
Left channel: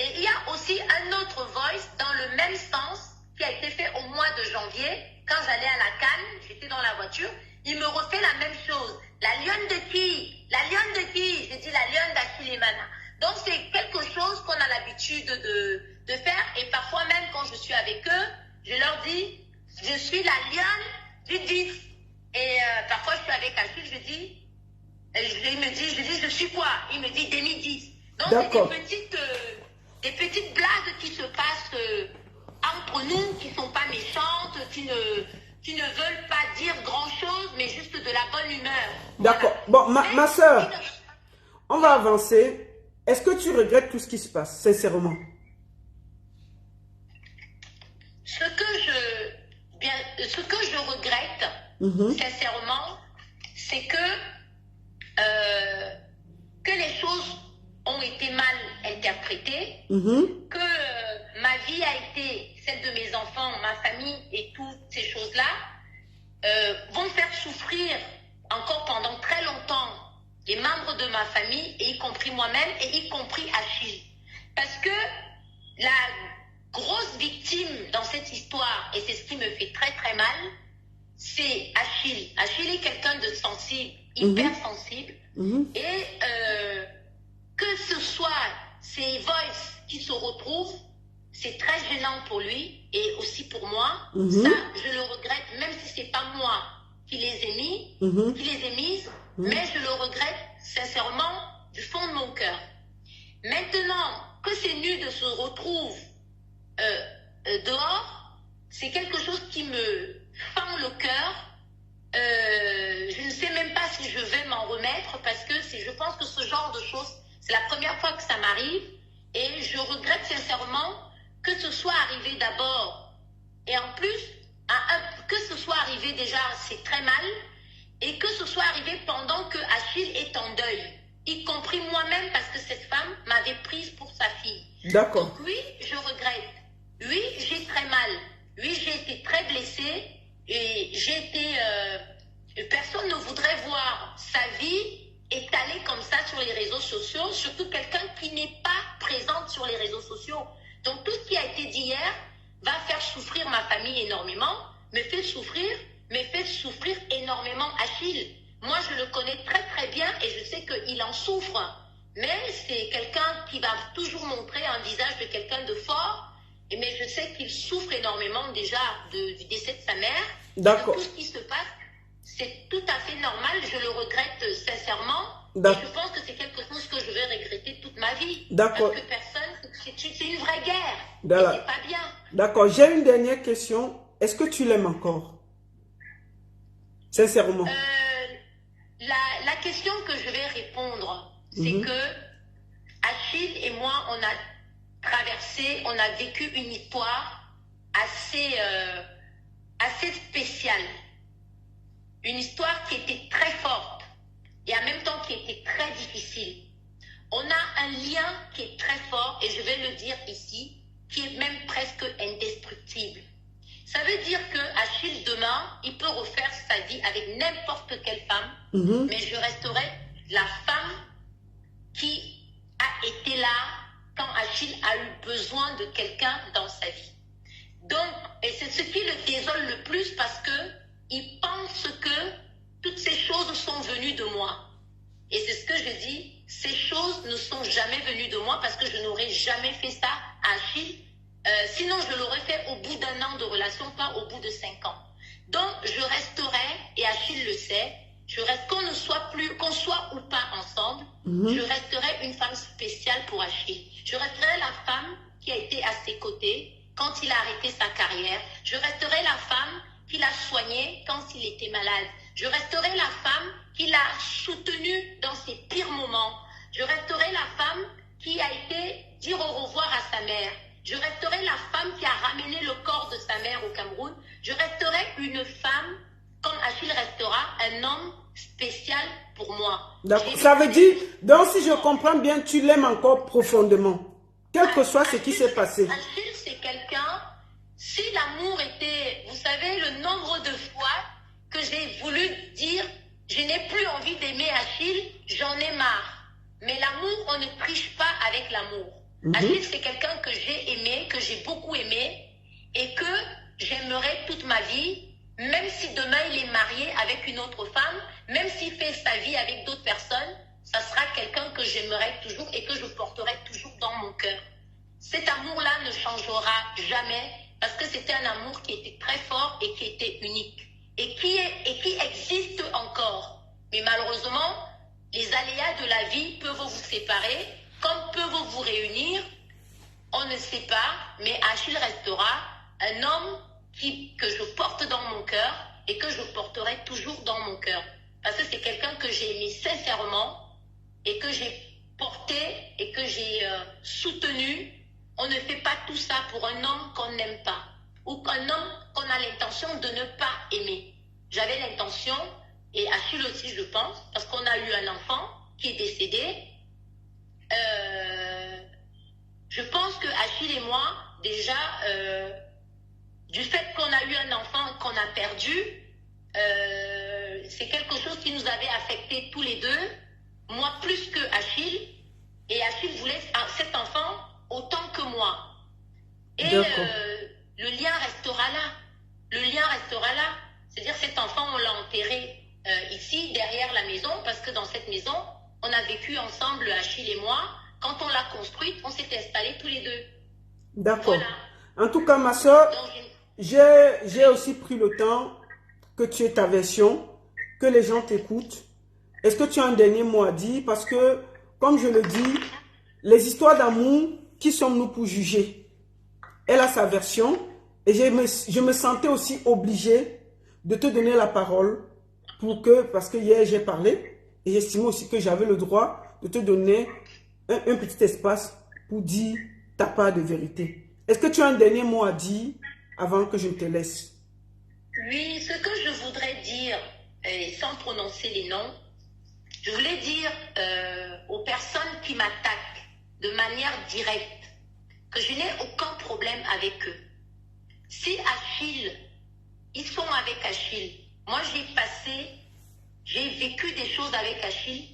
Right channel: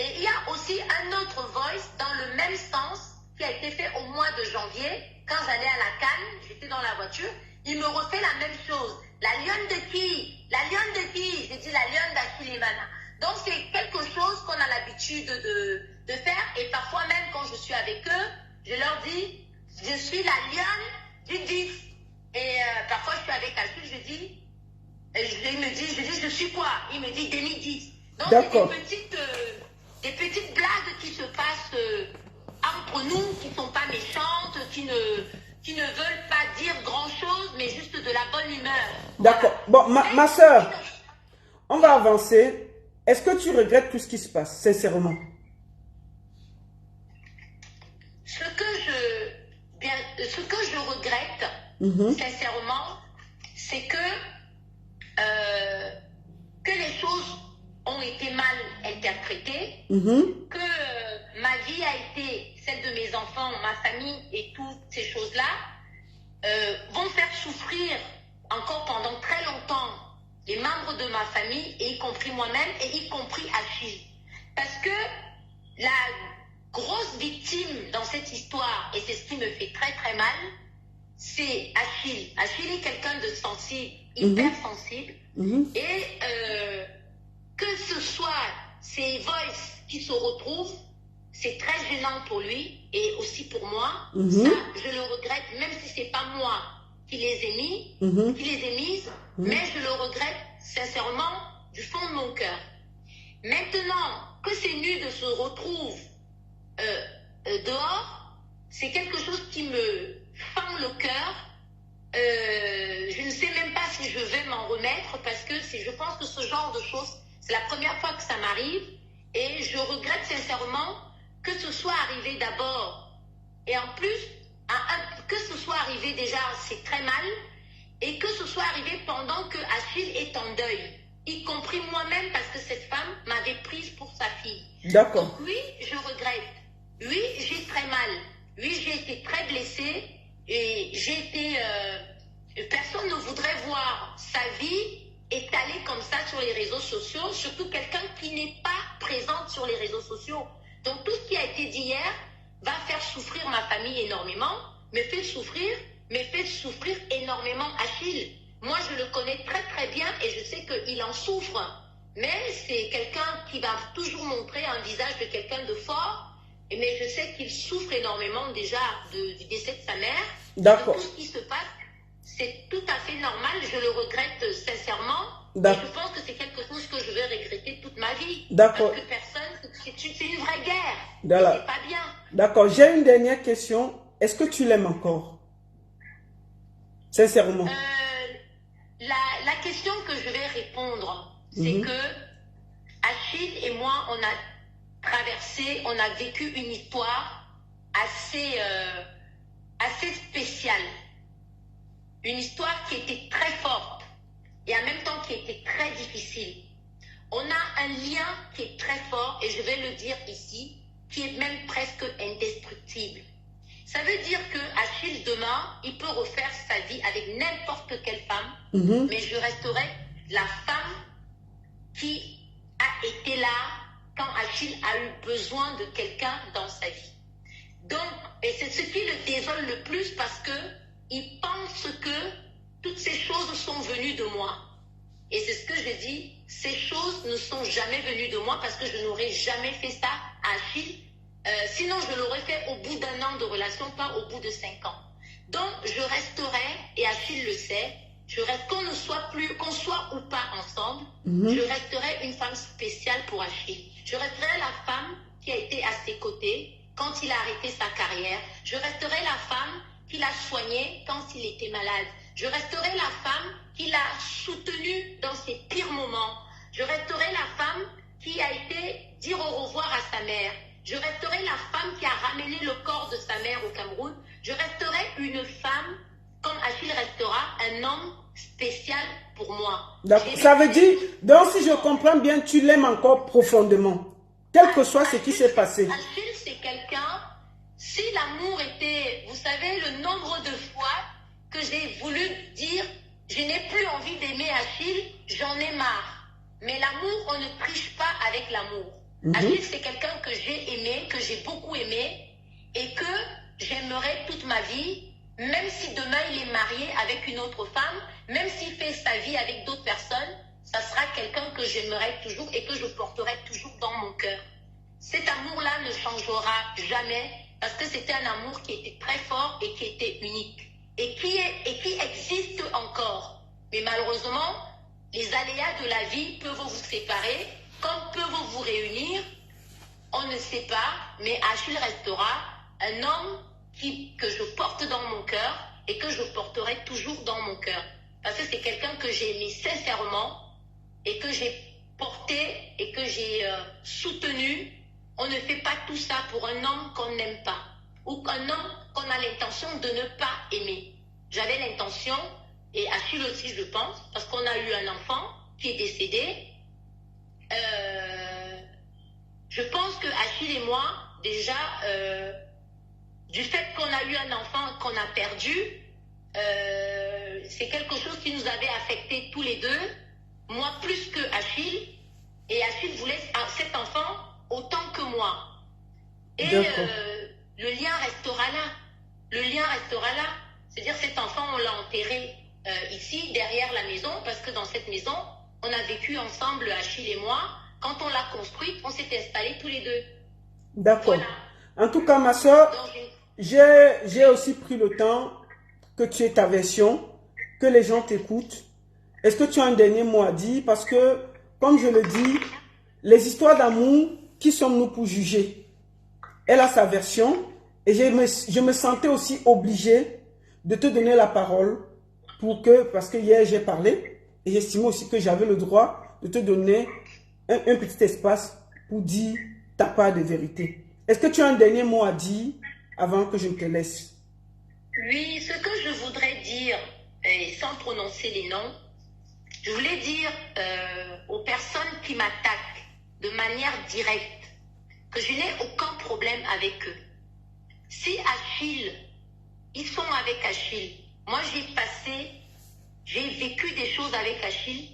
Et il y a aussi un autre voice dans le même sens qui a été fait au mois de janvier. Quand j'allais à la Cannes, j'étais dans la voiture, il me refait la même chose. La lionne de qui? La lionne de qui? J'ai dit la lionne d'Achille et Mana. Donc c'est quelque chose qu'on a l'habitude de faire. Et parfois même quand je suis avec eux, je leur dis, je suis la lionne du 10. Et parfois je suis avec Achille, je dis, il me dit, je dis, je suis quoi? Il me dit, Demi 10. Donc c'est des petites blagues qui se passent entre nous, qui ne sont pas méchantes, qui ne veulent pas dire grand-chose. D'accord. Bon, ma soeur, on va avancer. Est-ce que tu regrettes tout ce qui se passe, sincèrement? Ce que je regrette, sincèrement, c'est que les choses ont été mal interprétées, que ma vie a été celle de mes enfants, ma famille et toutes ces choses-là vont faire souffrir encore pendant très longtemps les membres de ma famille, et y compris moi-même, et y compris Achille. Parce que la grosse victime dans cette histoire, et c'est ce qui me fait très très mal, c'est Achille. Achille est quelqu'un de sensible, hyper sensible, et que ce soit ses voices qui se retrouvent, c'est très gênant pour lui et aussi pour moi. Ça, je le regrette, même si c'est pas moi qui les ai mis, qui les ai mises, mais je le regrette sincèrement du fond de mon cœur. Maintenant que ces nudes se retrouvent dehors, c'est quelque chose qui me fend le cœur. Je ne sais même pas si je vais m'en remettre, parce que je pense que ce genre de choses, c'est la première fois que ça m'arrive, et je regrette sincèrement que ce soit arrivé d'abord, et en plus, que ce soit arrivé déjà, c'est très mal, et que ce soit arrivé pendant que Achille est en deuil, y compris moi-même, parce que cette femme m'avait prise pour sa fille. D'accord. Donc oui, je regrette. Oui, j'ai très mal. Oui, j'ai été très blessée, et j'ai été... personne ne voudrait voir sa vie étalée comme ça sur les réseaux sociaux, surtout quelqu'un qui n'est pas présente sur les réseaux sociaux. Donc tout ce qui a été dit hier va faire souffrir ma famille énormément, me fait souffrir énormément Achille. Moi, je le connais très très bien et je sais qu'il en souffre. Mais c'est quelqu'un qui va toujours montrer un visage de quelqu'un de fort. Mais je sais qu'il souffre énormément déjà du décès de sa mère. D'accord. Tout ce qui se passe, c'est tout à fait normal. Je le regrette sincèrement. Et je pense que c'est quelque chose que je vais regretter toute ma vie. D'accord. Parce que personne, c'est une vraie guerre. Voilà. C'est pas bien. D'accord. J'ai une dernière question. Est-ce que tu l'aimes encore? Sincèrement. La question que je vais répondre, c'est que Achille et moi, on a traversé, on a vécu une histoire assez spéciale. Une histoire qui était très forte et en même temps qui était très difficile. On a un lien qui est très fort, et je vais le dire ici, qui est même presque indestructible. Ça veut dire que Achille, demain, il peut refaire sa vie avec n'importe quelle femme, mais je resterai la femme qui a été là quand Achille a eu besoin de quelqu'un dans sa vie. Donc, et c'est ce qui le désole le plus, parce que il pense que toutes ces choses sont venues de moi. Et c'est ce que je dis, ces choses ne sont jamais venues de moi, parce que je n'aurais jamais fait ça à Achille. Sinon, je l'aurais fait au bout d'1 an de relation, pas au bout de 5 ans. Donc, je resterai, et Achille le sait, qu'on soit ou pas ensemble, je resterai une femme spéciale pour Achille. Je resterai la femme qui a été à ses côtés quand il a arrêté sa carrière. Je resterai la femme qui l'a soigné quand il était malade. Je resterai la femme qui l'a soutenu dans ses pires moments. Je resterai la femme qui a été dire au revoir à sa mère. Je resterai la femme qui a ramené le corps de sa mère au Cameroun. Je resterai une femme, comme Achille restera, un homme spécial pour moi. D'accord. Ça veut dire, donc si je comprends bien, tu l'aimes encore profondément, quel que soit ce qui s'est passé. Achille, c'est quelqu'un, si l'amour était, vous savez, le nombre de fois que j'ai voulu dire, je n'ai plus envie d'aimer Achille, j'en ai marre. Mais l'amour, on ne triche pas avec l'amour. Achille, c'est quelqu'un que j'ai aimé, que j'ai beaucoup aimé, et que j'aimerais toute ma vie, même si demain il est marié avec une autre femme, même s'il fait sa vie avec d'autres personnes, ça sera quelqu'un que j'aimerais toujours et que je porterai toujours dans mon cœur. Cet amour-là ne changera jamais, parce que c'était un amour qui était très fort et qui était unique, et qui existe encore. Mais malheureusement, les aléas de la vie peuvent vous séparer, comme peuvent vous réunir, on ne sait pas, mais Achille restera un homme que je porte dans mon cœur et que je porterai toujours dans mon cœur. parce que c'est quelqu'un que j'ai aimé sincèrement et que j'ai porté et que j'ai soutenu. On ne fait pas tout ça pour un homme qu'on n'aime pas ou qu'un homme qu'on a l'intention de ne pas aimer. J'avais l'intention, et Achille aussi je pense, parce qu'on a eu un enfant qui est décédé. Je pense que Achille et moi, déjà, du fait qu'on a eu un enfant qu'on a perdu, c'est quelque chose qui nous avait affectés tous les deux, moi plus que Achille, et Achille voulait cet enfant autant que moi. Et le lien restera là. Le lien restera là. C'est-à-dire cet enfant, on l'a enterré ici, derrière la maison, parce que dans cette maison, on a vécu ensemble, Achille et moi. Quand on l'a construite, on s'est installés tous les deux. D'accord. Voilà. En tout cas, ma soeur, j'ai aussi pris le temps que tu aies ta version, que les gens t'écoutent. Est-ce que tu as un dernier mot à dire? Parce que, comme je le dis, les histoires d'amour, qui sommes-nous pour juger? Elle a sa version et je me sentais aussi obligé de te donner la parole parce que hier j'ai parlé et j'estimais aussi que j'avais le droit de te donner un petit espace pour dire ta part de vérité. Est-ce que tu as un dernier mot à dire avant que je te laisse? Oui, ce que je voudrais dire, et sans prononcer les noms, je voulais dire aux personnes qui m'attaquent de manière directe que je n'ai aucun problème avec eux. Si Achille, ils sont avec Achille, moi j'ai vécu des choses avec Achille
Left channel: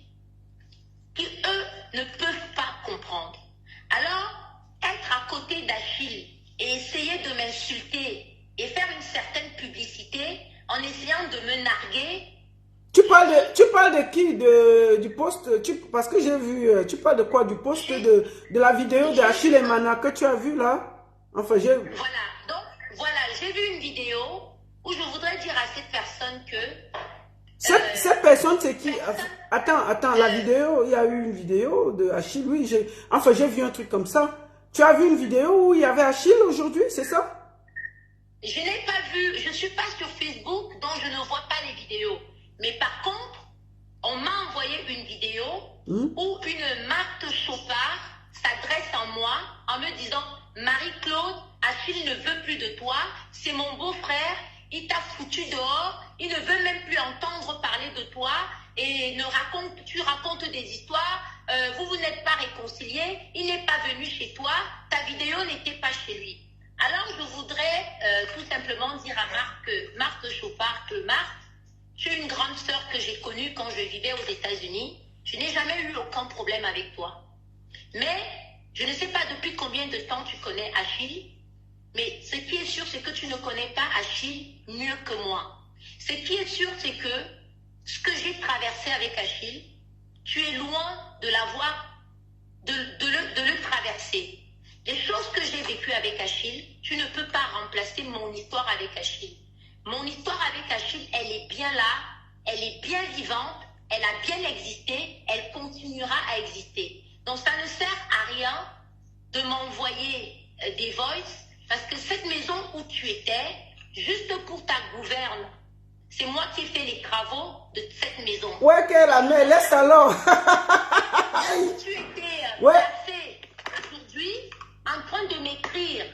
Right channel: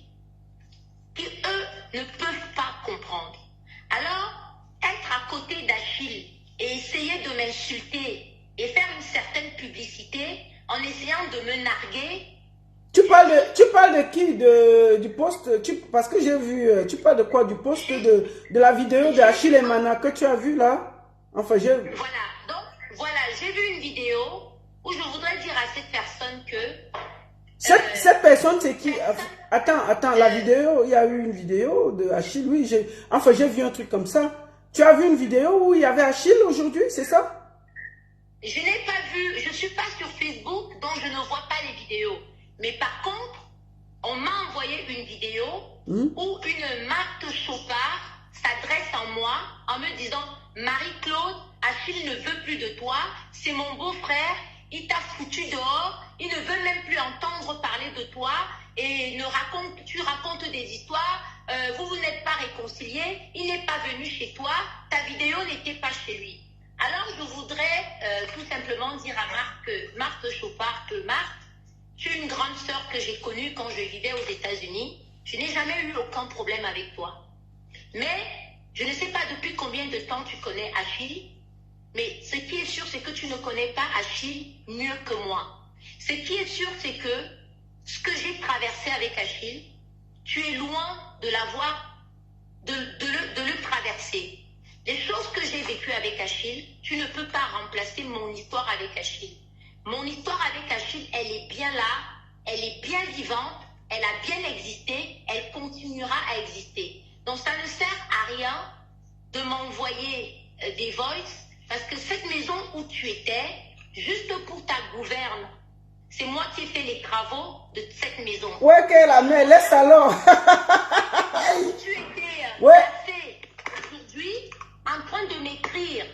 qui eux ne peuvent pas comprendre. Alors, être à côté d'Achille et essayer de m'insulter et faire une certaine publicité en essayant de me narguer. Tu parles de qui? Du post? Parce que j'ai vu, tu parles de quoi? Du post de la vidéo d'Achille et Mana que tu as vu là? Enfin, j'ai... Voilà, donc, voilà, j'ai vu une vidéo où je voudrais dire à cette personne que... Cette personne, c'est qui? Attends, la vidéo, il y a eu une vidéo de Achille, oui, j'ai vu un truc comme ça. Tu as vu une vidéo où il y avait Achille aujourd'hui, c'est ça? Je n'ai pas vu, je ne suis pas sur Facebook, donc je ne vois pas les vidéos. Mais par contre, on m'a envoyé une vidéo où une Marthe Chopard s'adresse à moi en me disant « Marie-Claude, Achille ne veut plus de toi, c'est mon beau-frère, il t'a foutu dehors, il ne veut même plus entendre parler de toi et tu racontes des histoires, vous n'êtes pas réconciliés, il n'est pas venu chez toi, ta vidéo n'était pas chez lui. » Alors je voudrais tout simplement dire à Marthe Chopard que Marthe, tu es une grande sœur que j'ai connue quand je vivais aux États-Unis. Je n'ai jamais eu aucun problème avec toi. Mais je ne sais pas depuis combien de temps tu connais Achille. Mais ce qui est sûr, c'est que tu ne connais pas Achille mieux que moi. Ce qui est sûr, c'est que ce que j'ai traversé avec Achille, tu es loin de l'avoir, de le traverser. Les choses que j'ai vécues avec Achille, tu ne peux pas remplacer mon histoire avec Achille. Mon histoire avec Achille, elle est bien là, elle est bien vivante, elle a bien existé, elle continuera à exister. Donc ça ne sert à rien de m'envoyer des voices, parce que cette maison où tu étais, juste pour ta gouverne, c'est moi qui ai fait les travaux de cette maison. Ouais, qu'elle a mis, laisse alors. Tu étais placé aujourd'hui en train de m'écrire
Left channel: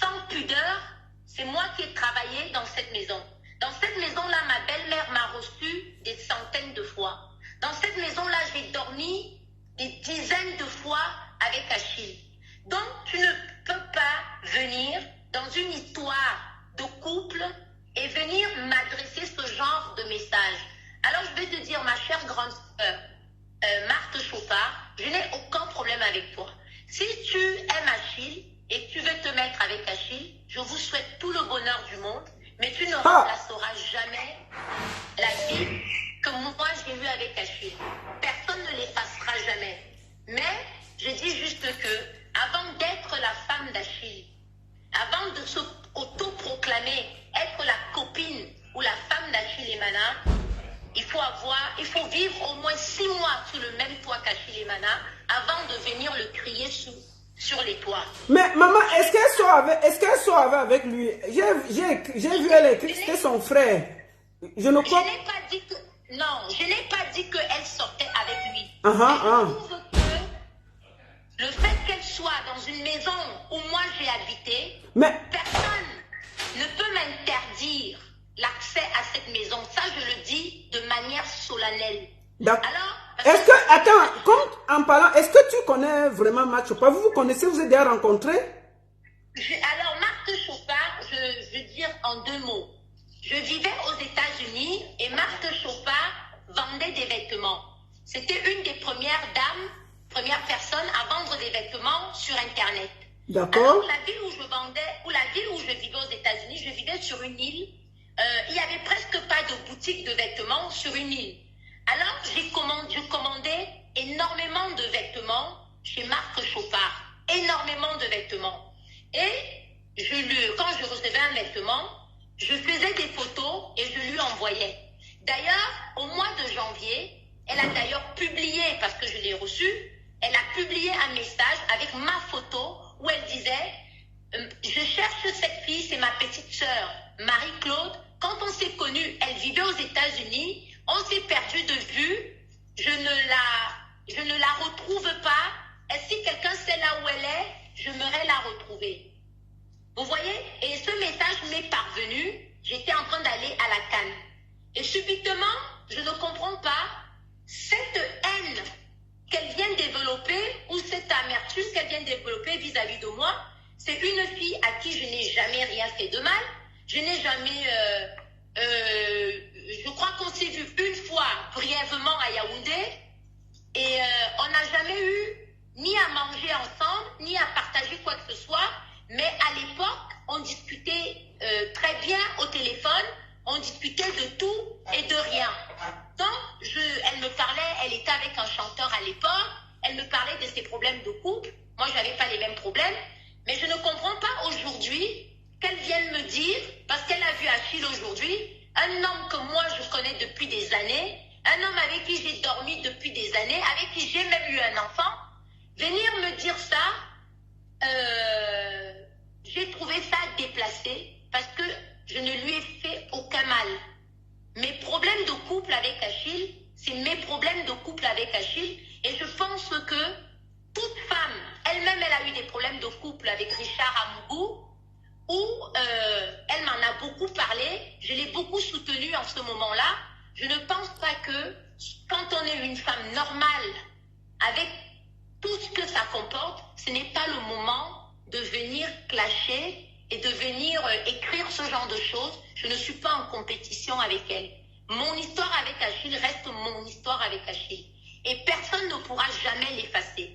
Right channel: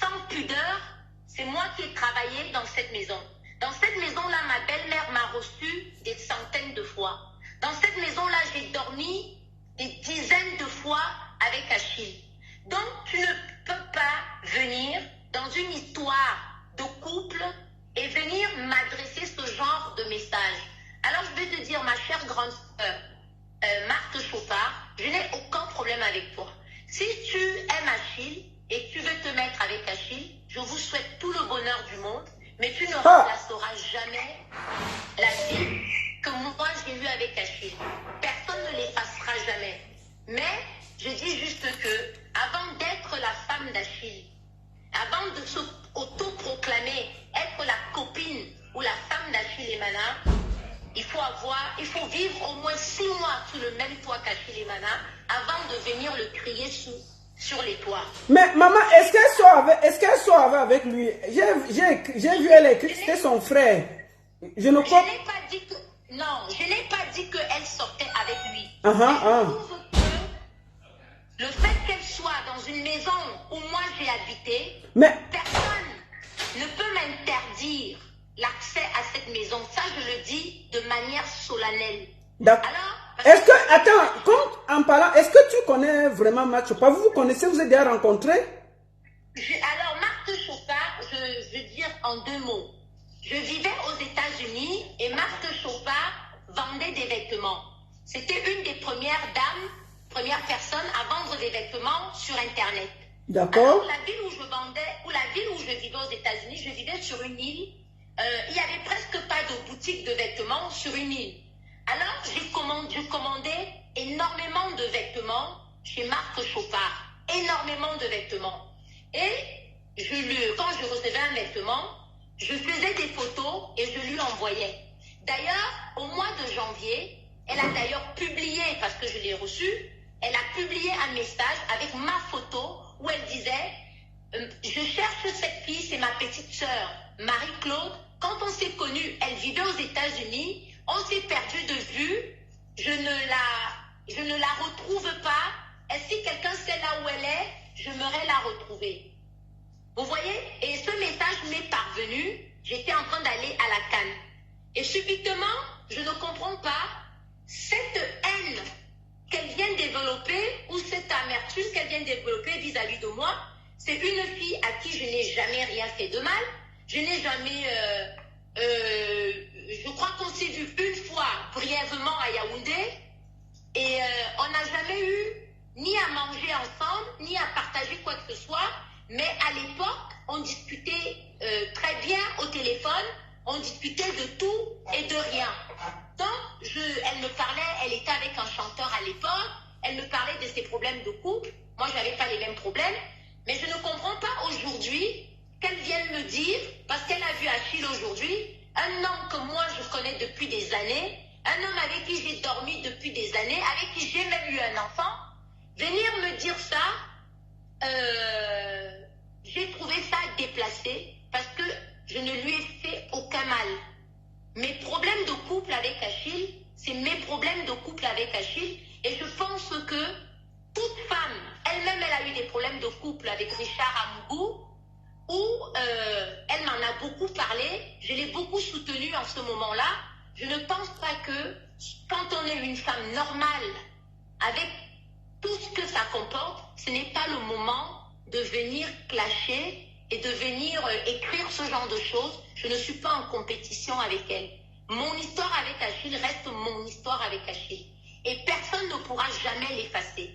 sans pudeur. C'est moi qui ai travaillé dans cette maison. Dans cette maison-là, ma belle-mère m'a reçu des centaines de fois. Dans cette maison-là, j'ai dormi des dizaines de fois avec Achille. Donc, tu ne peux pas venir dans une histoire de couple et venir m'adresser ce genre de message. Alors, je vais te dire, ma chère grande sœur, Marthe Chopard, je n'ai aucun problème avec toi. Si tu aimes Achille et que tu veux te mettre avec Achille, je vous souhaite tout le bonheur du monde, mais tu ne remplaceras jamais la vie que moi j'ai eue avec Achille. Personne ne l'effacera jamais. Mais je dis juste que, avant d'être la femme d'Achille, avant de se auto-proclamer être la copine ou la femme d'Achille et Mana, il faut vivre au moins 6 mois sous le même toit qu'Achille et Mana avant de venir le crier sur les toits. Mais maman, est-ce qu'elle soivait avec lui? J'ai vu elle écrire, c'était son frère. Je ne crois... Je n'ai pas dit que... Non, je n'ai pas dit qu'elle sortait avec lui. Je trouve que le fait qu'elle soit dans une maison où moi j'ai habité, personne ne peut m'interdire l'accès à cette maison. Ça, je le dis de manière solennelle. D'accord. Est-ce que, attends, en parlant, est-ce que tu connais vraiment Marthe Chopard? Vous vous connaissez, vous êtes déjà rencontrés? Alors, Marthe Chopard, je veux dire en 2 mots. Je vivais aux États-Unis et Marthe Chopard vendait des vêtements. C'était une des premières dames, première personne à vendre des vêtements sur Internet. D'accord. La ville où je vendais, ou la ville où je vivais aux États-Unis, je vivais sur une île. Il n'y avait presque pas de boutique de vêtements sur une île. Alors, je commandais énormément de vêtements chez Marthe Chopard. Énormément de vêtements. Et quand je recevais un vêtement, je faisais des photos et je lui envoyais. D'ailleurs, au mois de janvier, elle a d'ailleurs publié, parce que je l'ai reçu, elle a publié un message avec ma photo où elle disait « Je cherche cette fille, c'est ma petite sœur, Marie-Claude. Quand on s'est connus, elle vivait aux États-Unis. On s'est perdu de vue. Je ne la retrouve pas. Et si quelqu'un sait là où elle est, j'aimerais la retrouver. » Vous voyez? Et ce message m'est parvenu. J'étais en train d'aller à la Cannes. Et subitement, je ne comprends pas cette haine qu'elle vient développer ou cette amertume qu'elle vient développer vis-à-vis de moi. C'est une fille à qui je n'ai jamais rien fait de mal. Je n'ai jamais... je crois qu'on s'est vu une fois brièvement à Yaoundé et on n'a jamais eu ni à manger ensemble, ni à partager quoi que ce soit. Mais à l'époque, on discutait très bien au téléphone, on discutait de tout et de rien. Donc, elle me parlait, elle était avec un chanteur à l'époque, elle me parlait de ses problèmes de couple. Moi, je n'avais pas les mêmes problèmes. Mais je ne comprends pas aujourd'hui qu'elle vienne me dire, parce qu'elle a vu Achille aujourd'hui, un homme que moi je connais depuis des années, un homme avec qui j'ai dormi depuis des années, avec qui j'ai même eu un enfant, venir me dire ça, j'ai trouvé ça déplacé parce que je ne lui ai fait aucun mal. Mes problèmes de couple avec Achille, c'est mes problèmes de couple avec Achille, et je pense que toute femme, elle-même, elle a eu des problèmes de couple avec Richard Amougou, où elle m'en a beaucoup parlé, je l'ai beaucoup soutenue en ce moment-là. Je ne pense pas que quand on est une femme normale, avec tout ce que ça comporte, ce n'est pas le moment de venir clasher et de venir écrire ce genre de choses. Je ne suis pas en compétition avec elle. Mon histoire avec Achille reste mon histoire avec Achille. Et personne ne pourra jamais l'effacer.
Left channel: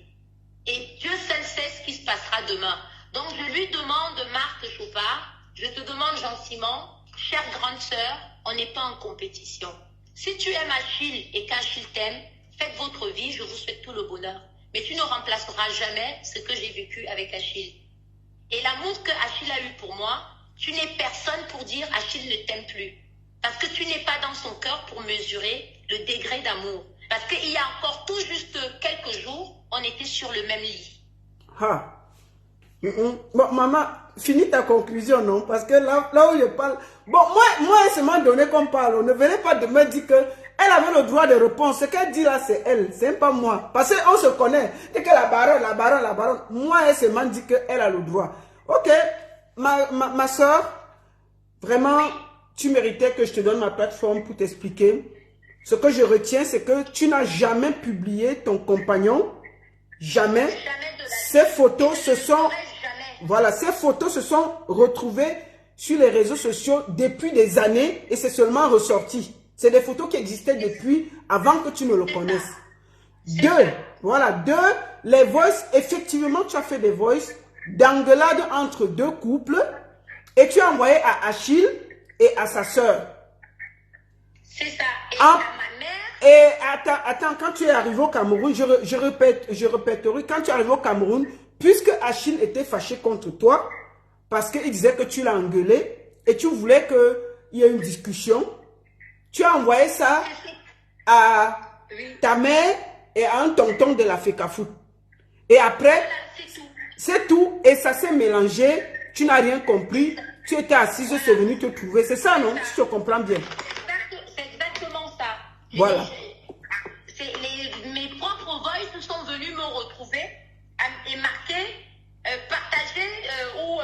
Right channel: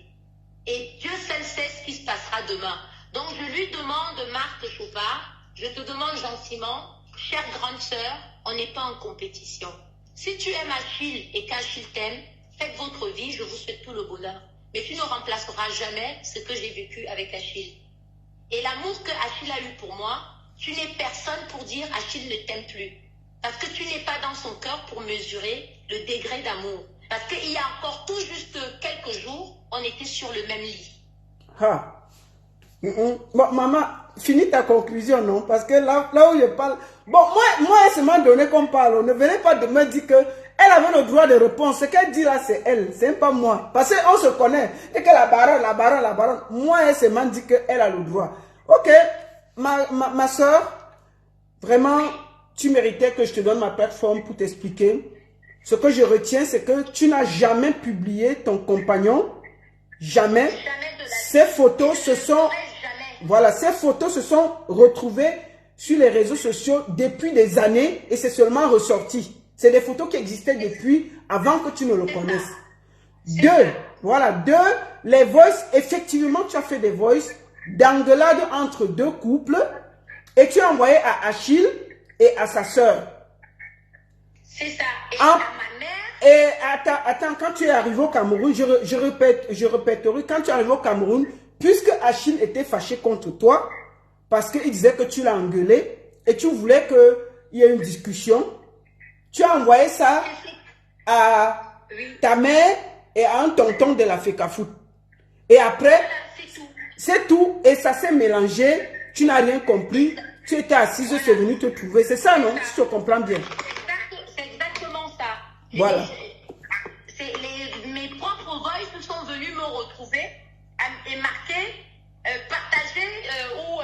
Et Dieu seul sait ce qui se passera demain. Donc je lui demande, Marthe Chopard, je te demande gentiment, chère grande sœur, on n'est pas en compétition. Si tu aimes Achille et qu'Achille t'aime, faites votre vie, je vous souhaite tout le bonheur. Mais tu ne remplaceras jamais ce que j'ai vécu avec Achille. Et l'amour que Achille a eu pour moi, tu n'es personne pour dire Achille ne t'aime plus. Parce que tu n'es pas dans son cœur pour mesurer le degré d'amour. Parce qu'il y a encore tout juste quelques jours, on était sur le même lit. Ah. Bon, maman, finis ta conclusion, non? Parce que là où je parle... Bon, moi, elle m'a donné qu'on parle. Ne venez pas de me dire qu'elle avait le droit de répondre. Ce qu'elle dit là, c'est elle. C'est pas moi. Parce qu'on se connaît. C'est que la baronne. Moi, elle m'a dit qu'elle a le droit. Ok. Ma soeur, vraiment, tu méritais que je te donne ma plateforme pour t'expliquer. Ce que je retiens, c'est que tu n'as jamais publié ton compagnon. Jamais. Ces photos se sont... Voilà, ces photos se sont retrouvées sur les réseaux sociaux depuis des années et c'est seulement ressorti. C'est des photos qui existaient depuis avant que tu ne le connaisses. Deux, les voices, effectivement, tu as fait des voices d'engueulade entre deux couples et tu as envoyé à Achille et à sa sœur. C'est ça. Et à ma mère. Et attends, quand tu es arrivé au Cameroun, je répéterai, quand tu es arrivé au Cameroun, puisque Achille était fâché contre toi, parce qu'il disait que tu l'as engueulé, et tu voulais qu'il y ait une discussion, tu as envoyé ça à ta mère et à un tonton de la FECAFOOT. Et après, c'est tout, et ça s'est mélangé, tu n'as rien compris, tu étais assise, c'est venu te trouver, c'est ça non? Si tu comprends bien. C'est exactement ça. Voilà. Mes propres voices sont venus me retrouver et marquer, partager ou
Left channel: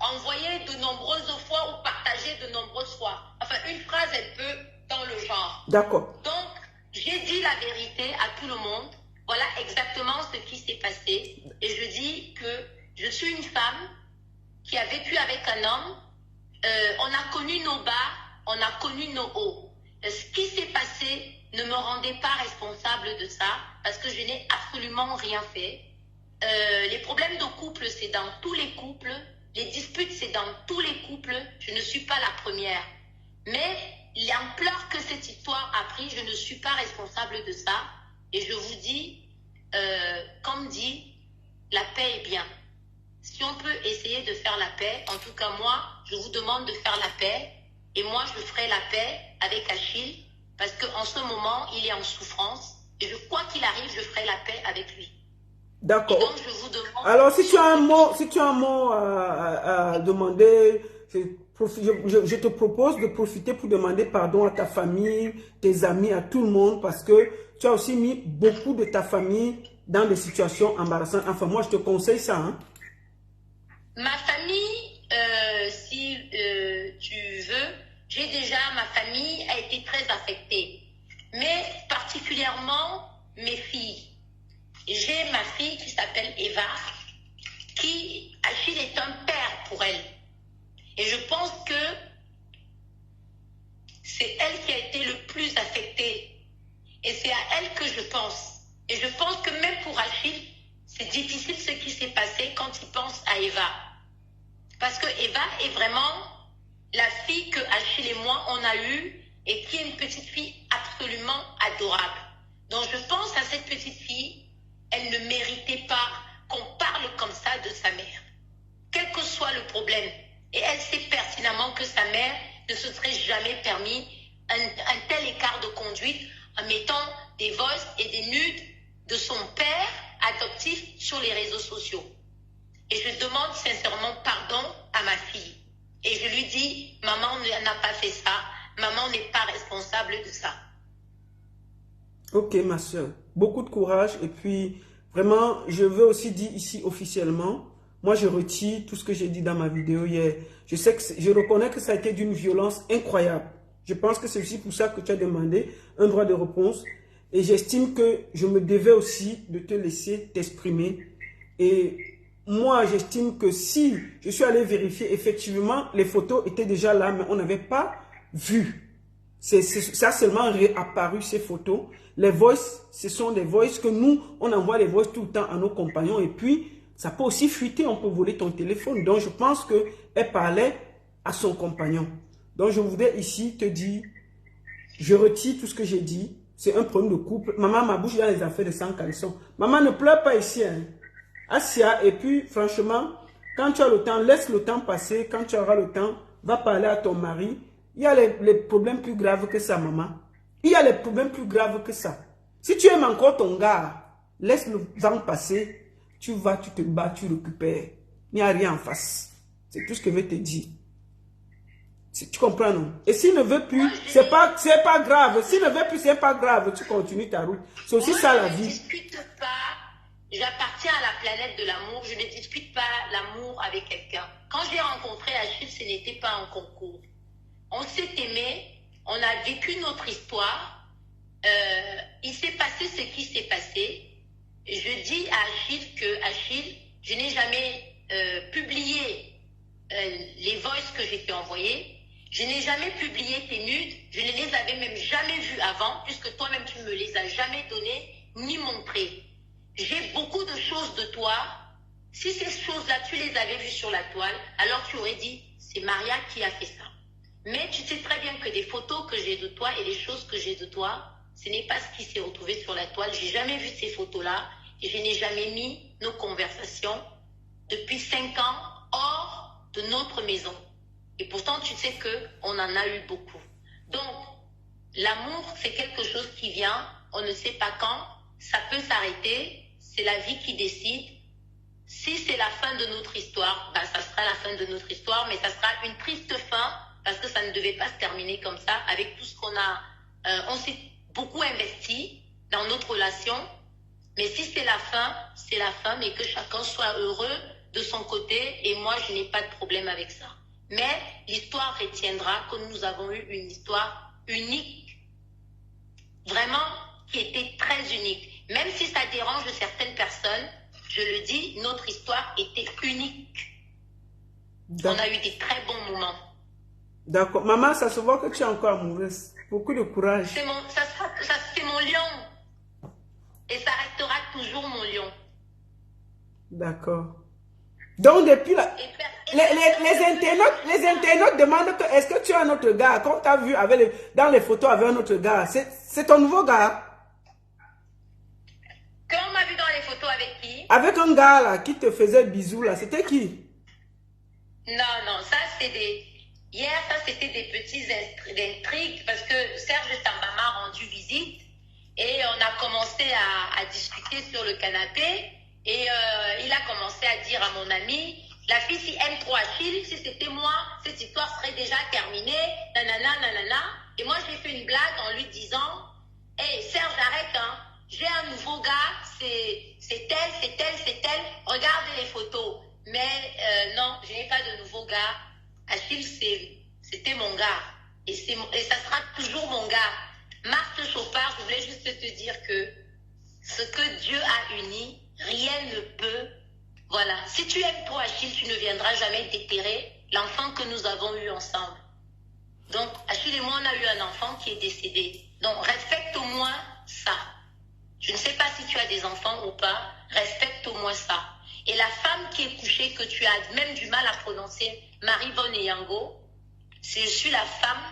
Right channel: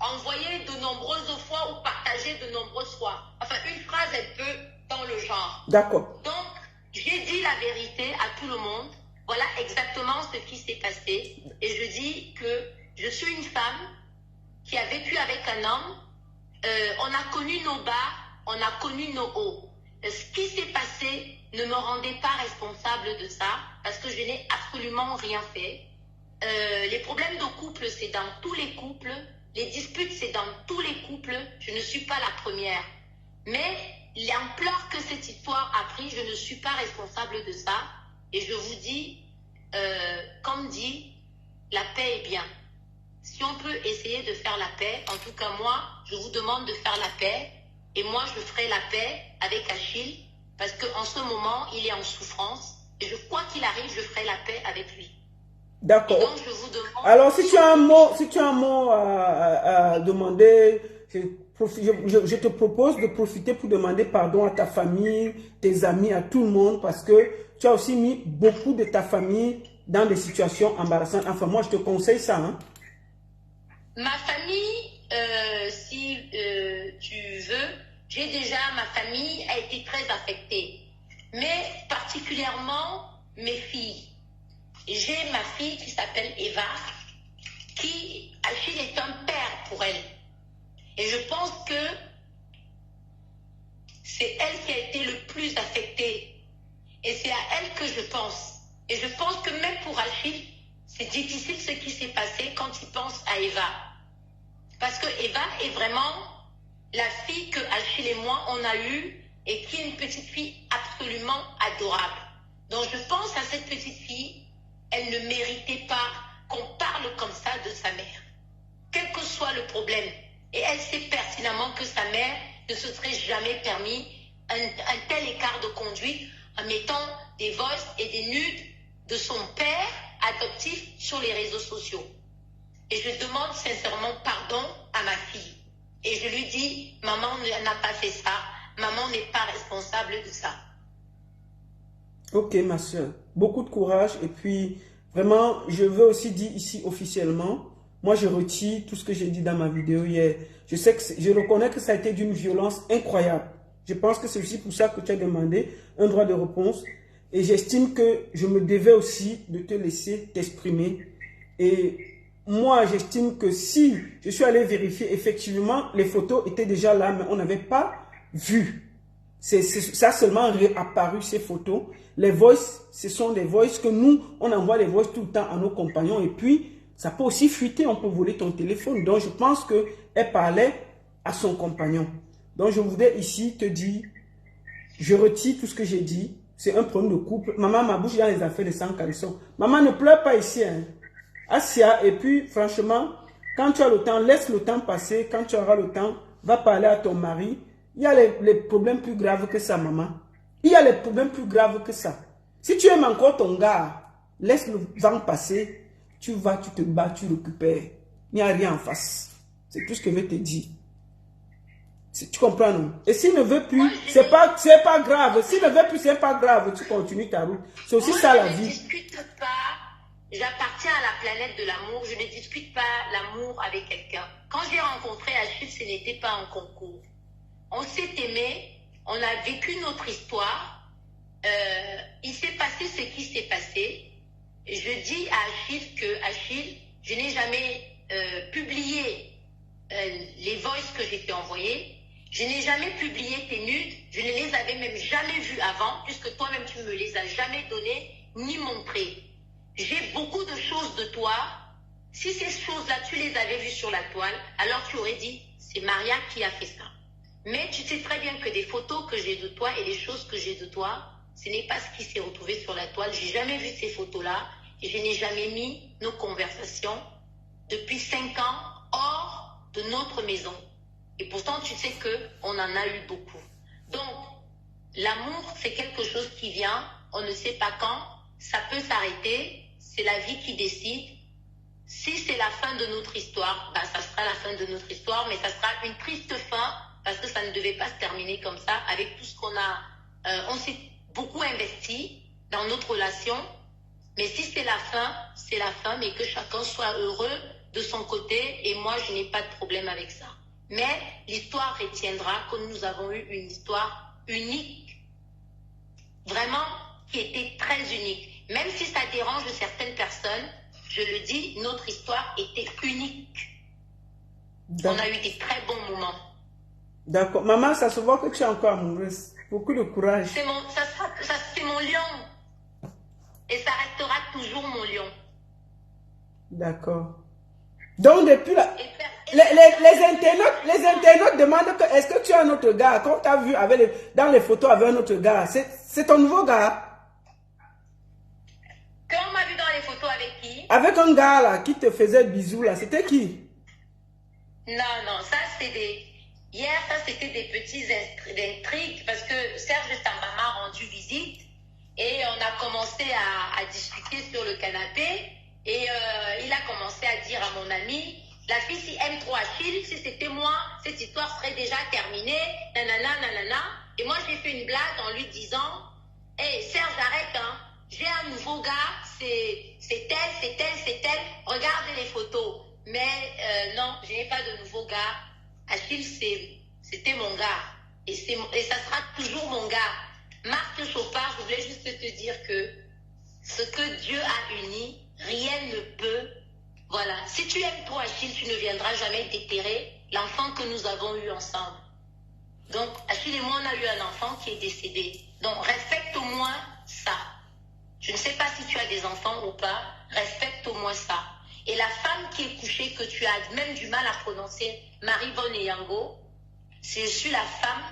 envoyer de nombreuses fois ou partager de nombreuses fois. Enfin, une phrase un peu dans le genre. D'accord. Donc, j'ai dit la vérité à tout le monde. Voilà exactement ce qui s'est passé. Et je dis que je suis une femme qui a vécu avec un homme. On a connu nos bas, on a connu nos hauts. Ce qui s'est passé ne me rendait pas responsable de ça parce que je n'ai absolument rien fait. Les problèmes de couple, c'est dans tous les couples. Les disputes, c'est dans tous les couples. Je ne suis pas la première. Mais l'ampleur que cette histoire a pris, je ne suis pas responsable de ça. Et je vous dis, comme dit, la paix est bien. Si on peut essayer de faire la paix, en tout cas moi, je vous demande de faire la paix. Et moi, je ferai la paix avec Achille. Parce qu'en ce moment, il est en souffrance. Et quoi qu'il arrive, je ferai la paix avec lui. D'accord. Donc, je vous demande... Alors, si tu as un mot à demander, je te propose de profiter pour demander pardon à ta famille, tes amis, à tout le monde, parce que tu as aussi mis beaucoup de ta famille dans des situations embarrassantes. Enfin, moi, je te conseille ça. Hein. Ma famille, si tu veux, j'ai déjà, ma famille a été très affectée. Mais particulièrement mes filles. J'ai ma fille qui s'appelle Eva, qui, Achille est un père pour elle. Et je pense que c'est elle qui a été le plus affectée. Et c'est à elle que je pense. Et je pense que même pour Achille, c'est difficile ce qui s'est passé quand il pense à Eva. Parce que Eva est vraiment la fille que Achille et moi, on a eue et qui est une petite fille absolument adorable. Donc je pense à cette petite fille. Elle ne méritait pas qu'on parle comme ça de sa mère, quel que soit le problème. Et elle sait pertinemment que sa mère ne se serait jamais permis un tel écart de conduite en mettant des voices et des nudes de son père adoptif sur les réseaux sociaux. Et je demande sincèrement pardon à ma fille. Et je lui dis, maman n'a pas fait ça, maman n'est pas responsable de ça. Ok, ma soeur. Beaucoup de courage. Et puis, vraiment, je veux aussi dire ici officiellement, moi, je retire tout ce que j'ai dit dans ma vidéo hier. Je reconnais que ça a été d'une violence incroyable. Je pense que c'est aussi pour ça que tu as demandé un droit de réponse. Et j'estime que je me devais aussi de te laisser t'exprimer. Et moi, j'estime que si je suis allé vérifier, effectivement, les photos étaient déjà là, mais on n'avait pas vu. Ça a seulement réapparu, ces photos. Les voices, ce sont des voices que nous, on envoie les voices tout le temps à nos compagnons. Et puis, ça peut aussi fuiter, on peut voler ton téléphone. Donc, je pense qu'elle parlait à son compagnon. Donc, je voudrais ici te dire, je retire tout ce que j'ai dit. C'est un problème de couple. Maman, ma bouche dans les affaires de sang caleçon. Maman, ne pleure pas ici. Hein. Assia, et puis, franchement, quand tu as le temps, laisse le temps passer. Quand tu auras le temps, va parler à ton mari. Il y a les problèmes plus graves que ça, maman. Il y a les problèmes plus graves que ça. Si tu aimes encore ton gars, laisse le vent passer. Tu vas, tu te bats, tu récupères. Il n'y a rien en face. C'est tout ce que je veux te dire. Tu comprends, non? Et s'il ne veut plus, c'est pas grave. S'il ne veut plus, c'est pas grave. Tu continues ta route. C'est aussi ça la vie. Je ne discute pas. J'appartiens à la planète de l'amour. Je ne discute pas l'amour avec quelqu'un. Quand j'ai rencontré Achille, ce n'était pas un concours. On s'est aimé. On a vécu notre histoire. Il s'est passé ce qui s'est passé. Je dis à Achille que, Achille, je n'ai jamais publié les voices que j'ai fait envoyer. Je n'ai jamais publié tes nudes. Je ne les avais même jamais vues avant, puisque toi-même, tu ne me les as jamais données ni montrées. J'ai beaucoup de choses de toi. Si ces choses-là, tu les avais vues sur la toile, alors tu aurais dit, c'est Maria qui a fait ça. Mais tu sais très bien que des photos que j'ai de toi et les choses que j'ai de toi, ce n'est pas ce qui s'est retrouvé sur la toile. Je n'ai jamais vu ces photos-là et je n'ai jamais mis nos conversations depuis 5 ans hors de notre maison. Et pourtant, tu sais qu'on en a eu beaucoup. Donc, l'amour, c'est quelque chose qui vient, on ne sait pas quand, ça peut s'arrêter, c'est la vie qui décide. Si c'est la fin de notre histoire, ben ça sera la fin de notre histoire, mais ça sera une triste fin, parce que ça ne devait pas se terminer comme ça, avec tout ce qu'on a... on s'est beaucoup investi dans notre relation. Mais si c'est la fin, c'est la fin, mais que chacun soit heureux de son côté. Et moi, je n'ai pas de problème avec ça. Mais l'histoire retiendra que nous avons eu une histoire unique. Vraiment, qui était très unique. Même si ça dérange certaines personnes, je le dis, notre histoire était unique. On a eu des très bons moments. D'accord. Maman, ça se voit que tu es encore amoureuse. Beaucoup de courage. C'est mon lion. Et ça restera toujours mon lion. D'accord. Donc, depuis là, les internautes demandent que est-ce que tu as un autre gars? Comme tu as vu dans les photos avec un autre gars, c'est ton nouveau gars? Quand on m'a vu dans les photos avec qui? Avec un gars là qui te faisait bisous là, c'était qui? Non, ça c'était des... Hier, ça c'était des petits intrigues parce que Serge Samba m'a rendu visite et on a commencé à discuter sur le canapé et il a commencé à dire à mon ami, la fille si aime trop Achille, si c'était moi, cette histoire serait déjà terminée, nanana, nanana. Et moi j'ai fait une blague en lui disant, hey Serge arrête hein, j'ai un nouveau gars, c'est tel, regardez les photos. Mais non, je n'ai pas de nouveau gars. Achille, c'était mon gars. Et ça sera toujours mon gars. Marthe Chopard, je voulais juste te dire que ce que Dieu a uni, rien ne peut. Voilà. Si tu aimes trop Achille, tu ne viendras jamais déterrer l'enfant que nous avons eu ensemble. Donc, Achille et moi, on a eu un enfant qui est décédé. Donc, respecte au moins ça. Je ne sais pas si tu as des enfants ou pas. Respecte au moins ça. Et la femme qui est couchée, que tu as même du mal à prononcer, Marie-Vonne Yango, je suis la femme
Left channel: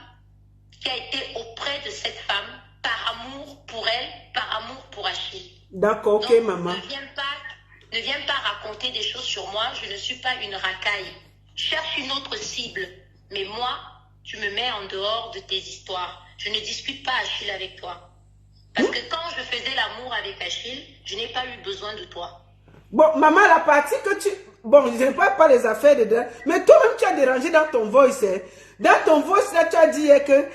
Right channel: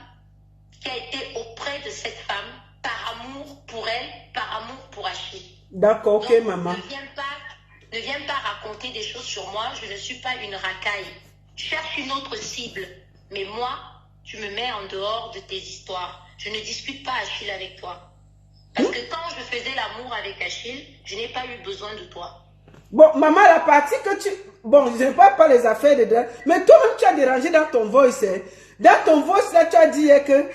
qui a été auprès de cette femme par amour pour elle, par amour pour Achille. D'accord, ok, donc, maman. Ne viens pas raconter des choses sur moi, je ne suis pas une racaille. Cherche une autre cible. Mais moi, tu me mets en dehors de tes histoires. Je ne discute pas Achille avec toi. Parce que quand je faisais l'amour avec Achille, je n'ai pas eu besoin de toi. Bon, maman, la partie que tu... Bon, je ne sais pas les affaires de... Mais toi-même, tu as dérangé dans ton voice. Hein. Dans ton voice, là, tu as dit que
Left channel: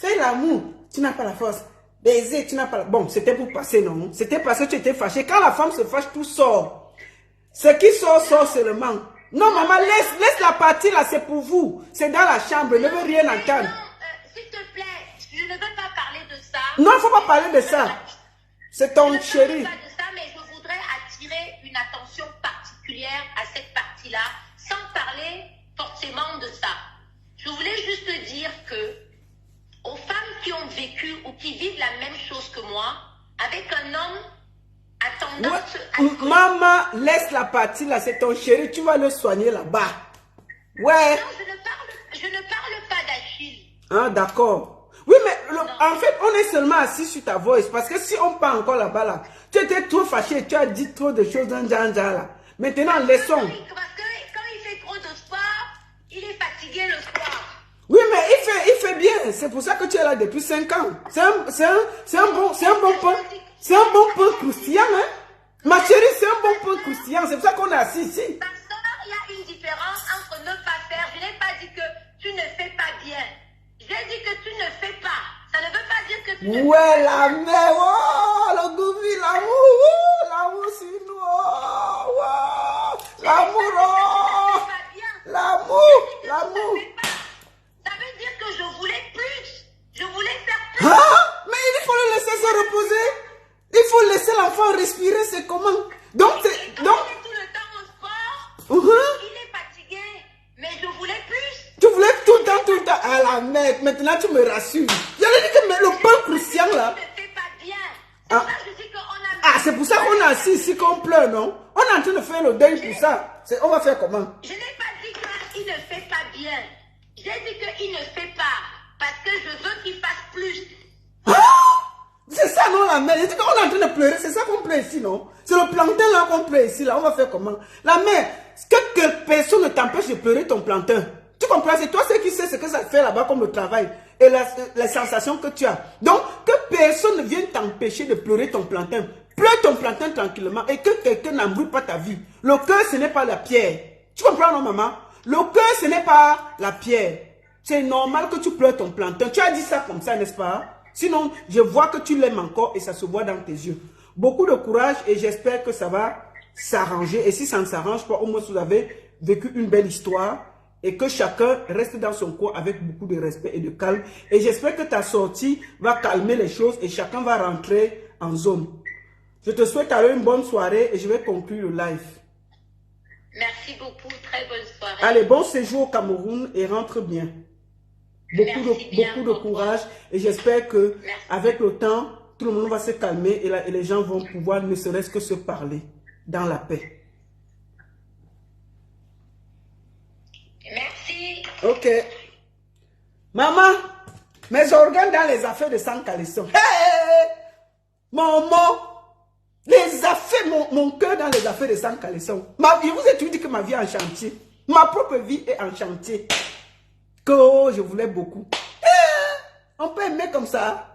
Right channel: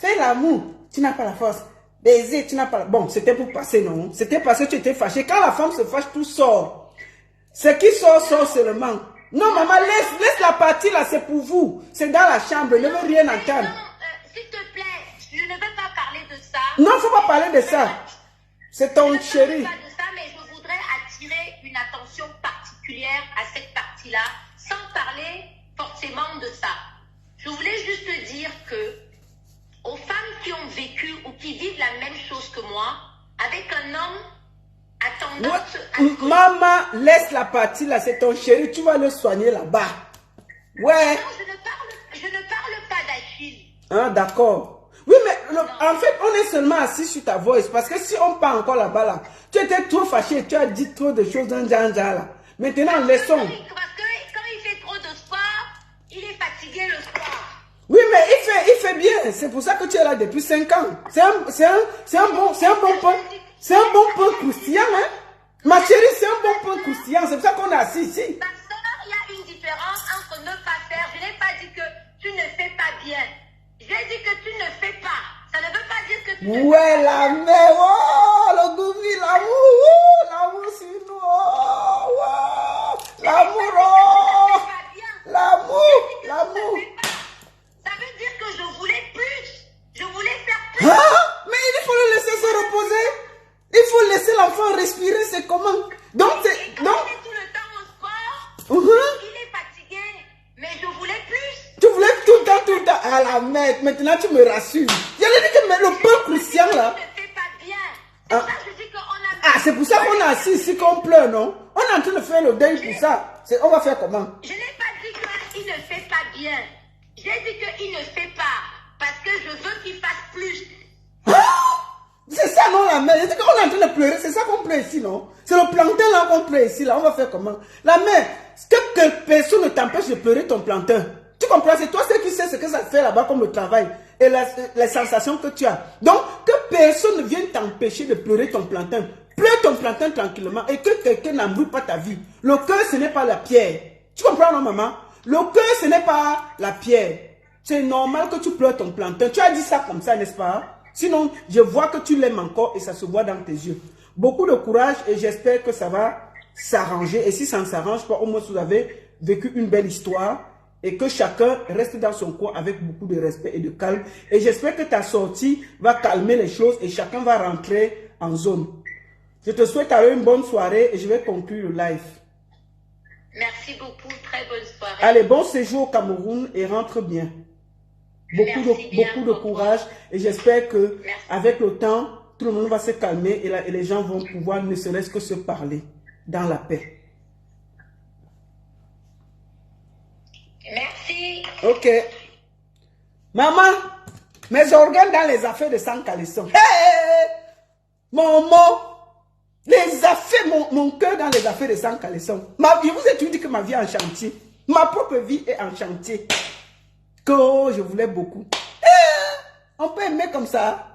fais l'amour, tu n'as pas la force. Baiser, tu n'as pas la... Bon, c'était pour passer, non? C'était parce que tu étais fâché. Quand la femme se fâche, tout sort. Ce qui sort seulement. Non, maman, laisse la partie, là, c'est pour vous. C'est dans la chambre, ne veux rien entendre. S'il te plaît, je ne veux pas parler de ça. Non, il ne faut pas parler de ça. C'est ton chéri. Une attention particulière à cette partie-là, sans parler forcément de ça. Je voulais juste te dire que aux femmes qui ont vécu ou qui vivent la même chose que moi, avec un homme à tendance à... Maman, laisse la partie là, c'est ton chéri, tu vas le soigner là-bas. Ouais. Non, je ne parle pas d'Achille. Ah, d'accord. Oui, mais en fait, on est seulement assis sur ta voix. Parce que si on part encore là-bas, là, tu étais trop fâché, tu as dit trop de choses dans Jean là. Maintenant, laissons. Parce que quand il fait trop de sport, il est fatigué le soir. Oui, mais il fait bien. C'est pour ça que tu es là depuis 5 ans. C'est un bon point croustillant, hein. Ma chérie, c'est un bon point croustillant. C'est pour ça qu'on est assis ici. Parce qu'il y a une différence entre ne pas faire. Je n'ai pas dit que tu ne fais pas bien. J'ai dit que tu ne fais pas. Ça ne veut pas dire que tu ne fais pas. Ouais, la mère, oh, le goût, l'amour sur nous, oh, l'amour, l'amour. Ça veut dire que je voulais plus. Je voulais faire plus. Ah, mais il faut le laisser se reposer. Il faut laisser l'enfant respirer, c'est comment? Donc, il est tout le temps au sport. Il est fatigué. Mais je voulais plus. Tu voulais tout le temps. À la mère, maintenant tu me rassures. Il y a dit que le pain crucial là. Tu ne fais pas bien. C'est ça que je dis qu'on a... Ah, c'est pour ça qu'on est assis ici, qu'on pleure, non? On est en train de faire le deuil pour ça. On va faire comment? Je n'ai pas dit qu'il ne fait pas bien. J'ai dit qu'il ne fait pas. Parce que je veux qu'il fasse plus. C'est ça, non, la mère? J'ai dit qu'on est en train de pleurer. C'est ça qu'on pleure ici, non? C'est le plantain là qu'on pleure ici, là. On va faire comment? La mère, que personne ne t'empêche de pleurer ton plantain. Tu comprends? C'est toi qui sais ce que ça fait là-bas comme le travail et les sensations que tu as. Donc, que personne ne vienne t'empêcher de pleurer ton plantain. Pleure ton plantain tranquillement et que quelqu'un n'embrouille pas ta vie. Le cœur, ce n'est pas la pierre. Tu comprends, non, maman? Le cœur, ce n'est pas la pierre. C'est normal que tu pleures ton plantain. Tu as dit ça comme ça, n'est-ce pas? Sinon, je vois que tu l'aimes encore et ça se voit dans tes yeux. Beaucoup de courage et j'espère que ça va s'arranger. Et si ça ne s'arrange pas, au moins vous avez vécu une belle histoire et que chacun reste dans son coin avec beaucoup de respect et de calme. Et j'espère que ta sortie va calmer les choses et chacun va rentrer en zone. Je te souhaite alors une bonne soirée et je vais conclure le live. Merci beaucoup, très bonne soirée. Allez, bon séjour au Cameroun et rentre bien. Beaucoup de courage et j'espère que avec le temps, tout le monde va se calmer et les gens vont pouvoir ne serait-ce que se parler dans la paix. Merci. Ok. Maman, mes organes dans les affaires de sang caleçon. Hey! Maman, les affaires, mon cœur dans les affaires de sang caleçon. Je vous ai dit que ma vie est en chantier. Ma propre vie est en chantier. Que je voulais beaucoup. On peut aimer comme ça.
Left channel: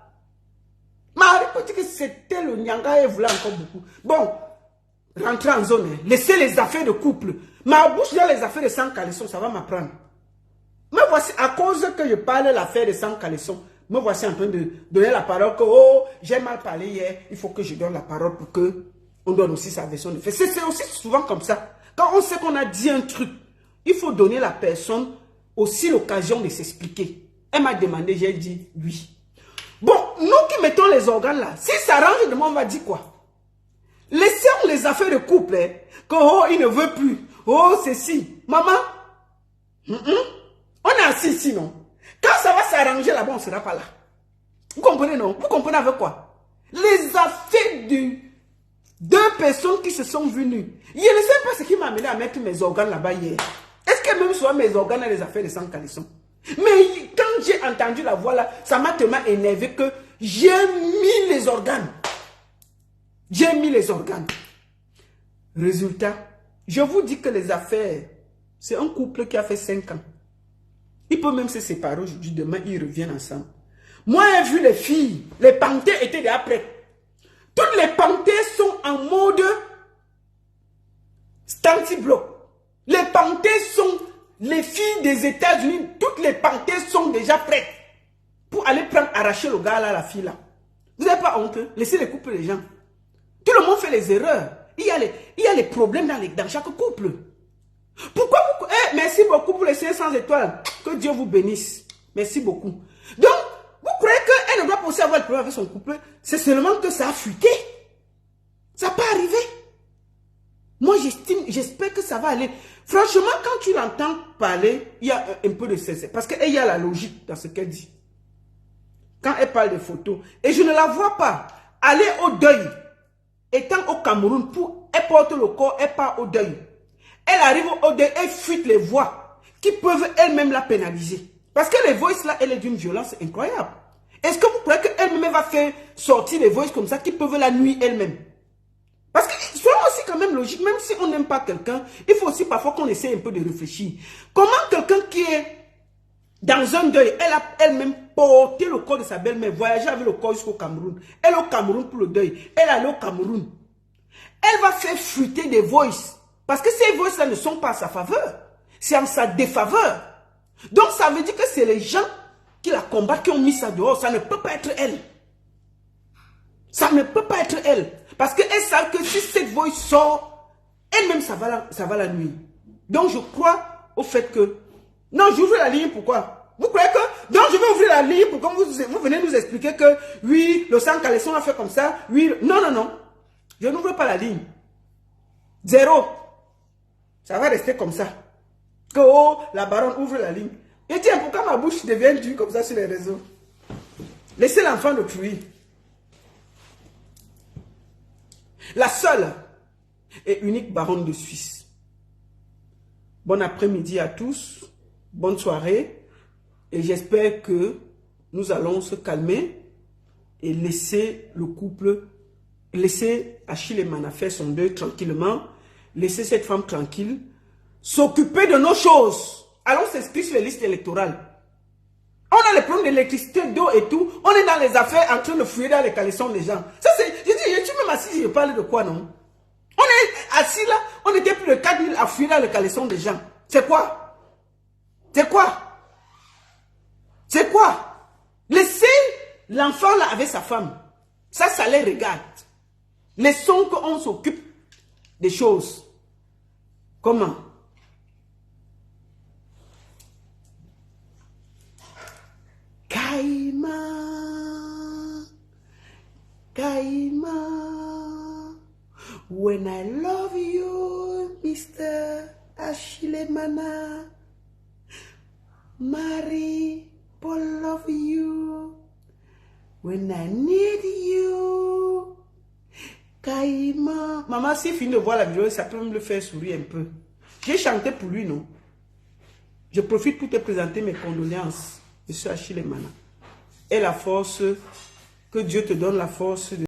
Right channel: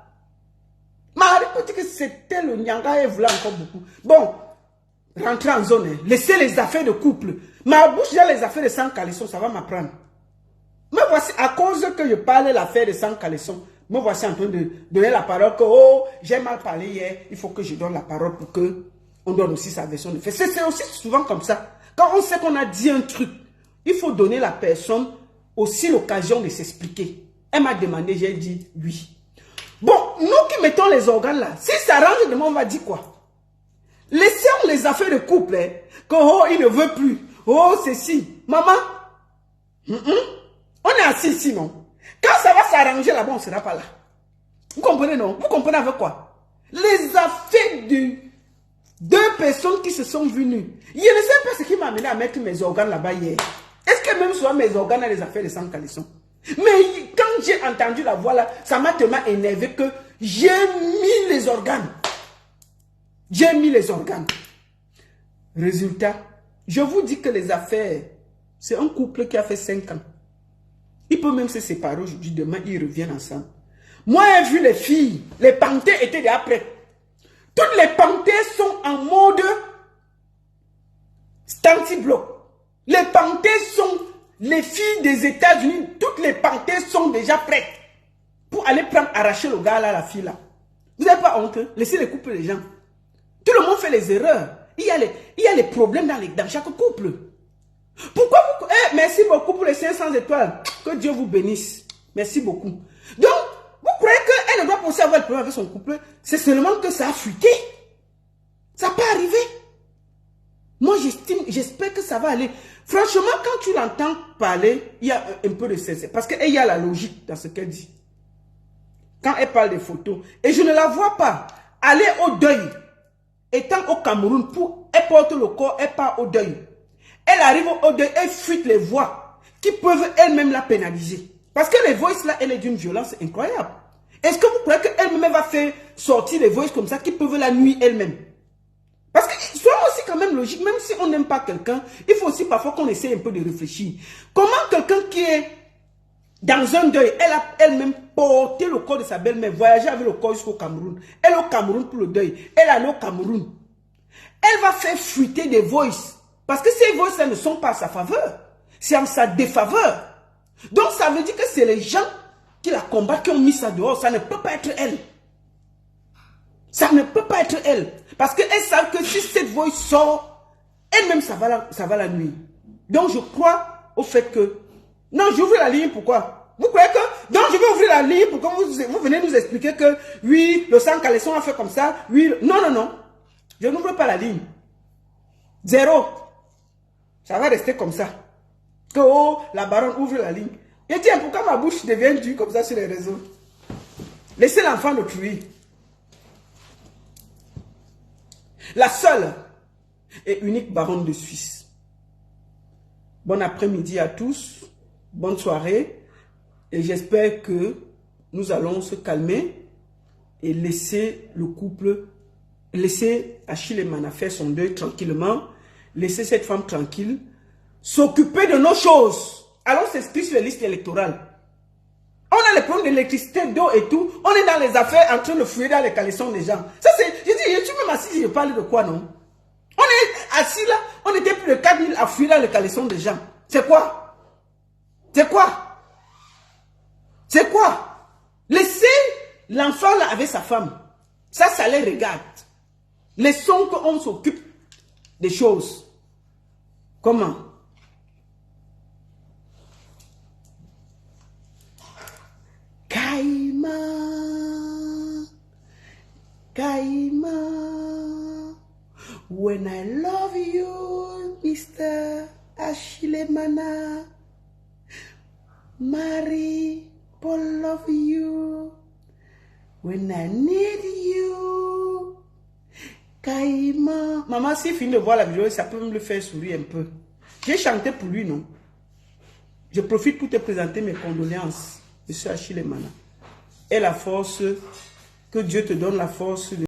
Marie peut dire que c'était le nyanga et voulait encore beaucoup. Bon, rentrez en zone. Hein. Laissez les affaires de couple. Ma bouche dans les affaires de sang caleçon, ça va m'apprendre. Me voici, à cause que je parle de l'affaire de sang caleçon, me voici en train de donner la parole que, oh, j'ai mal parlé hier, il faut que je donne la parole pour que on donne aussi sa version de fait. C'est aussi souvent comme ça. Quand on sait qu'on a dit un truc, il faut donner à la personne aussi l'occasion de s'expliquer. Elle m'a demandé, j'ai dit oui. Bon, nous qui mettons les organes là, si ça range de moi, on va dire quoi? Laissons les affaires de couple, hein, que oh, il ne veut plus. Oh, ceci. Maman, on est assis ici, non? Quand ça va s'arranger là-bas, on ne sera pas là. Vous comprenez, non? Vous comprenez avec quoi? Les affaires de deux personnes qui se sont venues. Je ne sais pas ce qui m'a amené à mettre mes organes là-bas hier. Est-ce que même soit mes organes dans les affaires de sang caleçon? Mais quand j'ai entendu la voix là, ça m'a tellement énervé que j'ai mis les organes. J'ai mis les organes. Résultat, je vous dis que les affaires, c'est un couple qui a fait 5 ans. Il peut même se séparer aujourd'hui, demain ils reviennent ensemble. Moi j'ai vu les filles, les panthères étaient déjà prêtes. Toutes les panthères sont en mode stanti-bloc. Les panthères sont les filles des États-Unis. Toutes les panthères sont déjà prêtes pour aller arracher le gars là, la fille là. Vous n'avez pas honte? Laissez les couples les gens. Tout le monde fait les erreurs. Il y a les problèmes dans chaque couple. Pourquoi vous... merci beaucoup pour les 500 étoiles. Que Dieu vous bénisse. Merci beaucoup. Donc, vous croyez qu'elle ne doit pas aussi avoir le problème avec son couple? C'est seulement que ça a fuité. Ça peut arriver. Moi, j'espère que ça va aller. Franchement, quand tu l'entends parler, il y a un peu de cesse. Parce qu'il y a la logique dans ce qu'elle dit. Quand elle parle des photos. Et je ne la vois pas aller au deuil. Étant au Cameroun, elle porte le corps, elle part au deuil. Elle arrive au deuil, elle fuite les voix qui peuvent elles-mêmes la pénaliser. Parce que les voices là, elle est d'une violence incroyable. Est-ce que vous croyez qu'elle-même va faire sortir les voices comme ça qui peuvent la nuire elle-même? Parce que soyons aussi quand même logique, même si on n'aime pas quelqu'un, il faut aussi parfois qu'on essaie un peu de réfléchir. Comment quelqu'un qui est dans un deuil, elle a elle-même porté le corps de sa belle-mère, voyagé avec le corps jusqu'au Cameroun. Elle est au Cameroun pour le deuil. Elle est allée au Cameroun. Elle va faire fuiter des voices. Parce que ces voices-là ne sont pas à sa faveur. C'est en sa défaveur. Donc ça veut dire que c'est les gens qui la combattent, qui ont mis ça dehors. Ça ne peut pas être elle. Ça ne peut pas être elle. Parce qu'elle sait que si cette voix sort, elle-même, ça va la nuire. Donc je crois au fait que... Non, j'ouvre la ligne, pourquoi? Vous croyez que... Donc je vais ouvrir la ligne pour que vous venez nous expliquer que, oui, le sang caleçon a fait comme ça, oui... Non, non, non. Je n'ouvre pas la ligne. 0. Ça va rester comme ça. Que, oh, la baronne ouvre la ligne. Et tiens, pourquoi ma bouche devient dure comme ça sur les réseaux? Laissez l'enfant d'autrui. La seule et unique baronne de Suisse. Bon après-midi à tous. Bonne soirée. Et j'espère que nous allons se calmer et laisser le couple, laisser Achille Emana faire son deuil tranquillement, laisser cette femme tranquille, s'occuper de nos choses. Allons s'inscrire sur les listes électorales. On a les problèmes d'électricité, d'eau et tout. On est dans les affaires en train de fouiller dans les caleçons des gens. Ça c'est, je suis même assis, je parle de quoi, non? On est assis là, on était plus de 4 000 à fouiller dans les caleçons des gens. C'est quoi? C'est quoi? C'est quoi? Laissez l'enfant là avec sa femme. Ça les regarde. Laissons qu'on s'occupe des choses. Comment? Kaima, Kaima, when I love you, Mr. Achille Mana, Marie, Paul love you, when I need you, Kaima. Maman, si il me voit la vidéo, ça peut me le faire sourire un peu. J'ai chanté pour lui, non? Je profite pour te présenter mes condoléances, Monsieur Achille Mana. Et la force, que Dieu te donne la force de